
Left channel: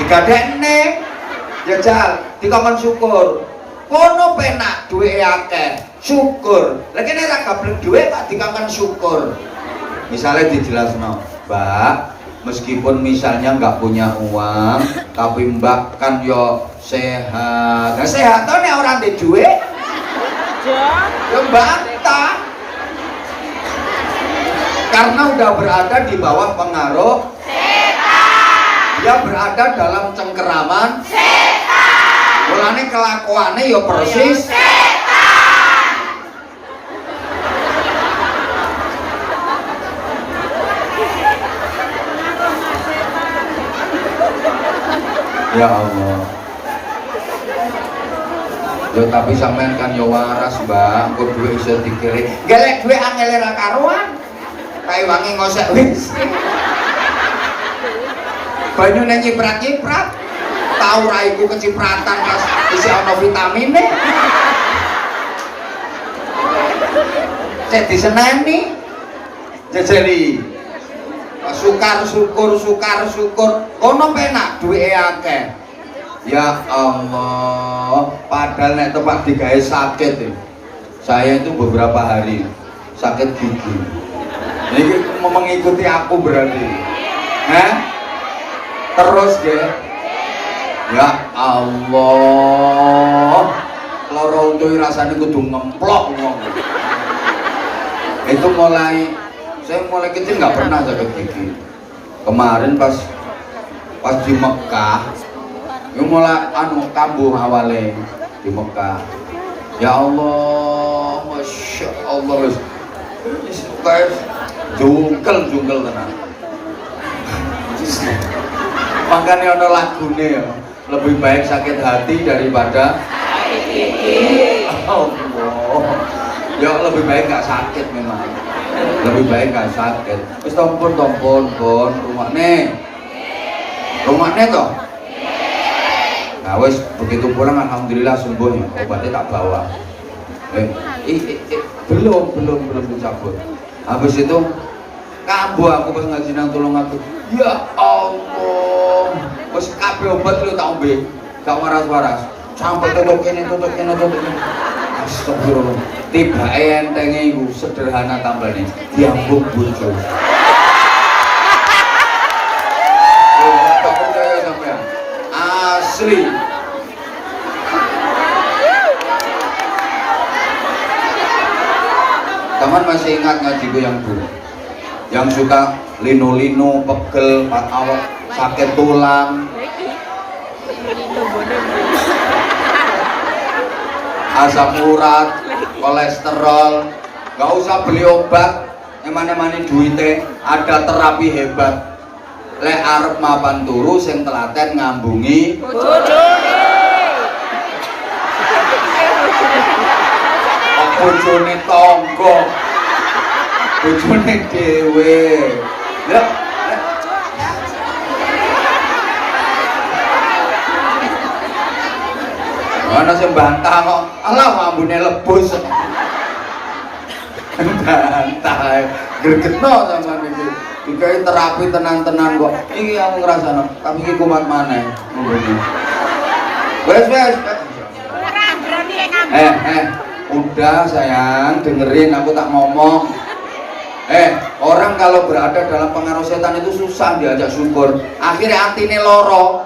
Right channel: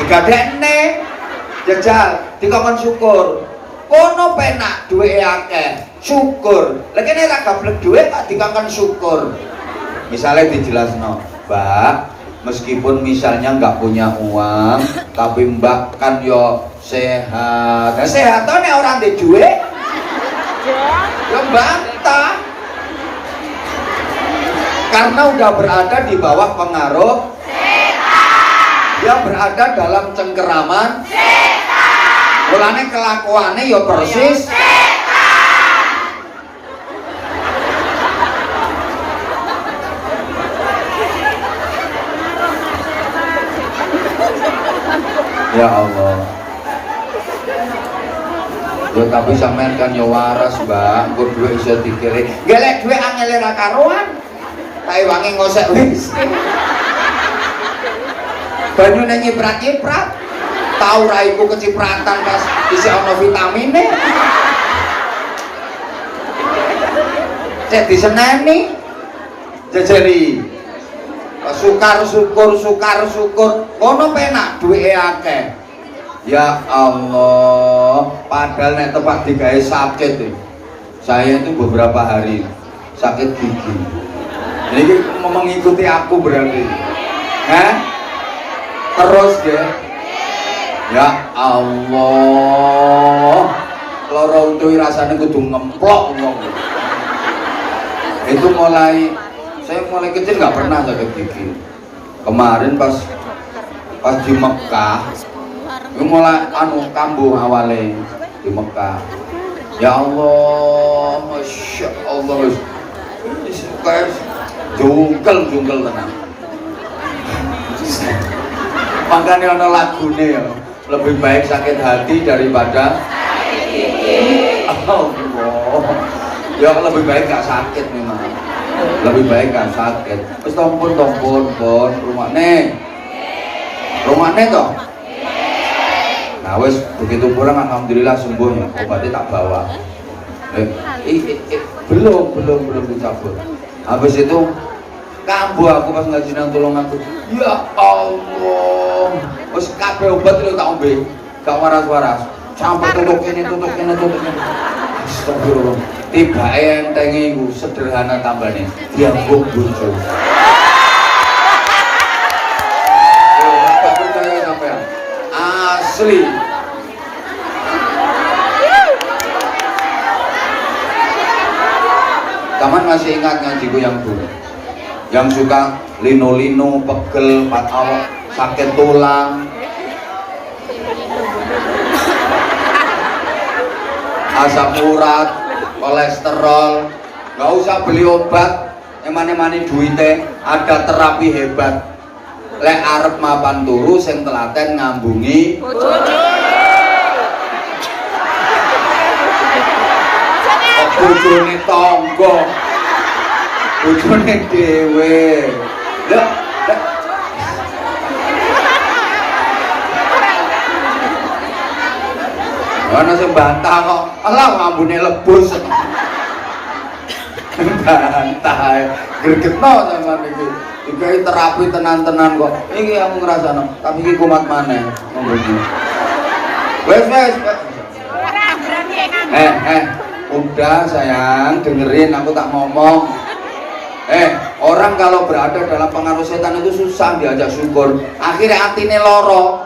digadekne, jajal dikongkon syukur. Kono penak duwe akeh, syukur. Lha kene ra gablek duwe tak dikongkon syukur. Misalnya dijelasno, Mbak, meskipun misalnya nggak punya uang, tapi Mbak kan yo sehat. Nah sehat tuh nih orang di duit, ya bantah. Karena udah berada di bawah pengaruh setan. Dia berada dalam cengkeraman setan. Mulane kelakuannya ya persis setan. Ya Allah. Yo tapi sampean kan yo waras, Mbak. Kok duit iso dikiri. Gelek duit angel ra karuan. Kae wangi ngosek wis. Banyune nyiprat-nyiprat. Tau ra iku kecipratan pas isi ana vitamine. Cek diseneni. Jejeri. Pas sukar syukur ono penak duwe akeh. Ya Allah, padahal nek tepak digawe sakit saya itu beberapa hari sakit gigi. Ini mengikuti aku berarti. Terus ya. Ya Allah, loro untu rasanya kudu ngemplok ngomong. Itu saya mulai kecil nggak pernah sakit gigi. Kemarin pas di Mekah, itu mulai kambuh awalnya di Mekah. Ya Allah, masya Allah, kayak jungkel tenang. Makanya ada lagunya ya, lebih baik sakit hati daripada Allah. Ya lebih baik gak sakit memang. Lebih baik gak sakit. Terus tompon rumahnya toh. Nah wes begitu pulang alhamdulillah sembuh ya, obatnya tak bawa. Belum dicabut. Habis itu kambuh aku pas ngaji nang tolong aku. Ya Allah. Wes kabeh obat lu tak ombe. Gak waras-waras. Sampai tutup kene. Astagfirullah. Tiba entenge iku sederhana tambane. Diambung bojo. Tak percaya sampean. Asli. Kapan masih ingat ngajiku yang dulu? Yang suka lino-lino, pegel, awak, sakit tulang, asam urat, kolesterol. Gak usah beli obat, emane duite, ada terapi hebat. Lek arep mapan turu sing telaten ngambungi bojone tangga, bojone dhewe. Ya ana sing bantah kok, alah ngambune lebus. Bantah, gregetno sampean iki. Digawe terapi tenan-tenan kok. Iki aku ngrasakno, tapi iki kumat maneh. Ngono iki. Wes. Udah sayang, dengerin aku tak ngomong. Orang kalau berada dalam pengaruh setan itu susah diajak syukur. Akhirnya hatinya loro.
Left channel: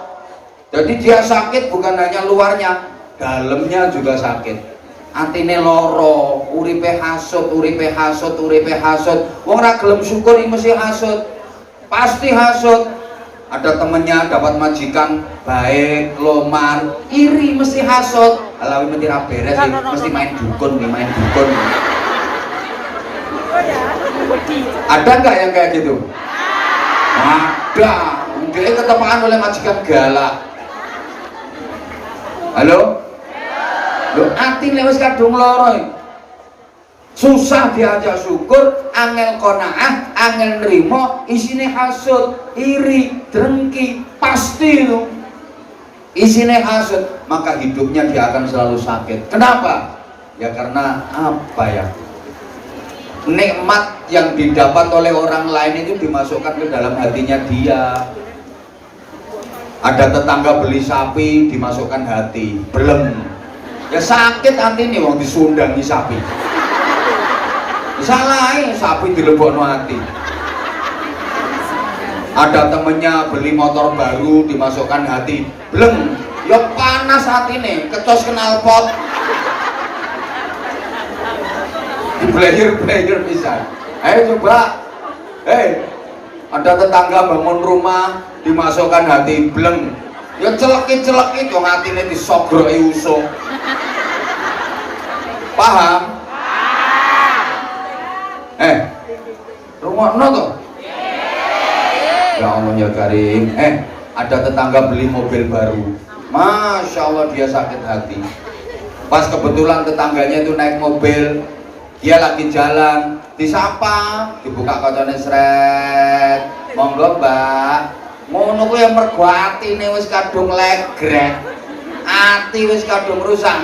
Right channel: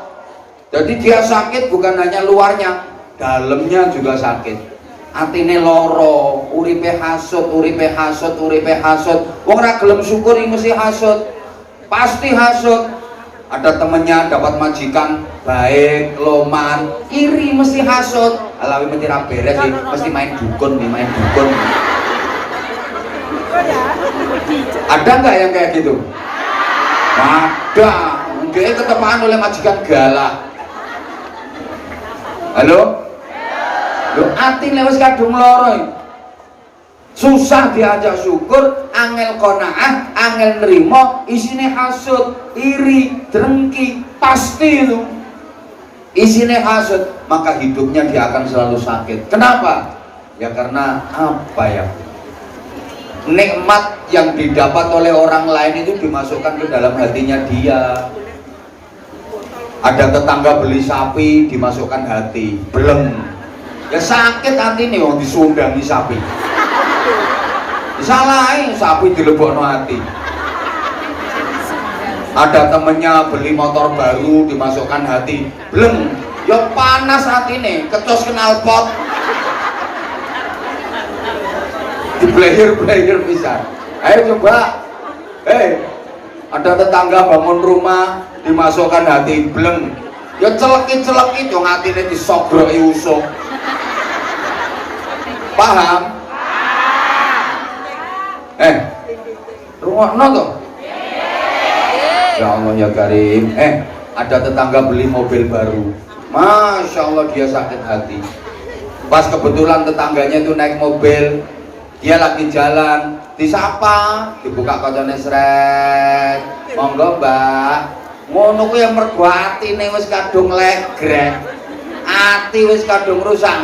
Jadi dia sakit bukan hanya luarnya, dalamnya juga sakit. Atine loro, uripe hasud. Wong ra gelem syukur mesti hasud. Pasti hasud. Ada temennya dapat majikan baik, loman, iri mesti hasud. Alawi mesti ra beres sih, mesti main dukun. Ada nggak yang kayak gitu? Ada. Dia ketepaan oleh majikan galak. Halo? Loh, ati lewat kadung loro. Susah diajak syukur, angel qanaah, angel nerimo, isine hasud, iri, drengki, pasti itu. Isine hasud, maka hidupnya dia akan selalu sakit. Kenapa? Ya karena apa ya? Nikmat yang didapat oleh orang lain itu dimasukkan ke dalam hatinya dia. Ada tetangga beli sapi dimasukkan hati, belum. Ya sakit hati nih wong disundangi sapi. Disalahin sapi dilebokno hati. Ada temennya beli motor baru dimasukkan hati, belum. Ya panas hati nih, kecos kenal pot. Player bisa. Ayo coba. Ada tetangga bangun rumah dimasukkan hati, belum. Ya celeki dong hatine disogroki usung. Paham? Rungokno tuh. Ya Allah ya Karim. Ada tetangga beli mobil baru. Masya Allah dia sakit hati. Pas kebetulan tetangganya itu naik mobil, dia lagi jalan, disapa, dibuka kacanya sret. Monggo Mbak. Ngono kuwi ya mergo atine wis kadung legrek. Ati wis kadung rusak.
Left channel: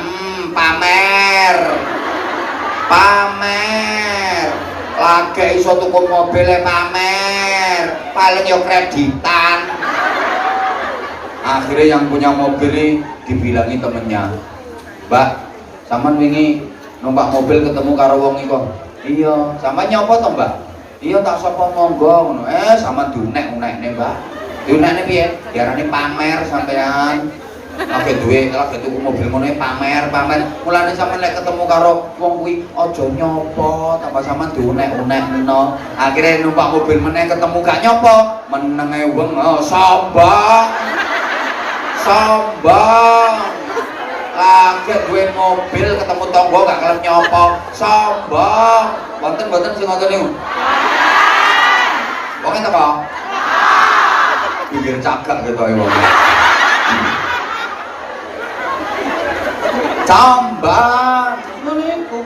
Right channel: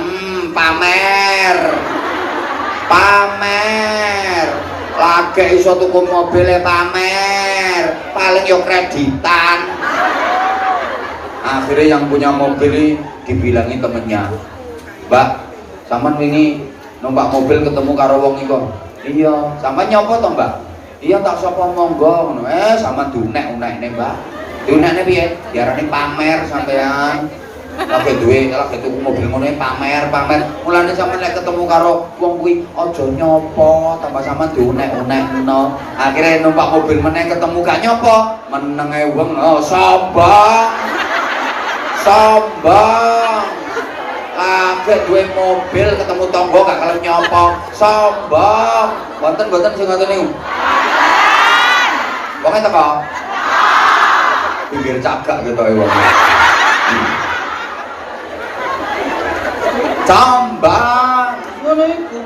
Pamer. Lagi iso tuku mobilnya pamer. paling yo kreditan. Akhirnya yang punya mobil ini dibilangi temennya, Mbak, sampean wingi numpak mobil ketemu karo wong iku. Iya, sampean nyapa to, Mbak? Iya tak sapa monggo ngono. Sampean dunek-unekne, Mbak. Diunekne piye? Diarani pamer sampean. Lagi duwe, lagi tuku mobil ngono pamer. Mulane sampean nek ketemu karo wong kuwi aja nyapa, tambah sampean diunek-unekno. Akhire numpak mobil meneh ketemu gak nyapa, menenge wong sombong. Lagi duwe mobil ketemu tangga gak kelem nyapa, sombong. Wonten sing ngoten niku. Wong teko. Bibir cagak ketoke wong. Cambang ngono iku.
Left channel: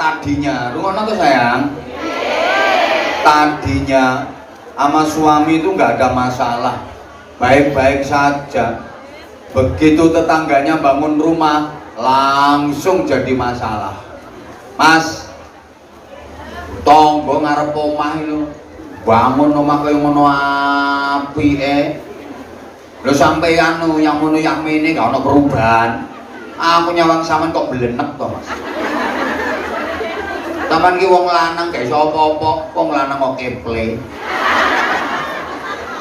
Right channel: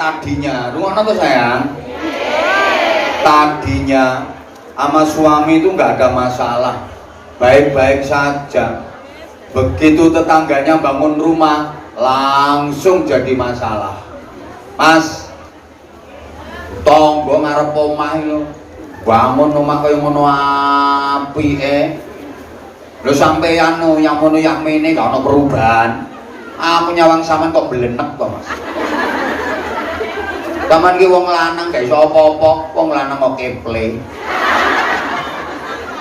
Tadinya, rungono tuh sayang. Tadinya sama suami itu nggak ada masalah, baik-baik saja. Begitu tetangganya bangun rumah, langsung jadi masalah. Mas, tonggo ngarep omah itu, bangun rumah kaya ngono apike. Lho sampeyan yang ngono yang mene gak ono perubahan. Aku nyawang sampean kok belenek to, Mas. Sampeyan ki wong lanang gak iso apa-apa, wong lanang kok keple.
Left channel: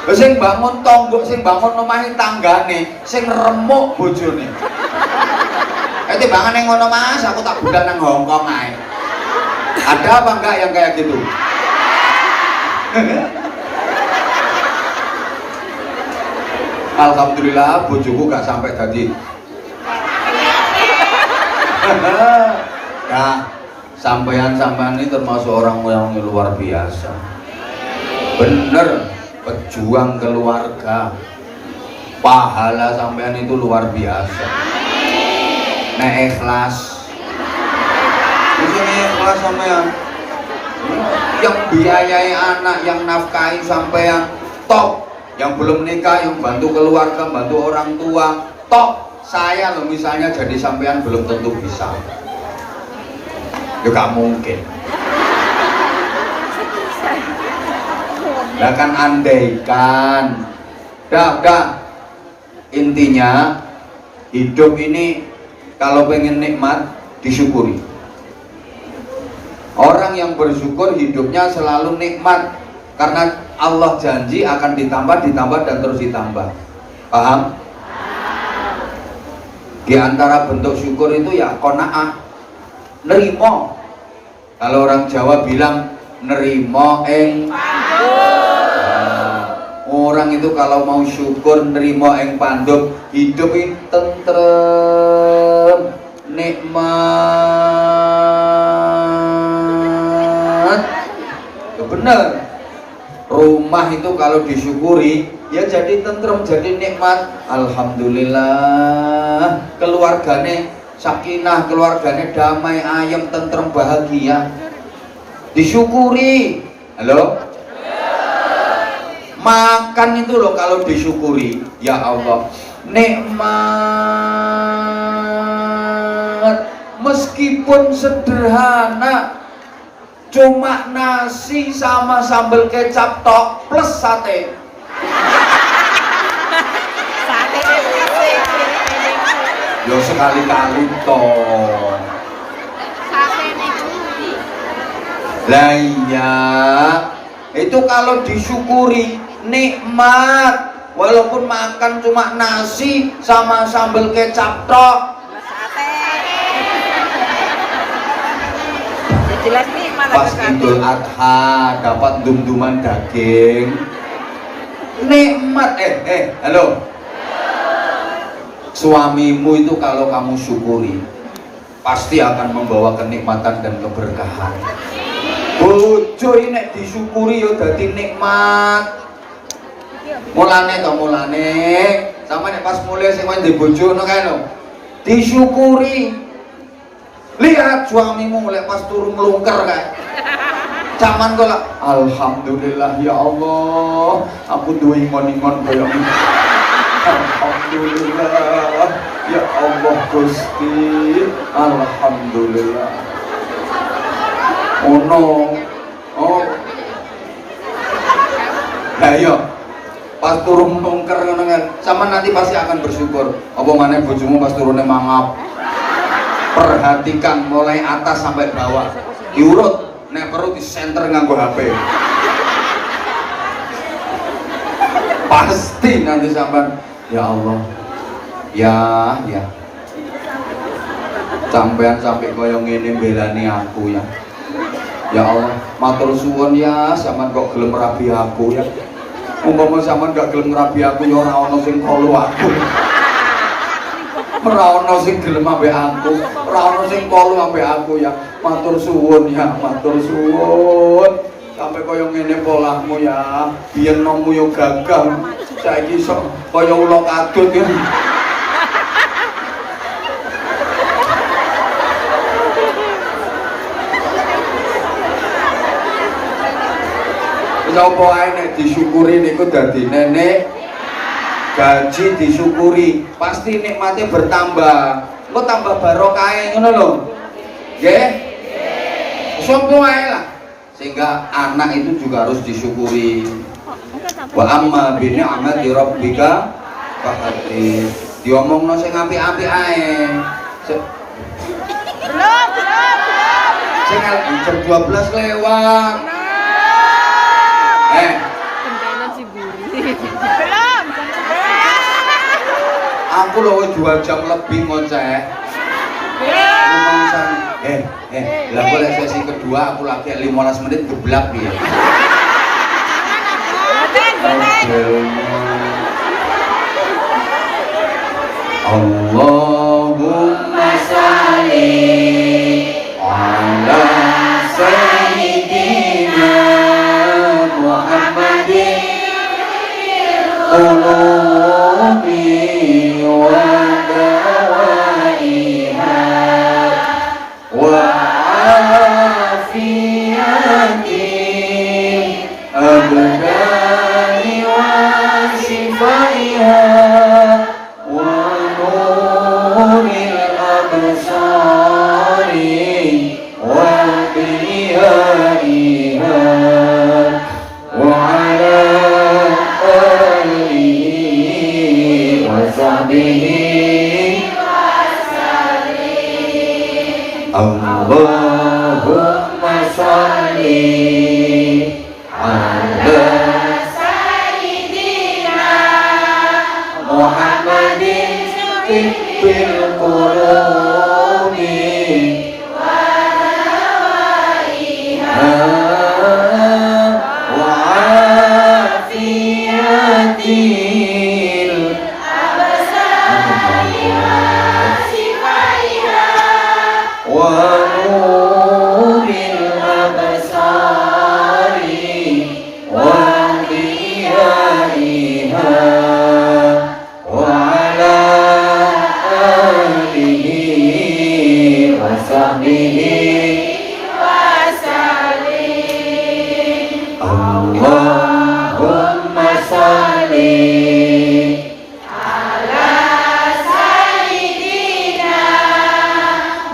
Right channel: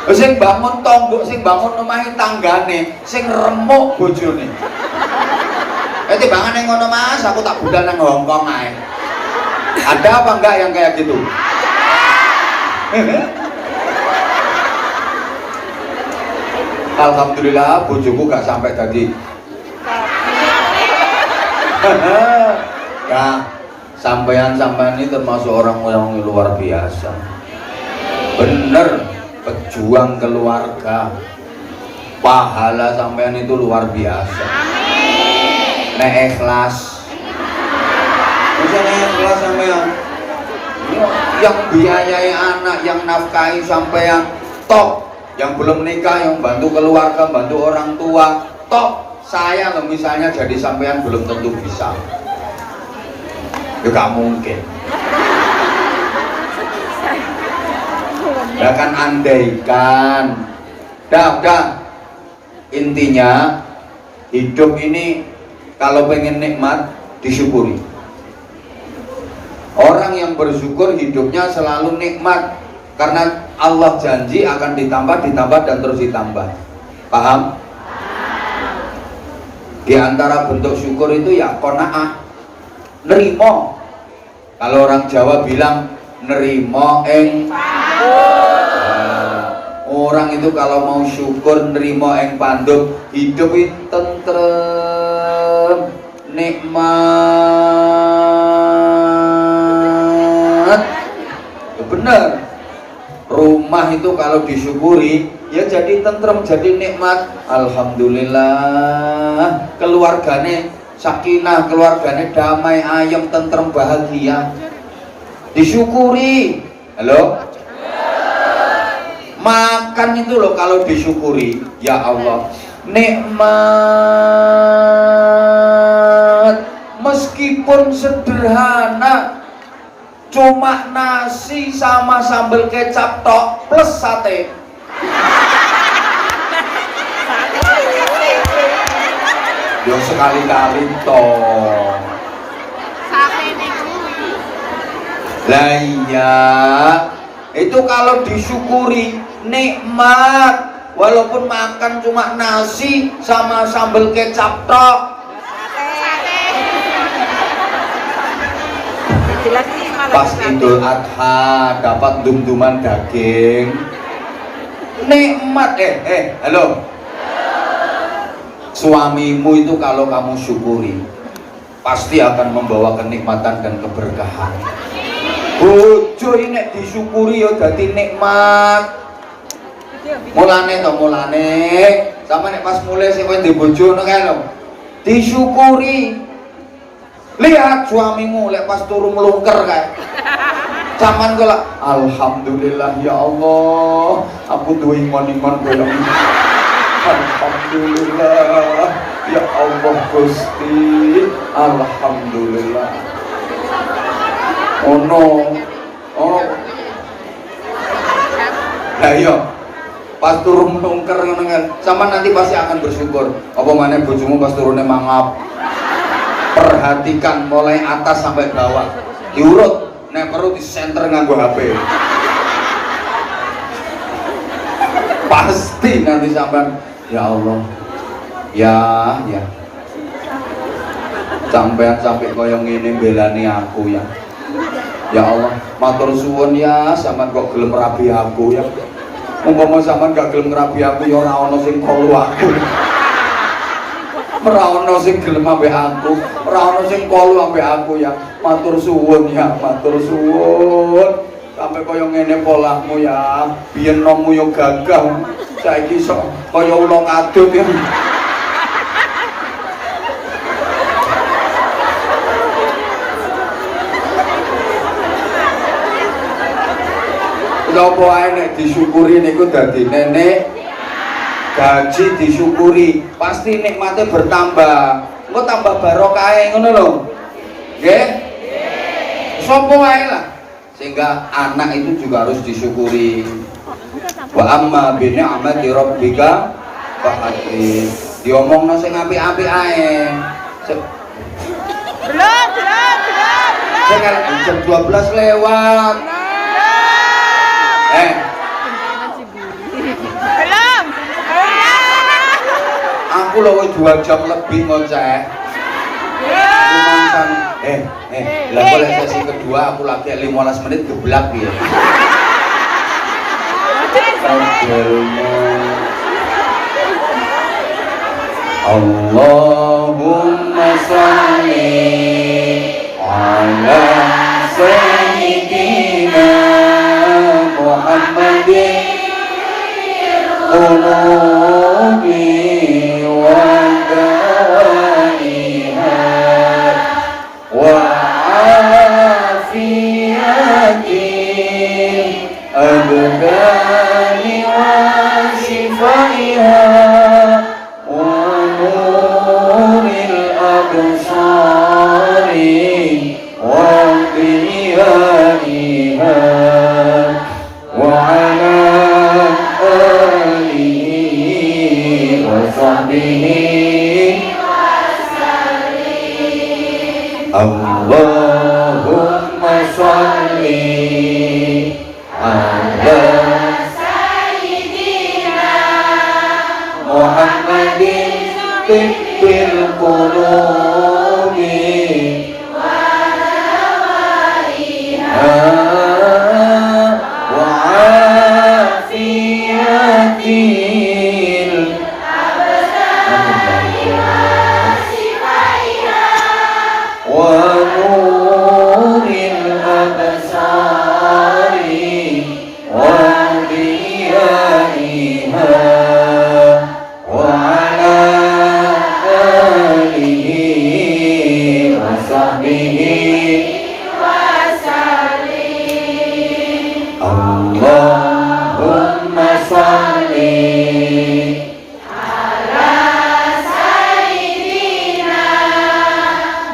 Lho sing bangun tangga, sing bangun omahe tanggane, sing remuk bojone. Timbangane ngono Mas, aku tak budal nang Hongkong ae. Ada apa enggak yang kayak gitu? Alhamdulillah bojoku gak sampai tadi. Ya, sampean ini termasuk orang yang luar biasa. Bener, pejuang keluarga. Pahala sampean itu luar biasa. Nek ikhlas. Bisa ikhlas sampean. Yang biayai anak, yang nafkahi sampean top. Yang belum nikah, yang bantu keluarga, bantu orang tua, top. Saya loh misalnya jadi sampean belum tentu bisa. Ya gak mungkin. Ya kan andaikan. Dah. Intinya hidup ini kalau pengen nikmat disyukuri. Orang yang bersyukur hidupnya selalu nikmat. Karena Allah janji akan ditambah dan terus ditambah. Paham? Di antara bentuk syukur itu ya qanaah, nerimo. Kalau orang Jawa bilang nerimo orang itu kalau mau syukur nerimo panduk, hidup itu tentrem, nikmat. Ya bener. Rumah itu kalau disyukuri ya jadi tentrem, jadi nikmat. Alhamdulillah. Keluargane sakinah, keluargane damai, ayem, tentrem, bahagia. Disyukuri. Halo? Makan itu loh kalau disyukuri, ya Allah, nikmat. Meskipun sederhana, cuma nasi sama sambal kecap tok plus sate. Yo sekali-kali toh. Lah iya, itu kalau disyukuri nikmat. Walaupun makan cuma nasi sama sambal kecap tok. Jelas nih. Pas Idul Adha dapat dum-duman daging, nikmat. Halo, suamimu itu kalau kamu syukuri pasti akan membawa kenikmatan dan keberkahan. Bojo ini disyukuri ya dadi nikmat. Mulane sampe nek pas mulai sing kowe ndek bojo ngono kae lho, disyukuri. Lihat suamimu lek pas turu melungker kayak zaman kok alhamdulillah ya Allah, aku duwe iman-iman koyo ngene. Alhamdulillah ya Allah Gusti, alhamdulillah. Oh no. Oh Lah iya. Pas turun menungker ngono kan, sampean nanti pasti akan bersyukur. Apa maneh bojomu pas turune mangap. Perhatikan mulai atas sampai bawah. Diurut, nek perlu di center nganggo HP. Pasti nanti sampean, ya Allah. Ya. Sampean sampai koyo ngene belani aku ya. Ya Allah, matur suwun ya, sampean kok gelem rabi aku ya. Umpama sampean gak gelem rabi aku ya ora ana sing kolu aku. Ora ana sing gelem ambek aku, ora ana sing kolu ambek aku ya. Matur suwun ya, matur suwun. Sampai kaya ngene polahmu ya. Biyen nommu yo gagah. Saiki sok kaya ula kadut ya. Napa ae nek disyukuri niku dadi nenek gaji disyukuri pasti nikmate bertambah engko tambah barokah ngono lho nggih sapa wae lah sehingga anak itu juga harus disyukuri wa amma bi ni'mati rabbika fahaddits diomongno sing apik-apik ae sing jam 12 lewat aku loh 2 jam lebih ngoceh lumayan lah boleh sesi kedua aku lagi 15 menit geblak dia Allahumma sholli ala sayyidina Muhammadin qulubi wa dawaiha wa afiyati abdani wa shifaiha wa nuril absari wa biyaiha wa ala alihi wa sahbihi Allahumma sholli ala sayyidina Muhammadin tibbil qulubi wa dawaiha wa afiyatil absari wa nuril absari wa diyaiha wa ala alihi wa sahbihi Allahumma sholli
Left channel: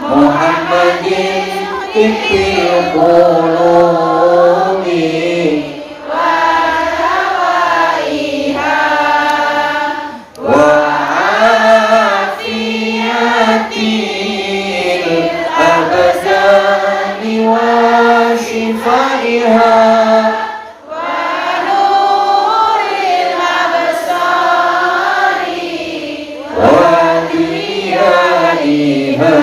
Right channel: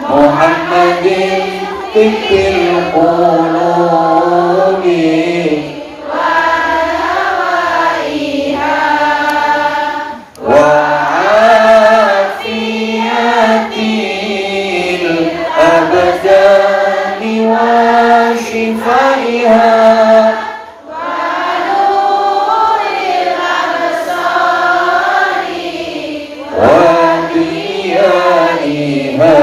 Muhammadin tibbil qulubi wa dawaiha wa afiyatil abdani wa shifaiha wa nuril absari wa diyaiha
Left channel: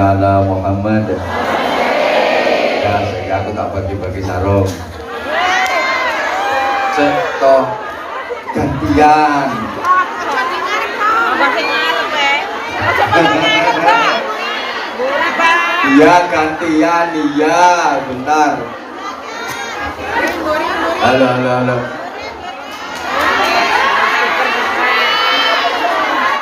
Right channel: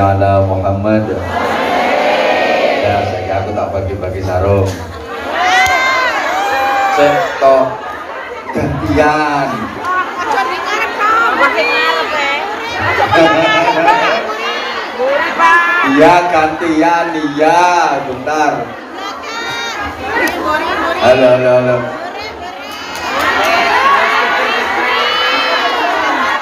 ala Muhammad. Ya, sehingga aku tak bagi-bagi sarung. Seto gantian. Iya gantian, iya bentar. Halo.